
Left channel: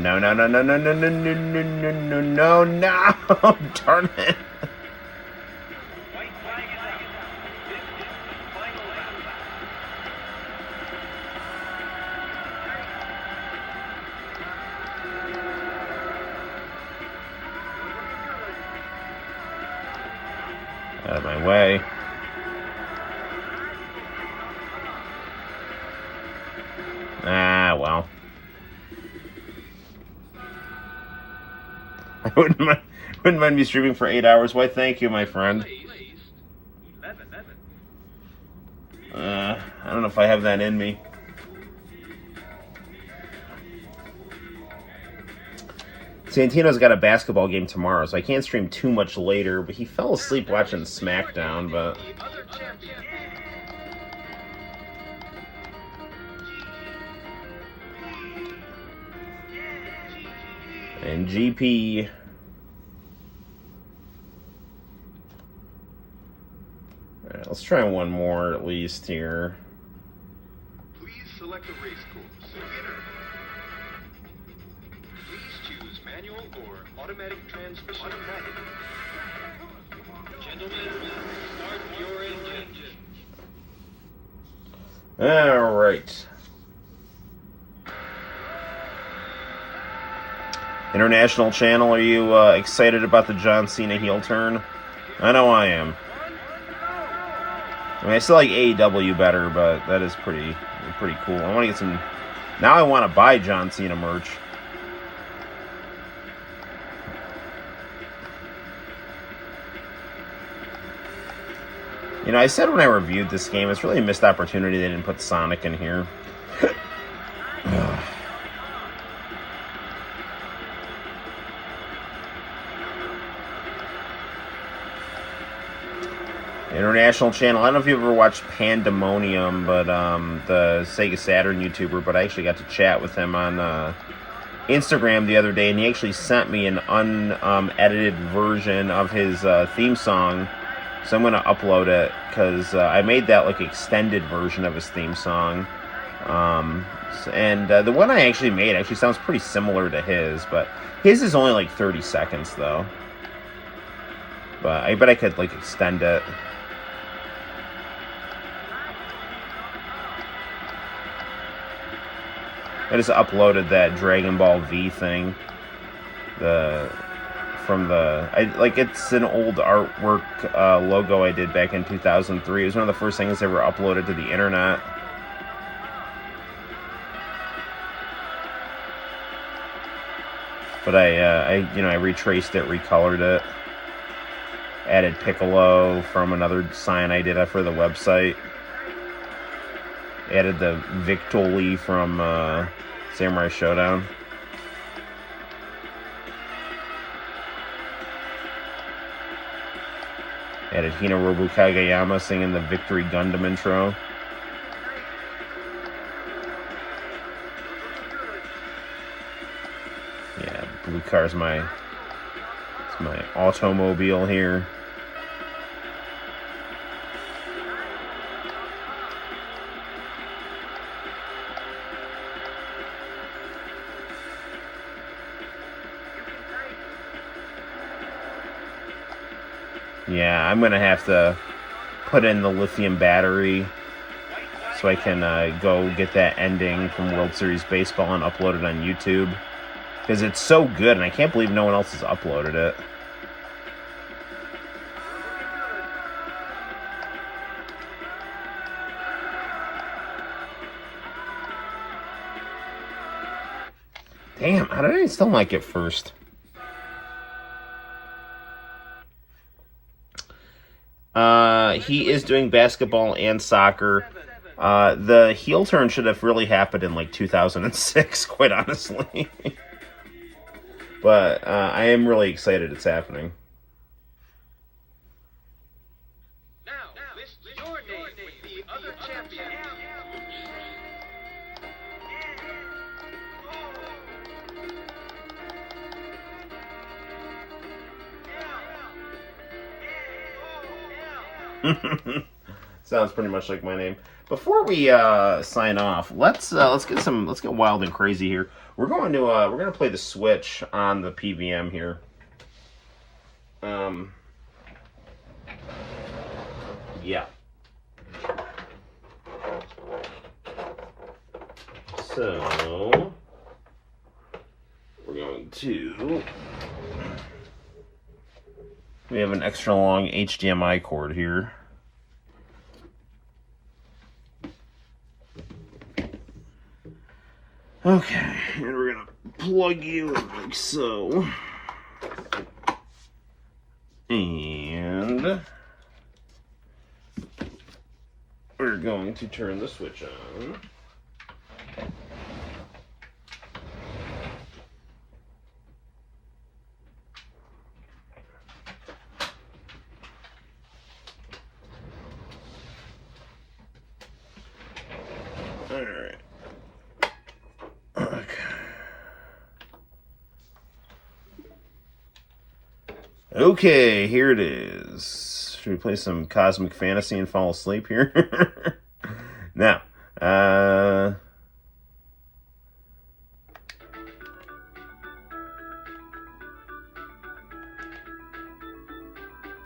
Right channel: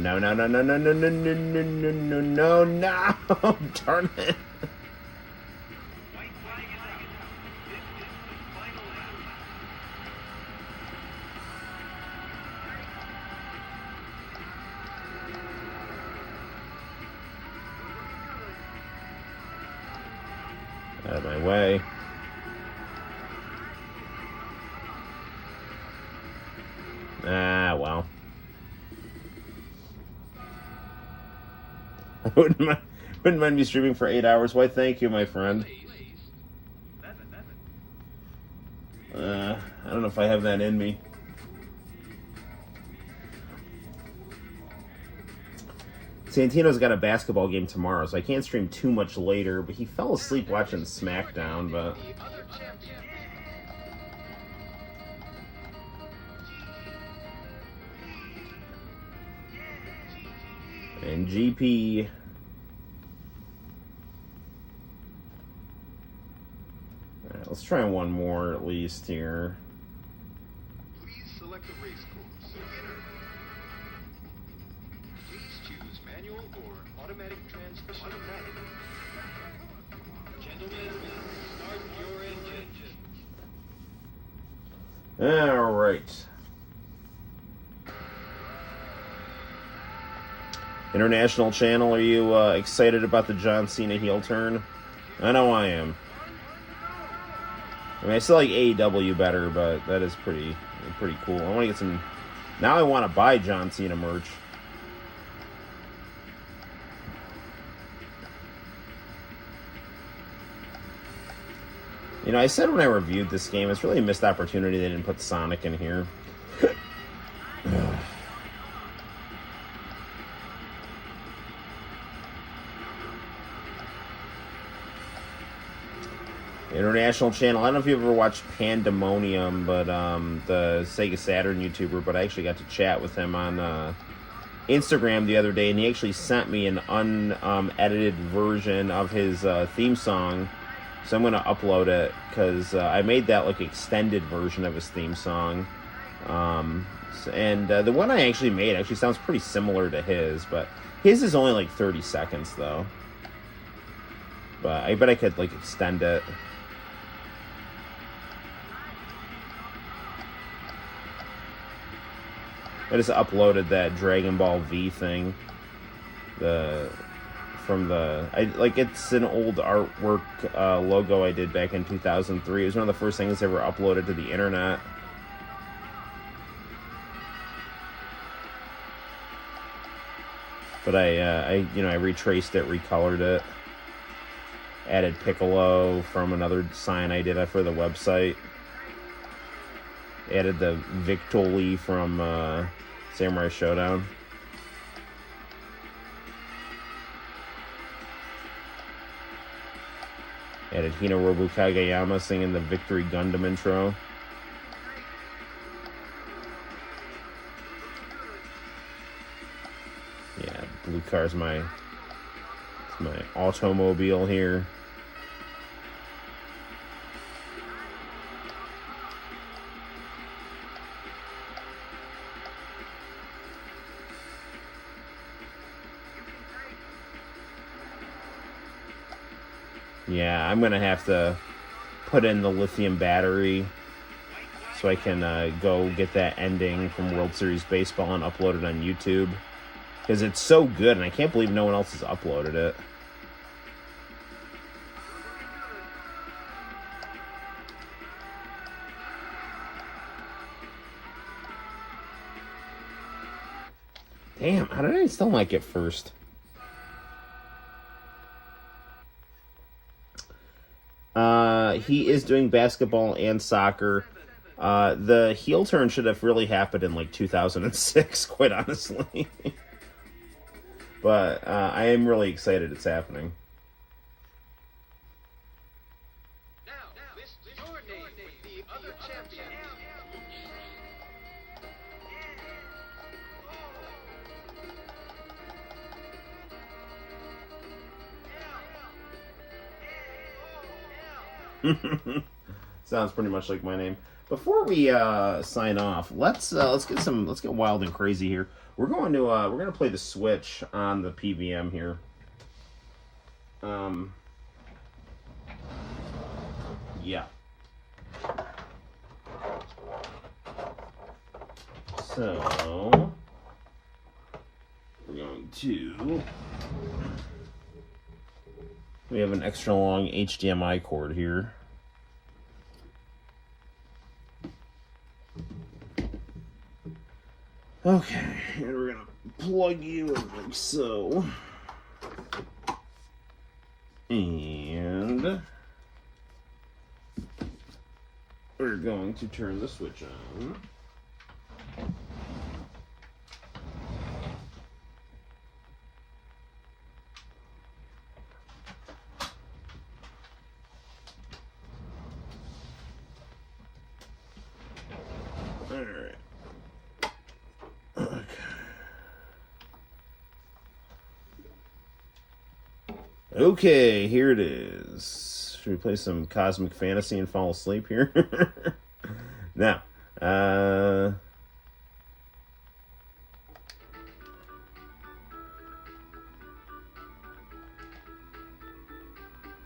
No, no, no, no, no, no, no, no, no, no, no, no, darn it. White flag is out. This is the final lap. Out of my way. Ah, well. I wouldn't mind me streaming for 8 hours. Why, thank you, my friend. I don't know if I have that in me. Santino's got a basketball game tomorrow, so I can't stream too much later, but he fell asleep watching SmackDown, but... And GP... Alright, let's try one more at least here. Please select a race course. Winner. Please choose manual or automatic transmission. Gentlemen, start your engine. Alright. International channel, are you excited about the John Cena heel turn? I know I am. I mean, I still like AEW better, but that is pretty cool. I want to get some... Now I want to buy John Cena merch. You know, I said when I reviewed this game, it's really a missed opportunity they didn't put Sonic in here. International channel. I don't know if you ever watched Pandemonium, but the Sega Saturn YouTuber, but I actually got to chat with him on Instagram the other day, and he actually sent me an unedited version of his theme song, so I'm going to upload it, because I made that like extended version of his theme song, and the one I actually made actually sounds pretty similar to his, but his is only like 30 seconds though, but I bet I could like extend it. I just uploaded that Dragon Ball V thing. It's an old artwork logo I did back in 2003. It was one of the first things I ever uploaded to the internet. But I retraced it, recolored it, added Piccolo from another sign I did for the website. Added the Victoli from Samurai Showdown. Added Hinorobu Kageyama singing the Victory Gundam intro. Yeah, blue car's my automobile here. Yeah, I'm going to have to put in the lithium battery so I can go get that ending from World Series Baseball and upload it on YouTube. Because it's so good, and I can't believe no one else has uploaded it. Damn, how did I still not get first? He is doing basketball and soccer. The heel turn should have really happened in like 2006, quite honestly. But I am really excited it's happening. Now, list your name with the other champion. Sounds pretty much like my name. Before we sign off, let's get wild and crazy here. We're gonna play the Switch on the PVM here. Yeah. So we're going to. We have an extra long HDMI cord here. Okay, and we're gonna plug you in like so. And we're going to turn the switch on. Okay, here it is. Should we play some Cosmic Fantasy and fall asleep here? Now,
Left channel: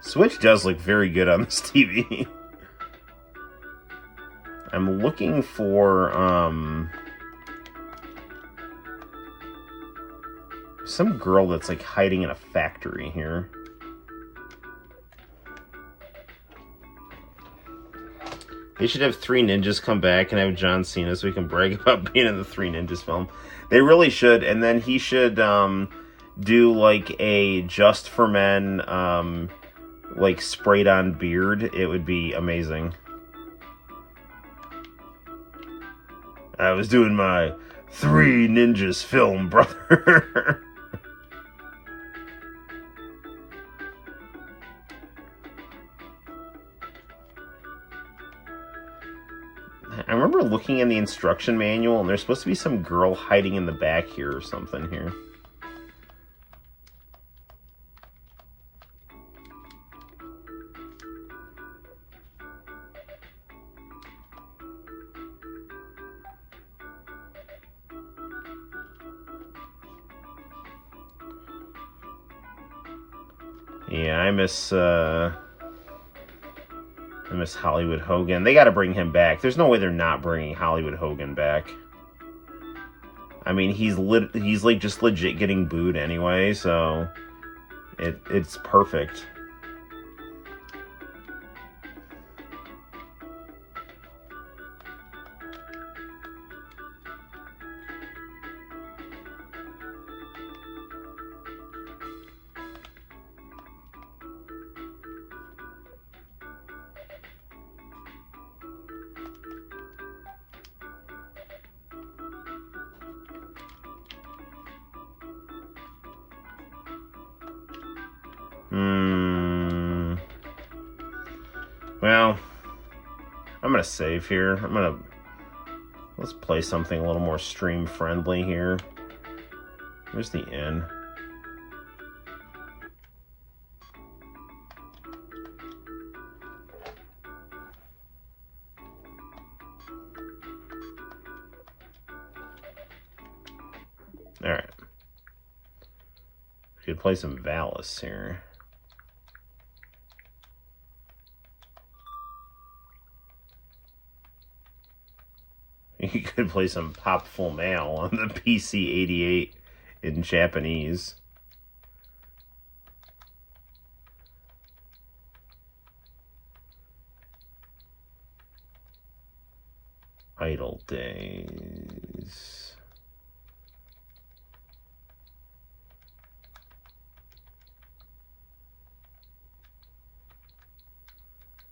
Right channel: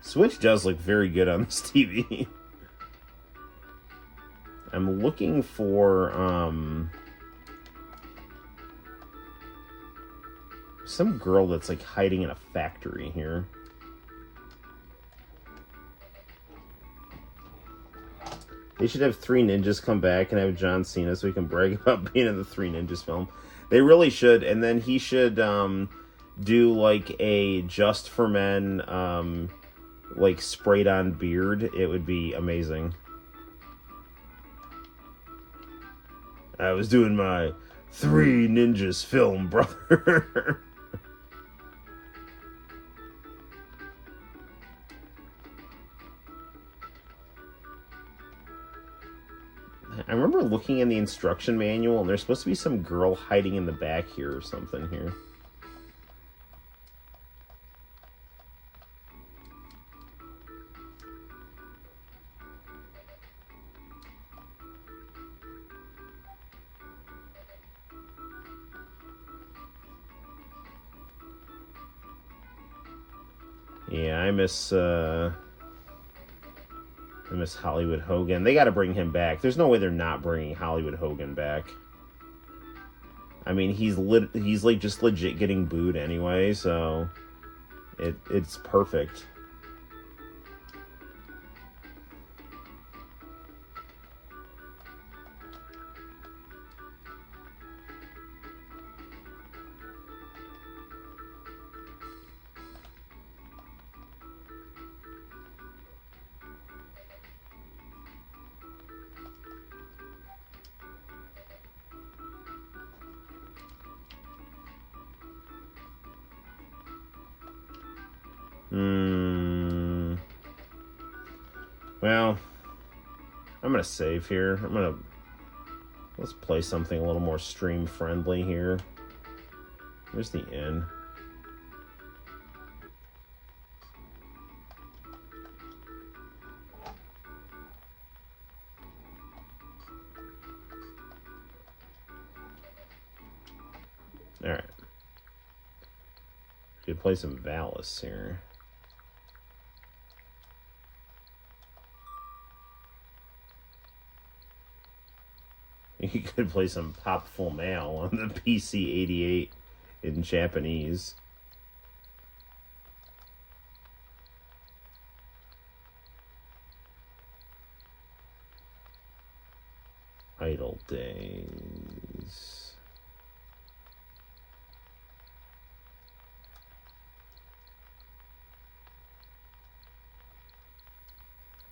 Switch does look very good on this TV. I'm looking for, some girl that's like hiding in a factory here. They should have Three Ninjas come back and have John Cena so we can brag about being in the Three Ninjas film. They really should, and then he should do like a Just for Men like sprayed on beard. It would be amazing. I was doing my Three Ninjas film, brother. I remember looking in the instruction manual, and there's supposed to be some girl hiding in the back here or something here. Yeah, I miss Hollywood Hogan. They got to bring him back. There's no way they're not bringing Hollywood Hogan back. I mean, he's like just legit getting booed anyway, so it's perfect. Well, I'm gonna save here. Let's play something a little more stream friendly here. Where's the N? Alright. We could play some Valis here. You could play some Pop Full Mail on the PC-88 in Japanese. Idle Days.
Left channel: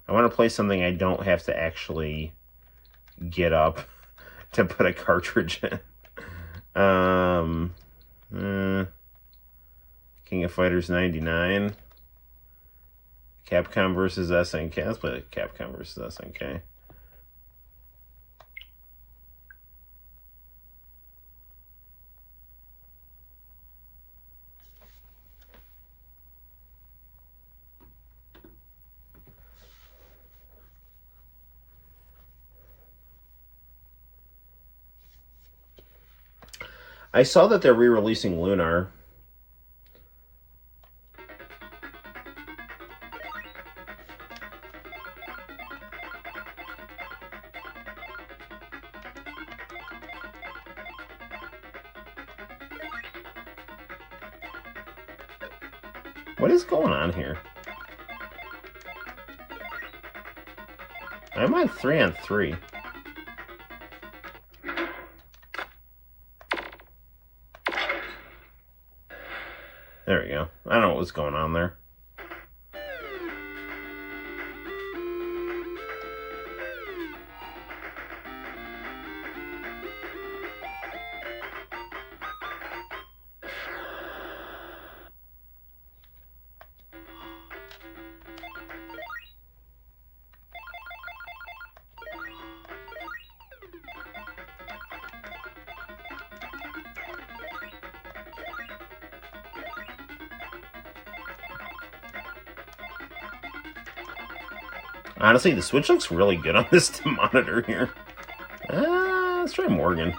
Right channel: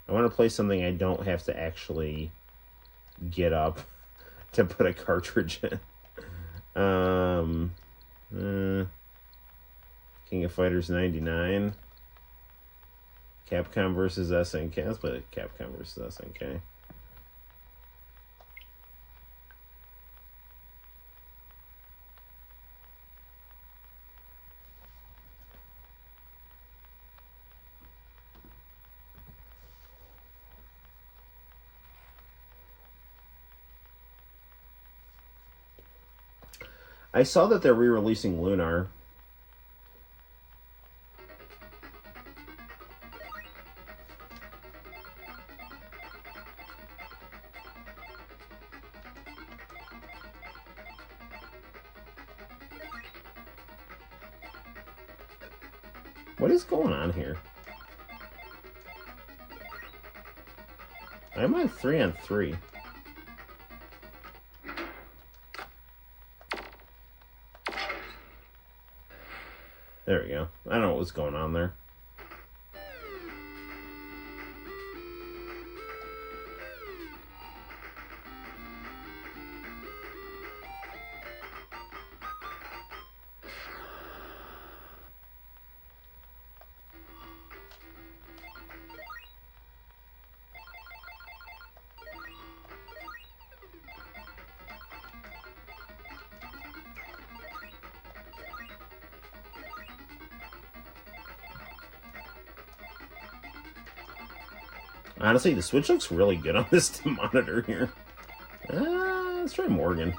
I want to play something I don't have to actually get up to put a cartridge in. King of Fighters 99. Capcom versus SNK. Let's play the Capcom versus SNK. I saw that they're re-releasing Lunar. What is going on here? I'm on 3-on-3. There we go. I don't know what's going on there. Honestly, the Switch looks really good on this monitor here. Let's try Morgan.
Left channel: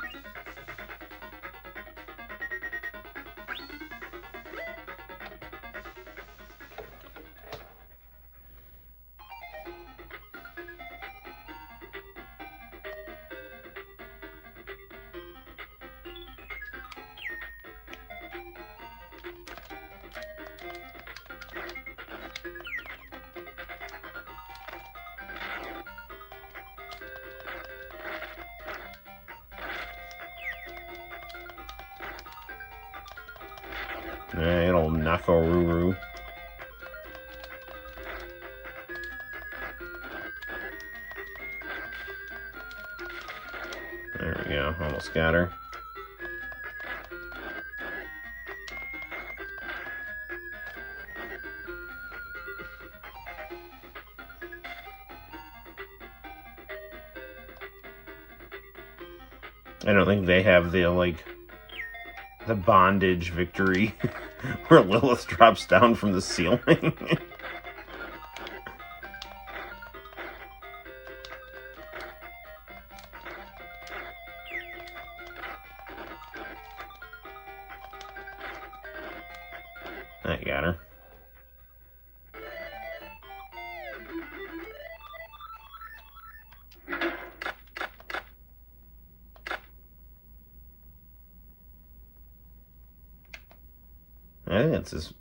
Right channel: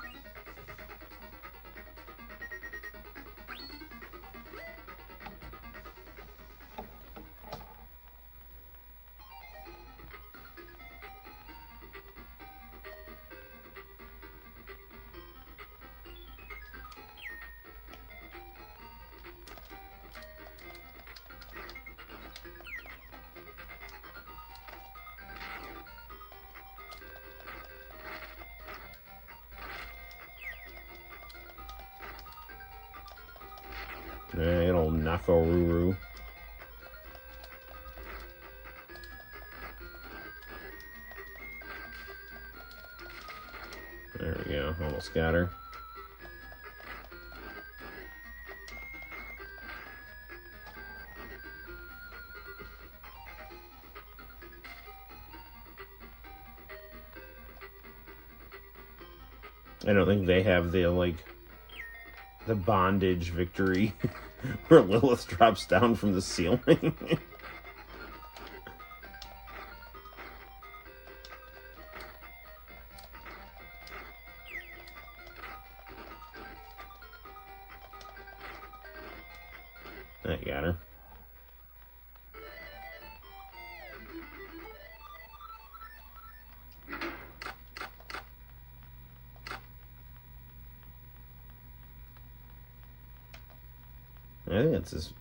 Alright, old Nakoruru. There we go, almost got her. I don't think they have the, like, the bondage victory where Lilith drops down from the ceiling. I got her. I think that's as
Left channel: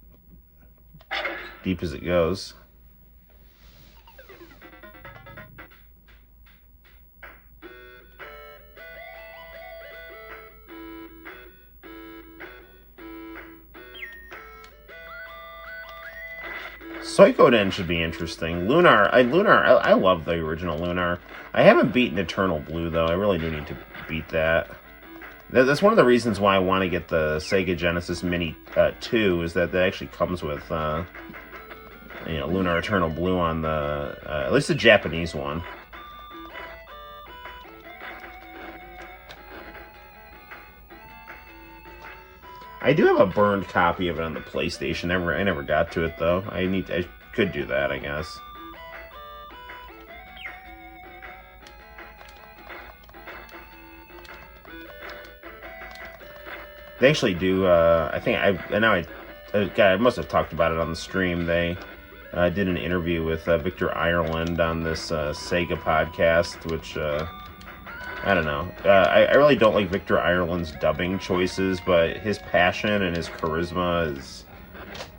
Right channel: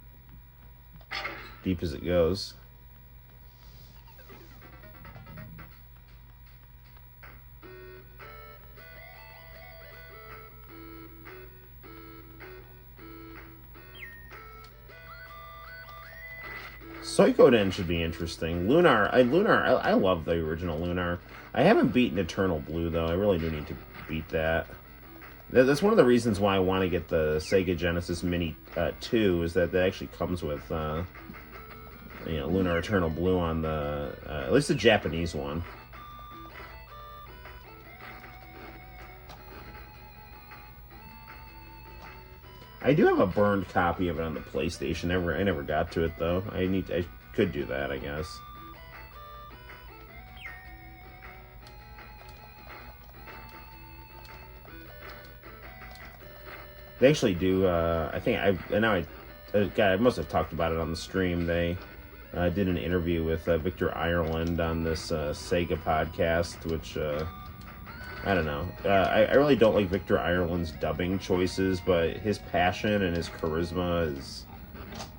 deep as it goes. Suikoden should be interesting. Lunar, I love the original Lunar. I haven't beaten Eternal Blue though. I really do need to beat that. That's one of the reasons why I want to get the Sega Genesis Mini 2, is that actually comes with, you know, Lunar Eternal Blue on the, at least the Japanese one. I do have a burned copy of it on the PlayStation. I never got to it though. I could do that, I guess. They actually do, I think, I must have talked about it on the stream. They did an interview with Victor Ireland on this Sega podcast, which I don't know. I really don't like Victor Ireland's dubbing choices, but his passion and his charisma is,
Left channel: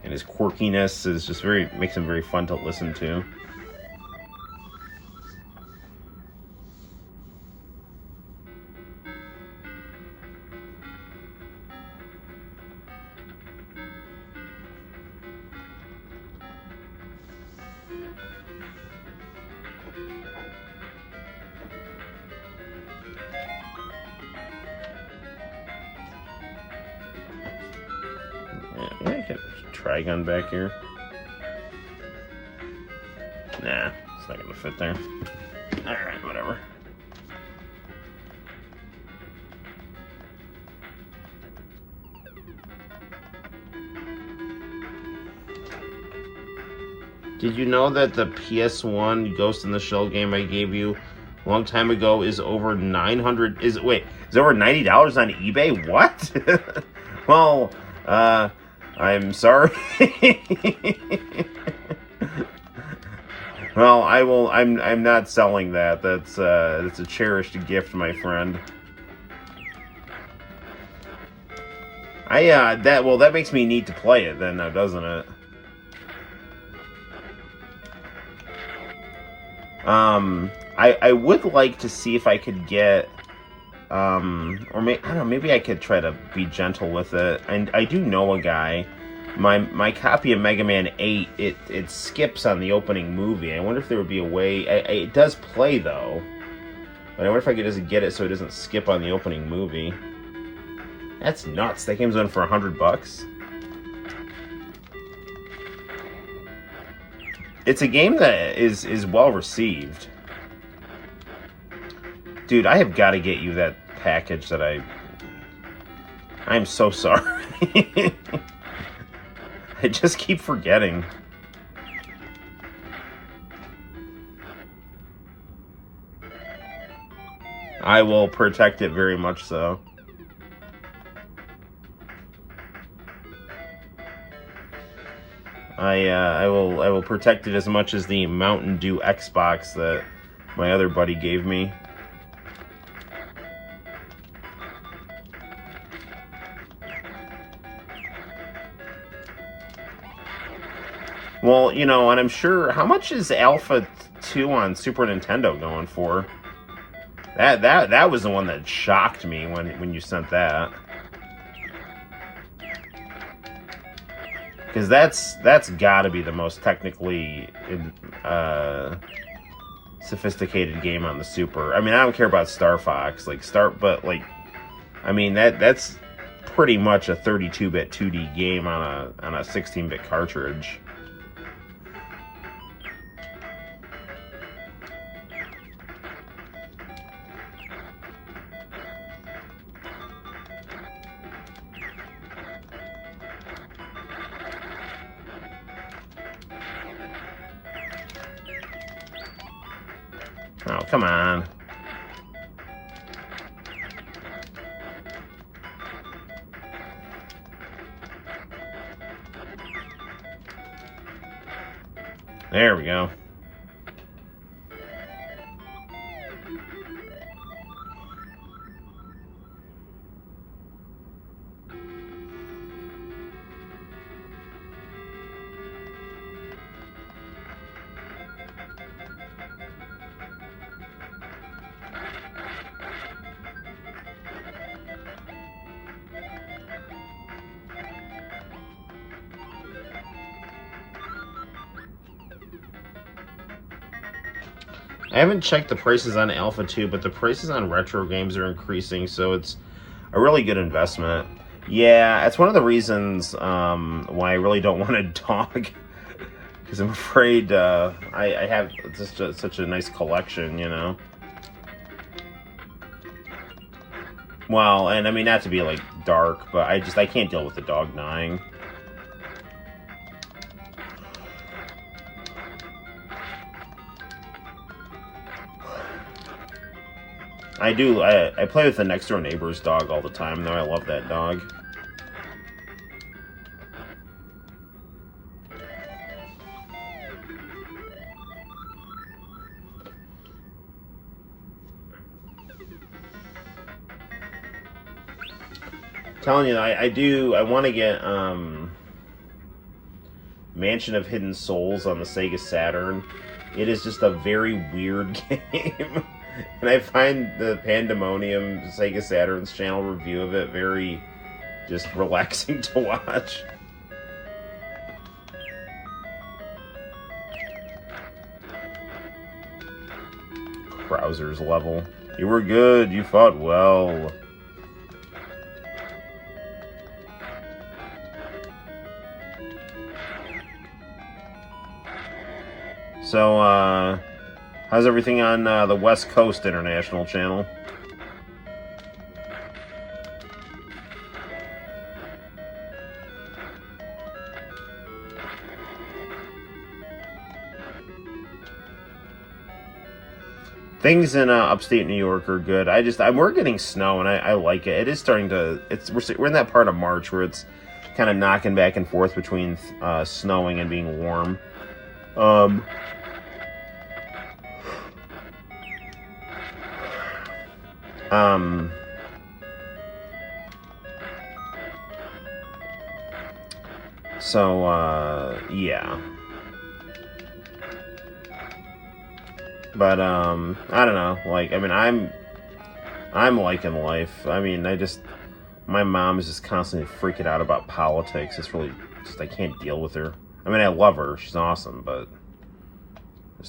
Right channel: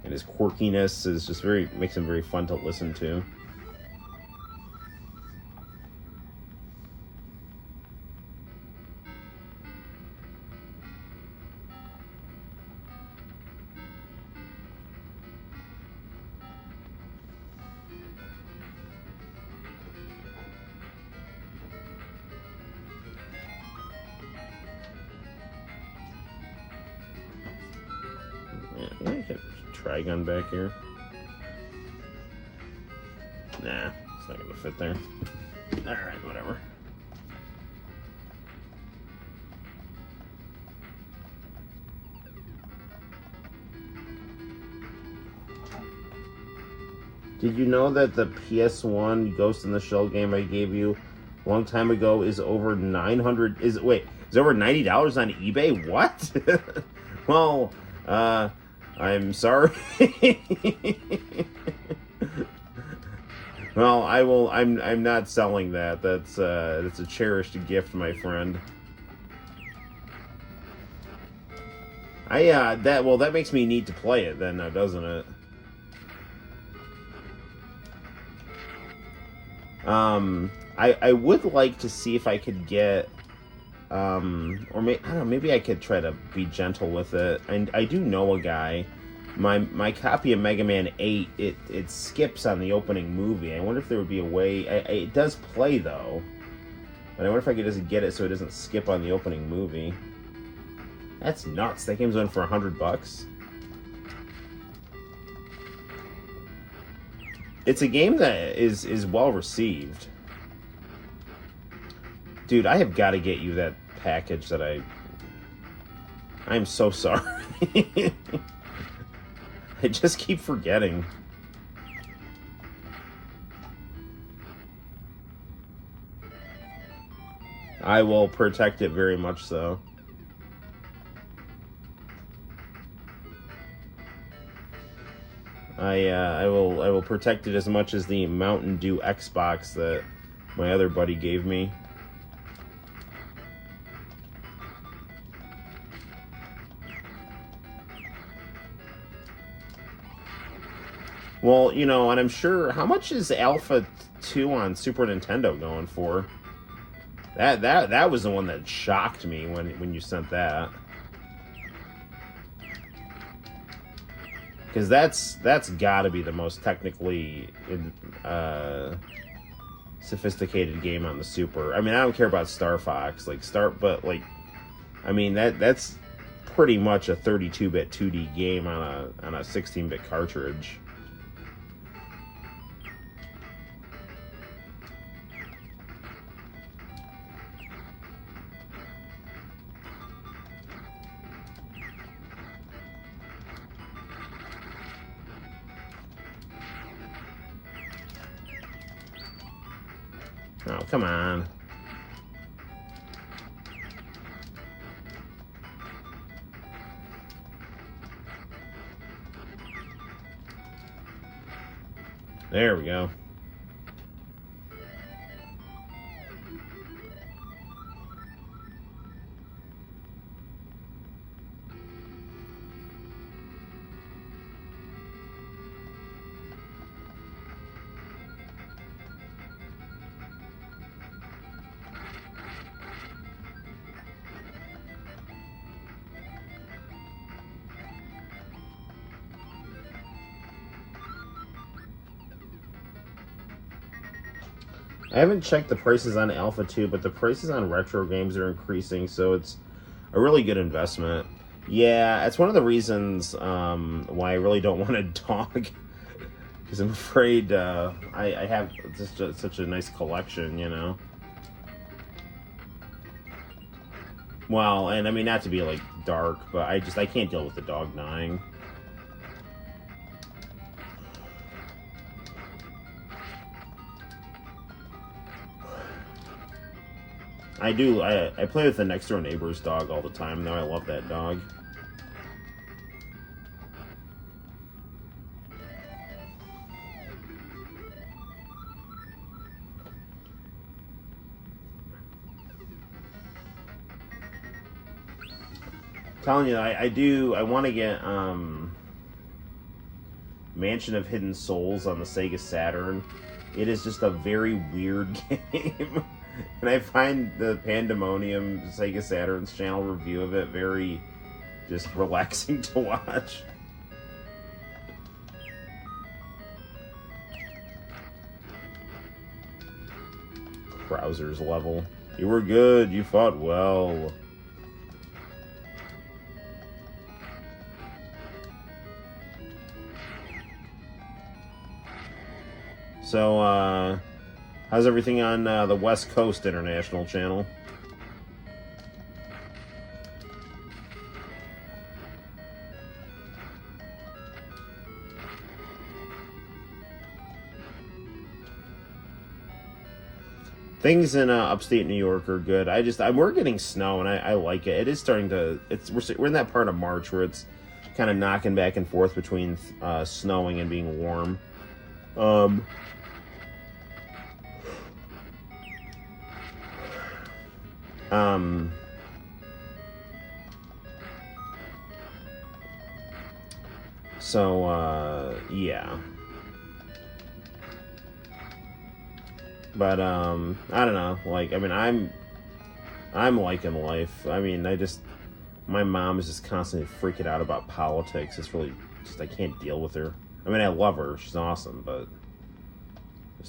and his quirkiness is just makes him very fun to listen to. Trigon back here. Nah, it's not gonna fit there. Alright, whatever. Did you know that the PS1 Ghost in the Shell game I gave you a long time ago is over 900? Is over $90 on eBay? What? Well, I'm sorry. Well, I'm not selling that. That's a cherished gift, my friend. That makes me need to play it then, now, doesn't it? I would like to see if I could get, or I don't know, maybe I could try to be gentle with it. And I do know a guy. My copy of Mega Man 8, it skips on the opening movie. I wonder if there would be a way. It does play though, but I wonder if I could just get it so it doesn't skip on the opening movie. That's nuts. That game's on for $100. It's a game that is well received. Dude, I have got to get you that package that I'm so sorry. I just keep forgetting. I will protect it very much so. I will protect it as much as the Mountain Dew Xbox that my other buddy gave me. Well, you know, and I'm sure, how much is Alpha 2 on Super Nintendo going for? That was the one that shocked me when you sent that. Because that's got to be the most technically sophisticated game on the Super. I mean, I don't care about Star Fox, but I mean that's pretty much a 32-bit 2D game on a 16-bit cartridge. Oh, come on. There we go. I haven't checked the prices on Alpha 2, but the prices on retro games are increasing, so it's a really good investment. Yeah, it's one of the reasons why I really don't want a dog, because I'm afraid I have just such a nice collection, you know? Well, and I mean, not to be like dark, but I can't deal with the dog dying. I play with the next door neighbor's dog all the time, though. I love that dog. telling you, I want to get Mansion of Hidden Souls on the Sega Saturn. It is just a very weird game. And I find the Pandemonium Sega Saturn's channel review of it very just relaxing to watch. Krauser's level. You were good, you fought well. So, how's everything on the West Coast International channel? Things in upstate New York are good. We're getting snow, and I like it. It is starting to. We're in that part of March where it's kind of knocking back and forth between snowing and being warm. Yeah. But, I don't know. Like, I mean, I'm liking life. I mean, my mom is just constantly freaking out about politics. It's really, I can't deal with her. I mean, I love her. She's awesome, but I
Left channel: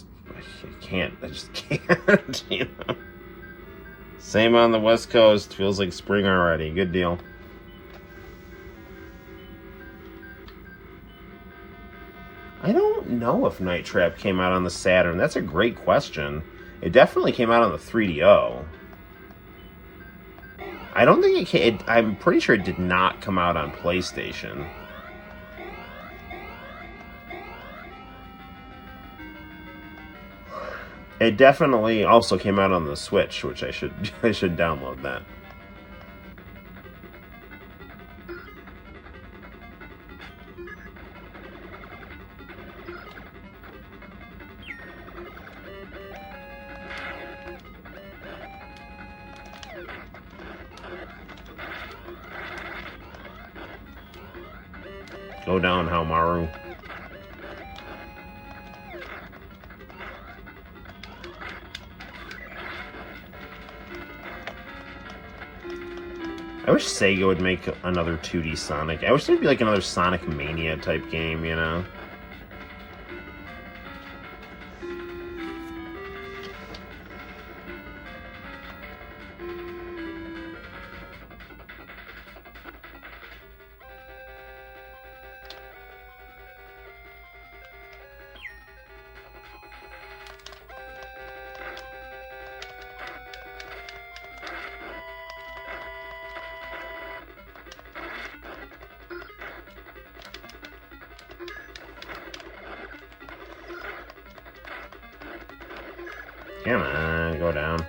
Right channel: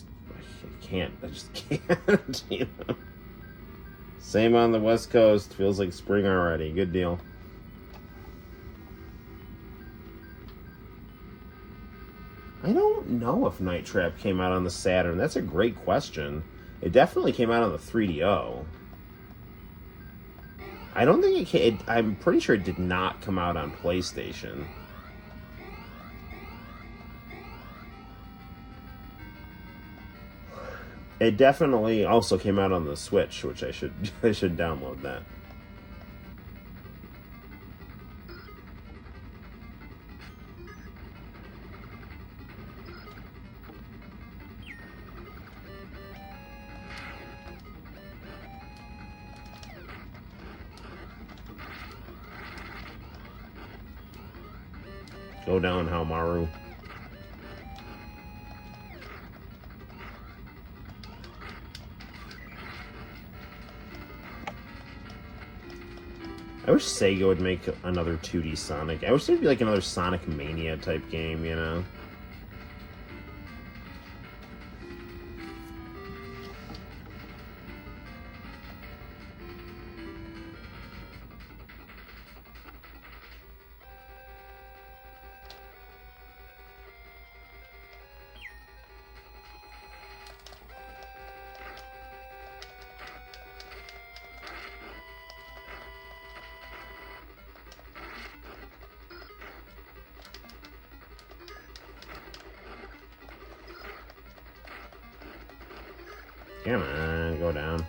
just can't, you know. Same on the West Coast. Feels like spring already. Good deal. I don't know if Night Trap came out on the Saturn. That's a great question. It definitely came out on the 3DO. I don't think it came... I'm pretty sure it did not come out on PlayStation. It definitely also came out on the Switch, which I should download that. Go down, Haomaru. I wish Sega would make another 2D Sonic. I wish there'd be like another Sonic Mania type game, you know? Come on, go down.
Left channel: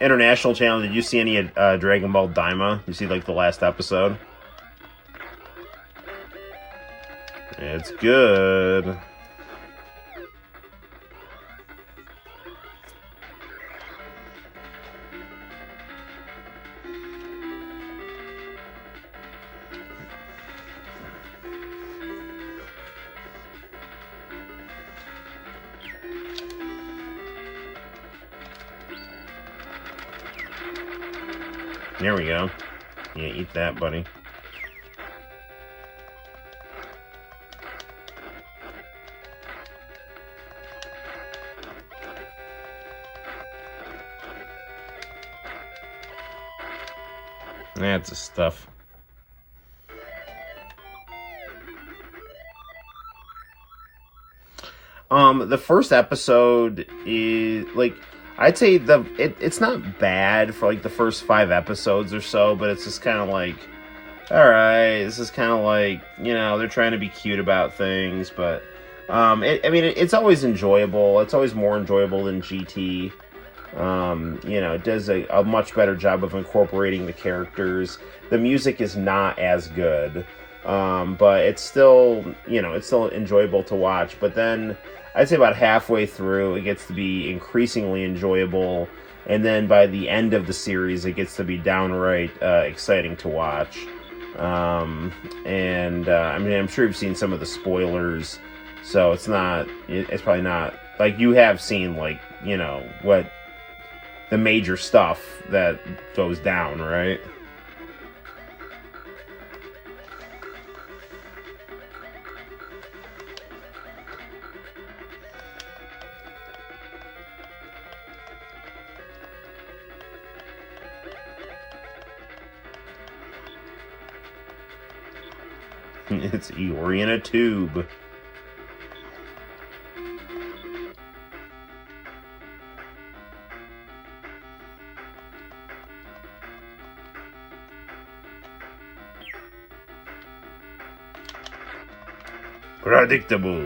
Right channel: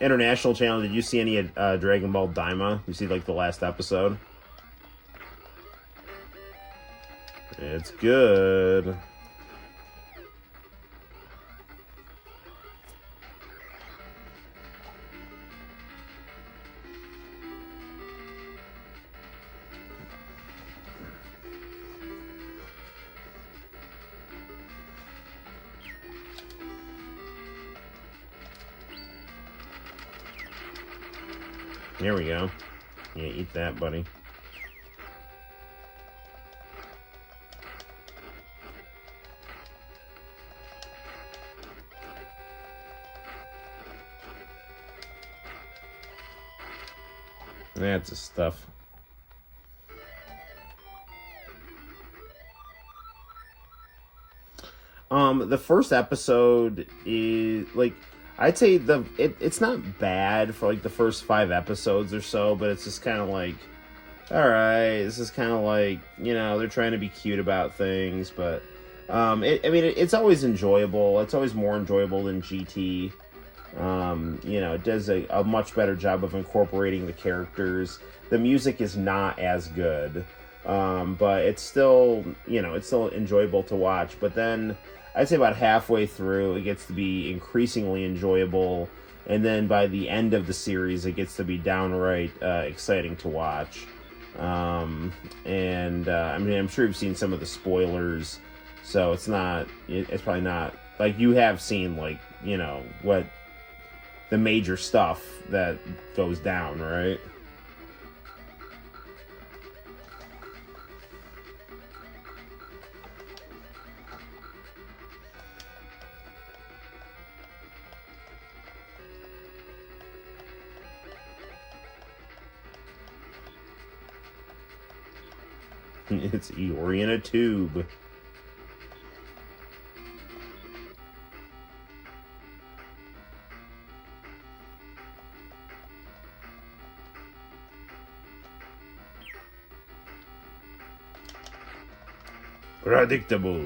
International channel, did you see any Dragon Ball Daima? You see, like, the last episode? It's good. There we go. Yeah, eat that, buddy. That's the stuff. The first episode is like, I'd say it's not bad for like the first 5 episodes or so, but it's just kind of like, all right, this is kind of like, you know, they're trying to be cute about things, but it's always enjoyable. It's always more enjoyable than GT. You know, it does a much better job of incorporating the characters. The music is not as good, but it's still, you know, it's still enjoyable to watch. But then I'd say about halfway through, it gets to be increasingly enjoyable And then by the end of the series, it gets to be downright exciting to watch. I mean, I'm sure you've seen some of the spoilers, so it's probably not, like, you have seen, like, you know, what the major stuff that goes down, right? It's Eeyore in a tube. Predictable.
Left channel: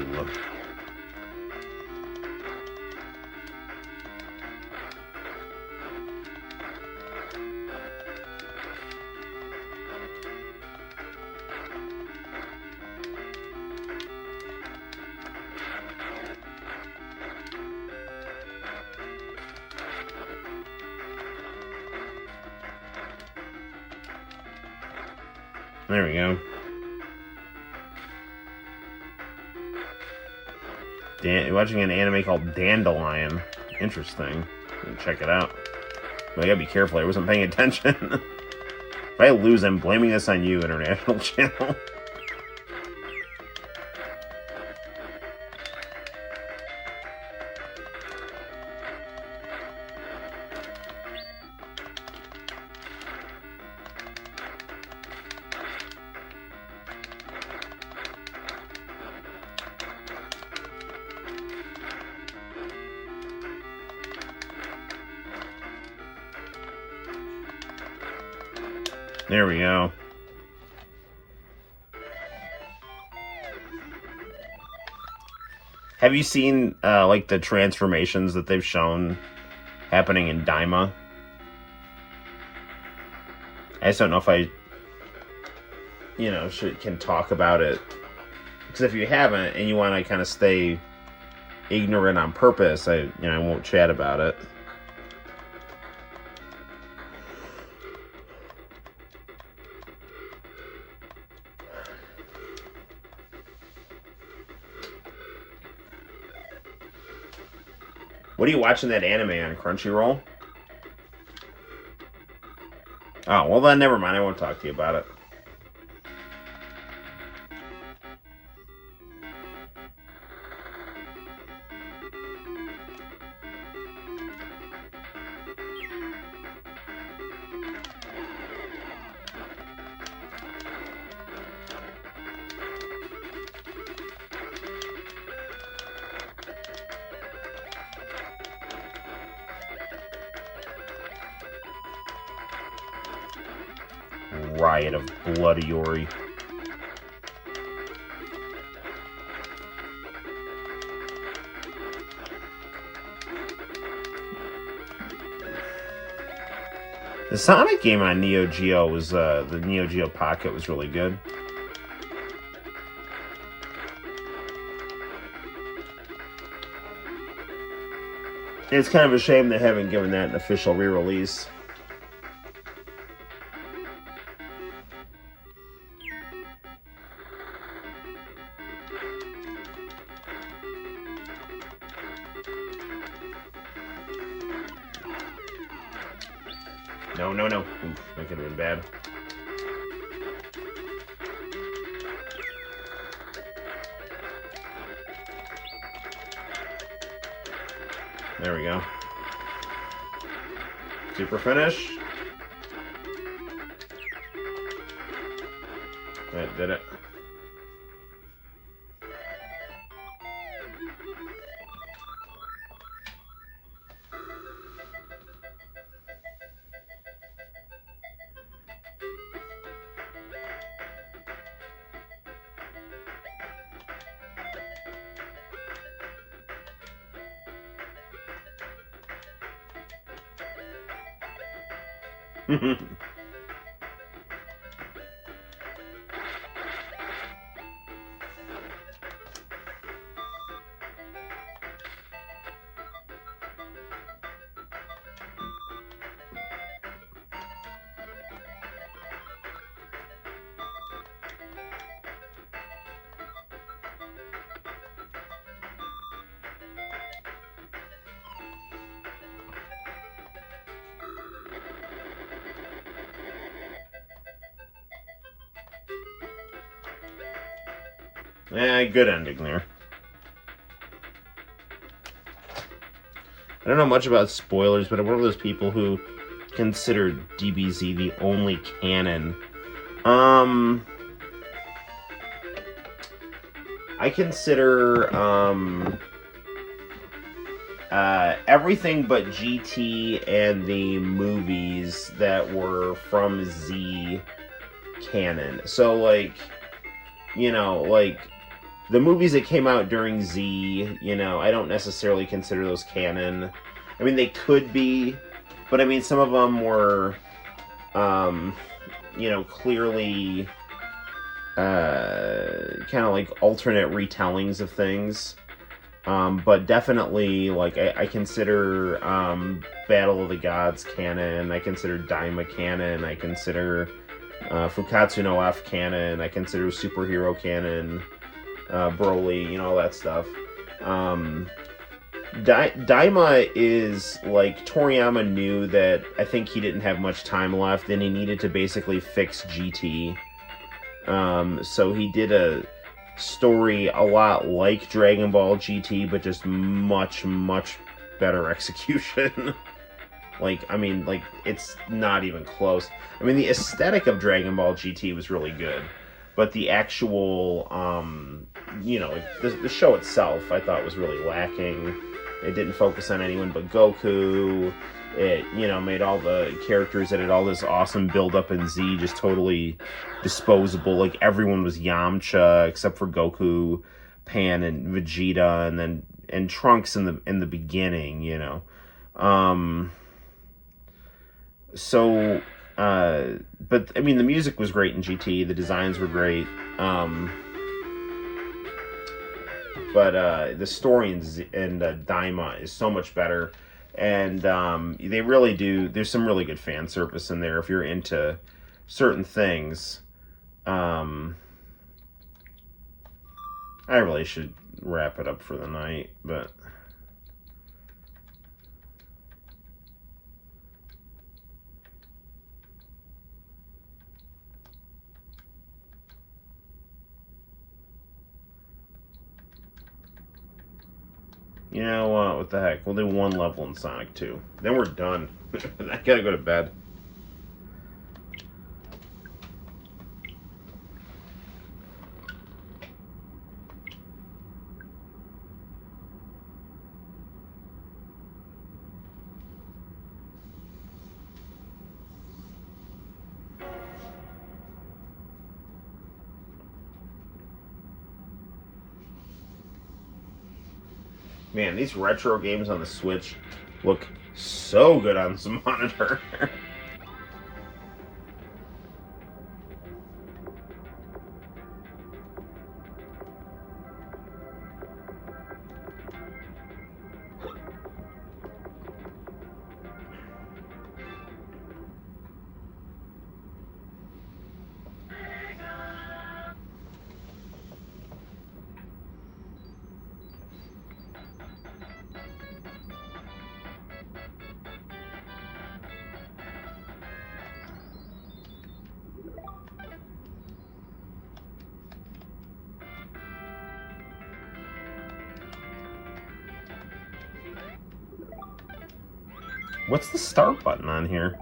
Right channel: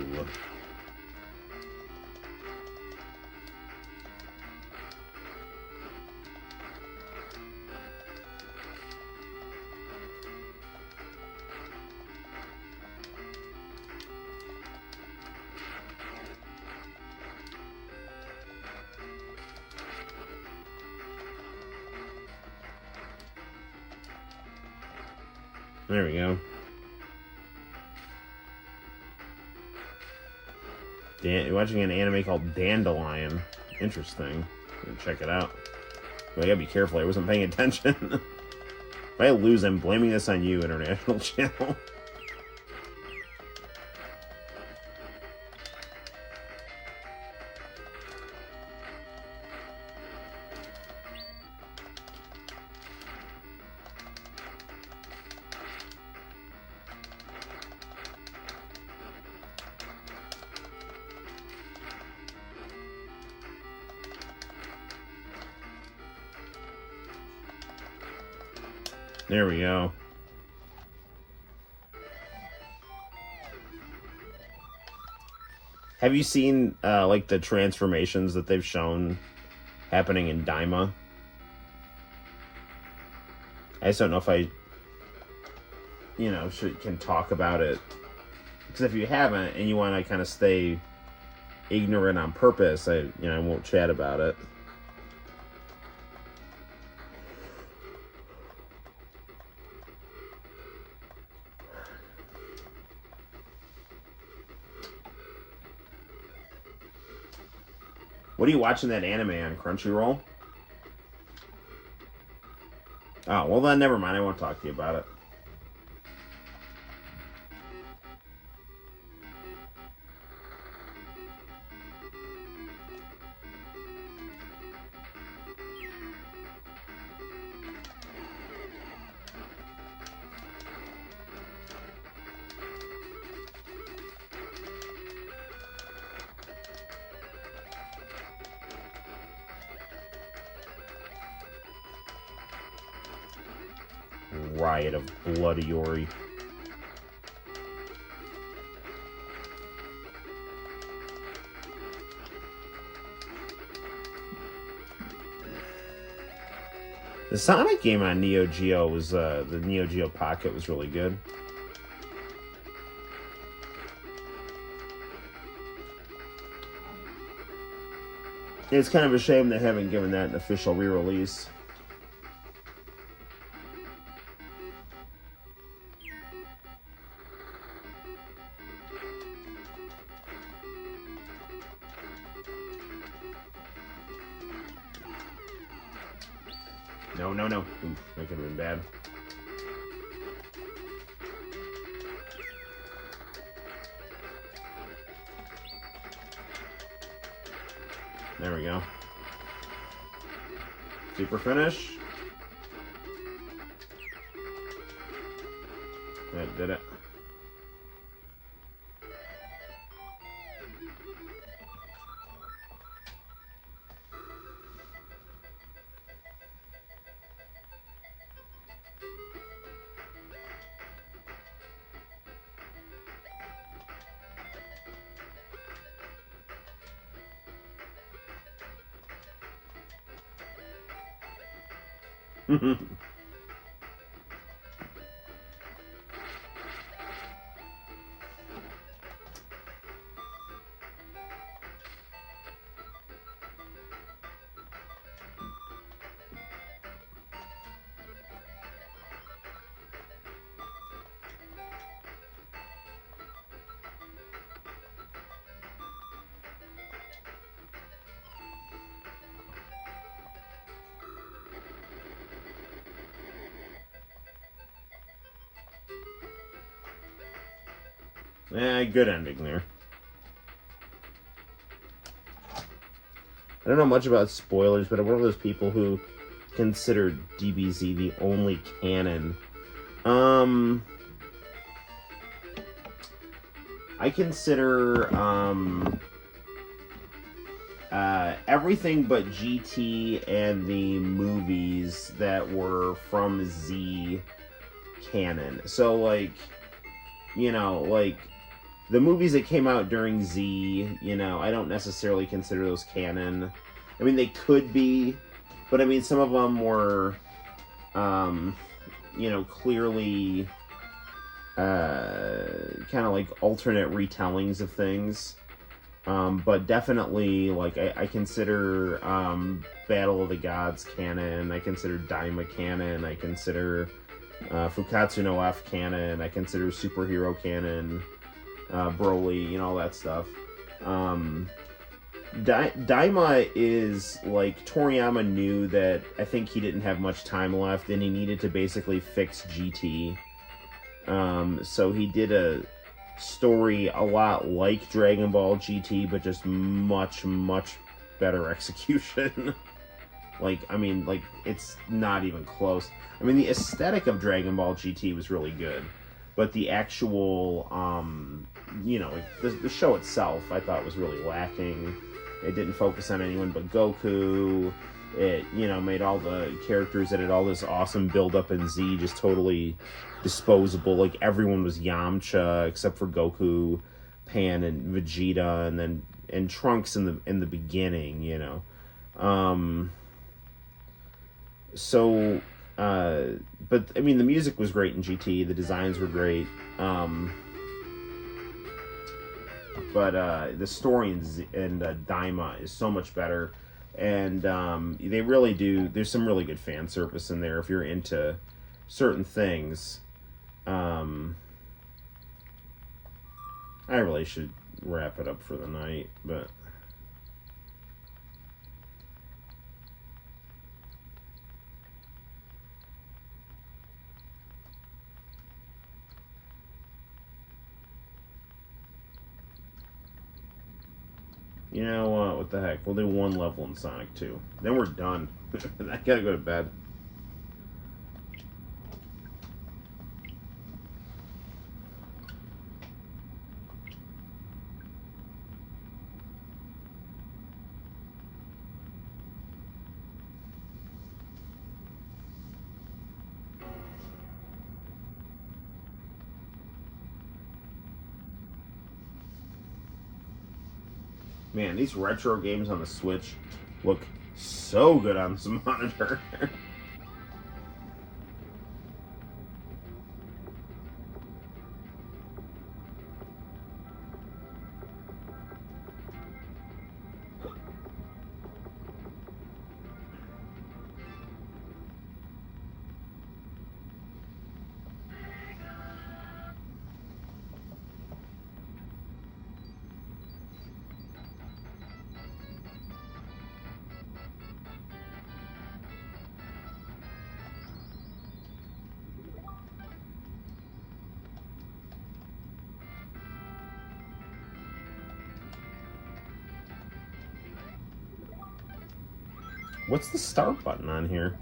There we go. Watching an anime called Dandelion. Interesting. Check it out. But I gotta be careful, I wasn't paying attention. If I lose, I'm blaming this on you, International Channel. There we go. Have you seen like the transformations that they've shown happening in Daima? I just don't know if I, you know, can talk about it, because if you haven't and you want to kind of stay ignorant on purpose, I won't chat about it. What are you watching that anime on, Crunchyroll? Oh, well then never mind, I won't talk to you about it. Riot of bloody Ori. The Sonic game on Neo Geo was the Neo Geo Pocket was really good. It's kind of a shame they haven't given that an official re-release. No. Oof, that could have been bad. There we go. Super finish. That did it. Good ending there. I don't know much about spoilers, but I'm one of those people who consider DBZ the only canon. I consider everything but GT and the movies that were from Z canon. So, like, you know, like, the movies that came out during Z, you know, I don't necessarily consider those canon. I mean, they could be, but I mean, some of them were, you know, clearly kind of like alternate retellings of things. But definitely, like, I consider Battle of the Gods canon, I consider Daima canon, I consider Fukatsu no F canon, I consider Superhero canon, Broly, you know, all that stuff. Daima is, like, Toriyama knew that I think he didn't have much time left, and he needed to basically fix GT. So he did a story a lot like Dragon Ball GT, but just much, much better execution. Like, I mean, like, it's not even close. I mean, the aesthetic of Dragon Ball GT was really good, but the actual, you know, the show itself, I thought was really lacking. It didn't focus on anyone but Goku. It, you know, made all the characters that had all this awesome build-up in Z just totally disposable. Like, everyone was Yamcha except for Goku, Pan, and Vegeta, and Trunks in the beginning, you know. But I mean, the music was great in GT. The designs were great. But the story in Daima is so much better. And they really do. There's some really good fan service in there if you're into certain things. I really should wrap it up for the night, but you know what the heck? We'll do one level in Sonic 2. Then we're done. I gotta go to bed. Man, these retro games on the Switch look so good on some monitor. What's the start button on here?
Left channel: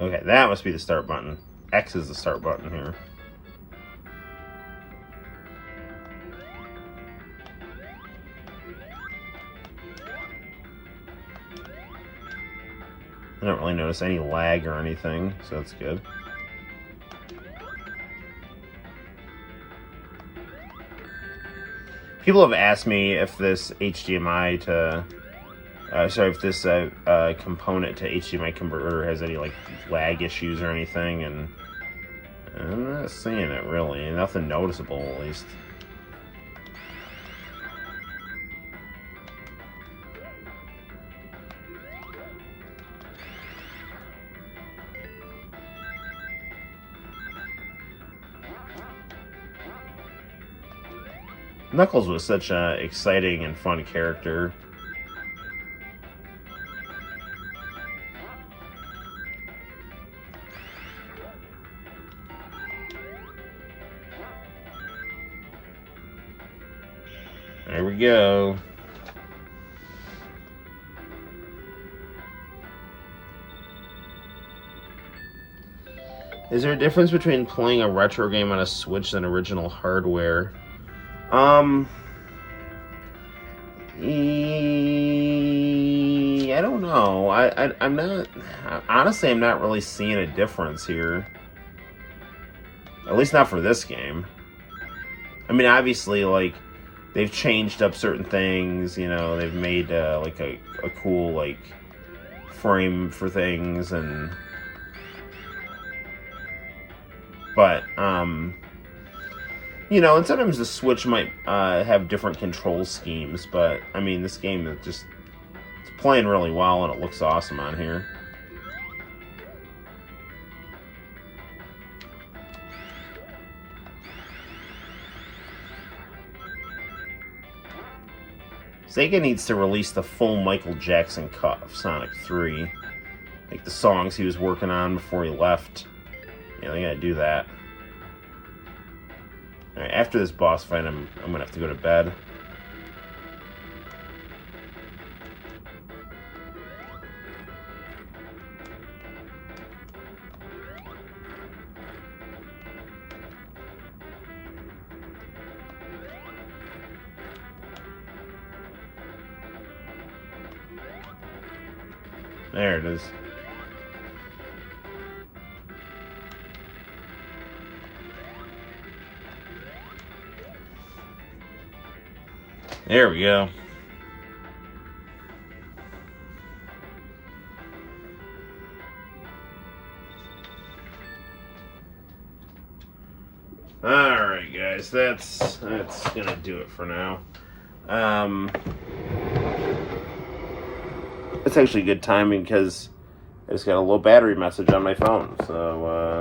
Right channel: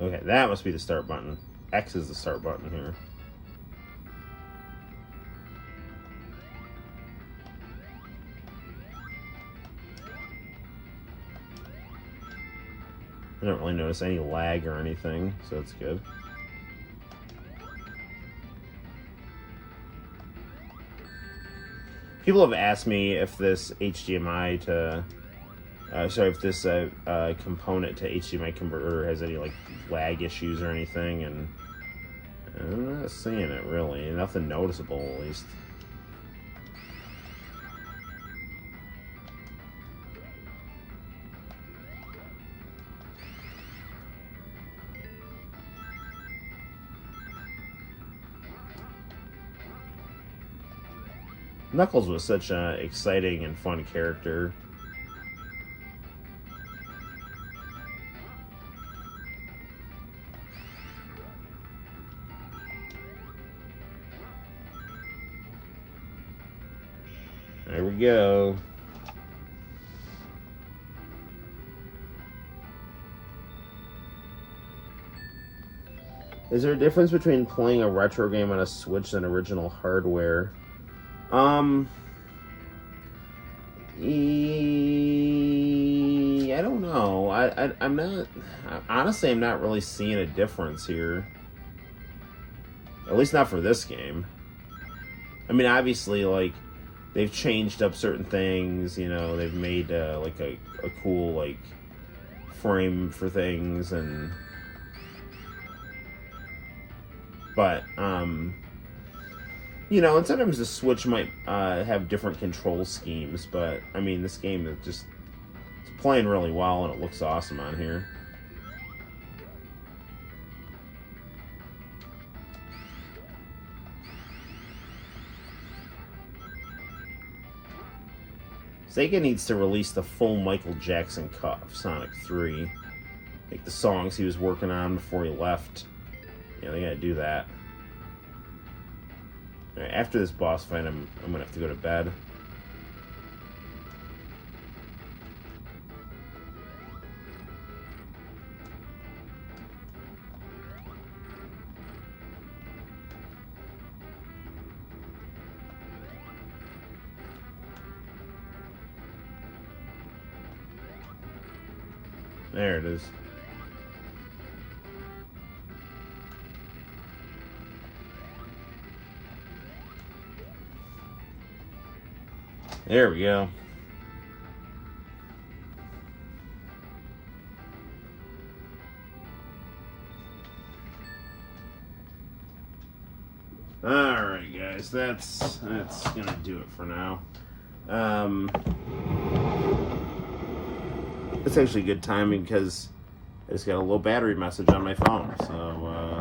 Okay, that must be the start button. X is the start button here. I don't really notice any lag or anything, so that's good. People have asked me if this HDMI to, if this component to HDMI converter has any, like, lag issues or anything, and I'm not seeing it really. Nothing noticeable, at least. Knuckles was such an exciting and fun character. we go. Is there a difference between playing a retro game on a Switch than original hardware? I don't know. I'm not, honestly, I'm not really seeing a difference here. At least not for this game. I mean, obviously, like, they've changed up certain things, you know, they've made, like, a cool, like, frame for things, and... But, you know, and sometimes the Switch might have different control schemes, but, I mean, this game is just, it's playing really well, and it looks awesome on here. Sega needs to release the full Michael Jackson cut of Sonic 3. Like the songs he was working on before he left. Yeah, they gotta do that. Alright, after this boss fight, I'm gonna have to go to bed. There it is. There we go. Alright guys, that's gonna do it for now. It's actually good timing because I just got a low battery message on my phone. So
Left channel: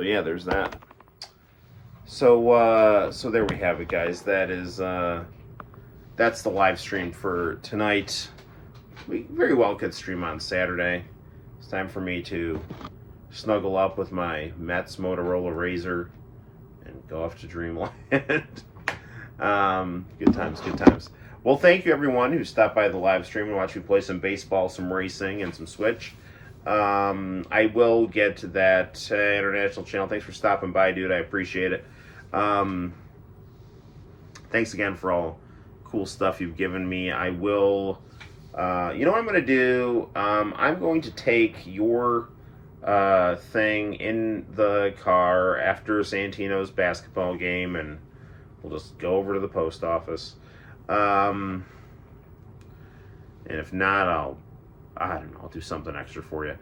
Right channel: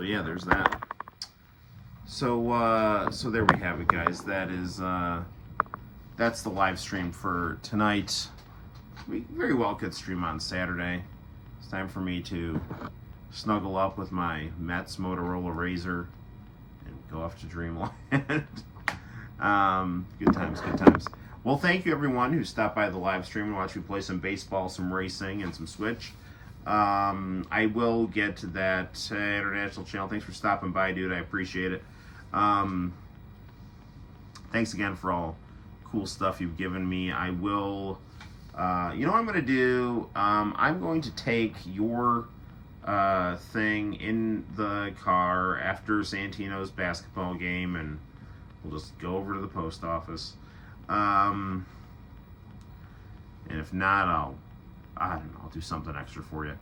yeah, there's that. So there we have it, guys. That is that's the live stream for tonight. We very well could stream on Saturday. It's time for me to snuggle up with my M.O.T.M Motorola Razr and go off to dreamland. Good times, good times. Well, thank you everyone who stopped by the live stream and watched me play some baseball, some racing, and some Switch. I will get to that international channel. Thanks for stopping by, dude. I appreciate it. Thanks again for all cool stuff you've given me. I will, you know what I'm going to do? I'm going to take your thing in the car after Santino's basketball game, and we'll just go over to the post office. And if not, I don't know, I'll do something extra for you.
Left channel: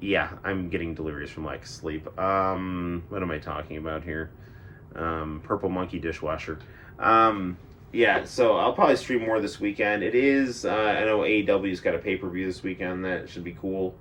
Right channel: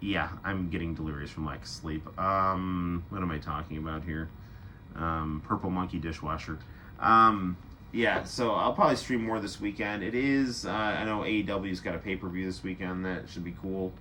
Yeah, I'm getting delirious from lack of sleep. What am I talking about here? Purple Monkey dishwasher. Yeah, so I'll probably stream more this weekend. It is, I know AEW's got a pay-per-view this weekend. That should be cool.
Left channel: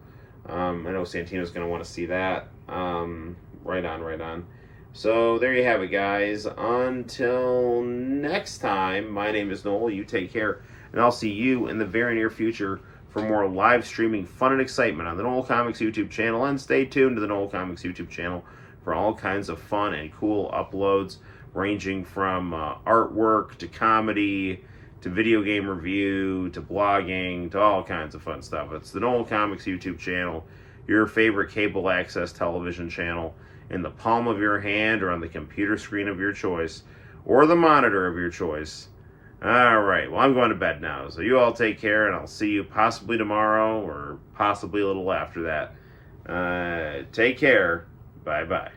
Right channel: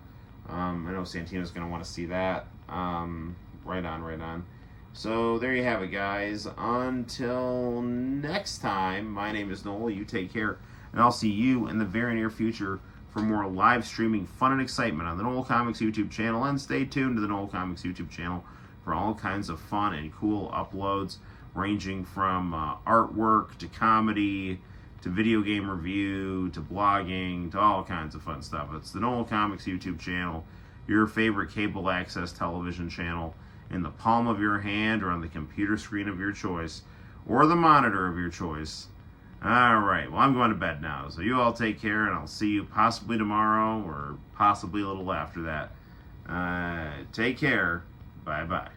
I know Santino's going to want to see that. Right on. So there you have it, guys. Until next time, my name is Noel. You take care, and I'll see you in the very near future for more live streaming fun and excitement on the Noel ComiX YouTube channel. And stay tuned to the Noel ComiX YouTube channel for all kinds of fun and cool uploads, ranging from artwork to comedy to video game review to blogging to all kinds of fun stuff. It's the Noel ComiX YouTube channel, your favorite cable access television channel, in the palm of your hand or on the computer screen of your choice or the monitor of your choice. All right, well, I'm going to bed now, so you all take care, and I'll see you possibly tomorrow or possibly a little after that. Take care. Bye-bye.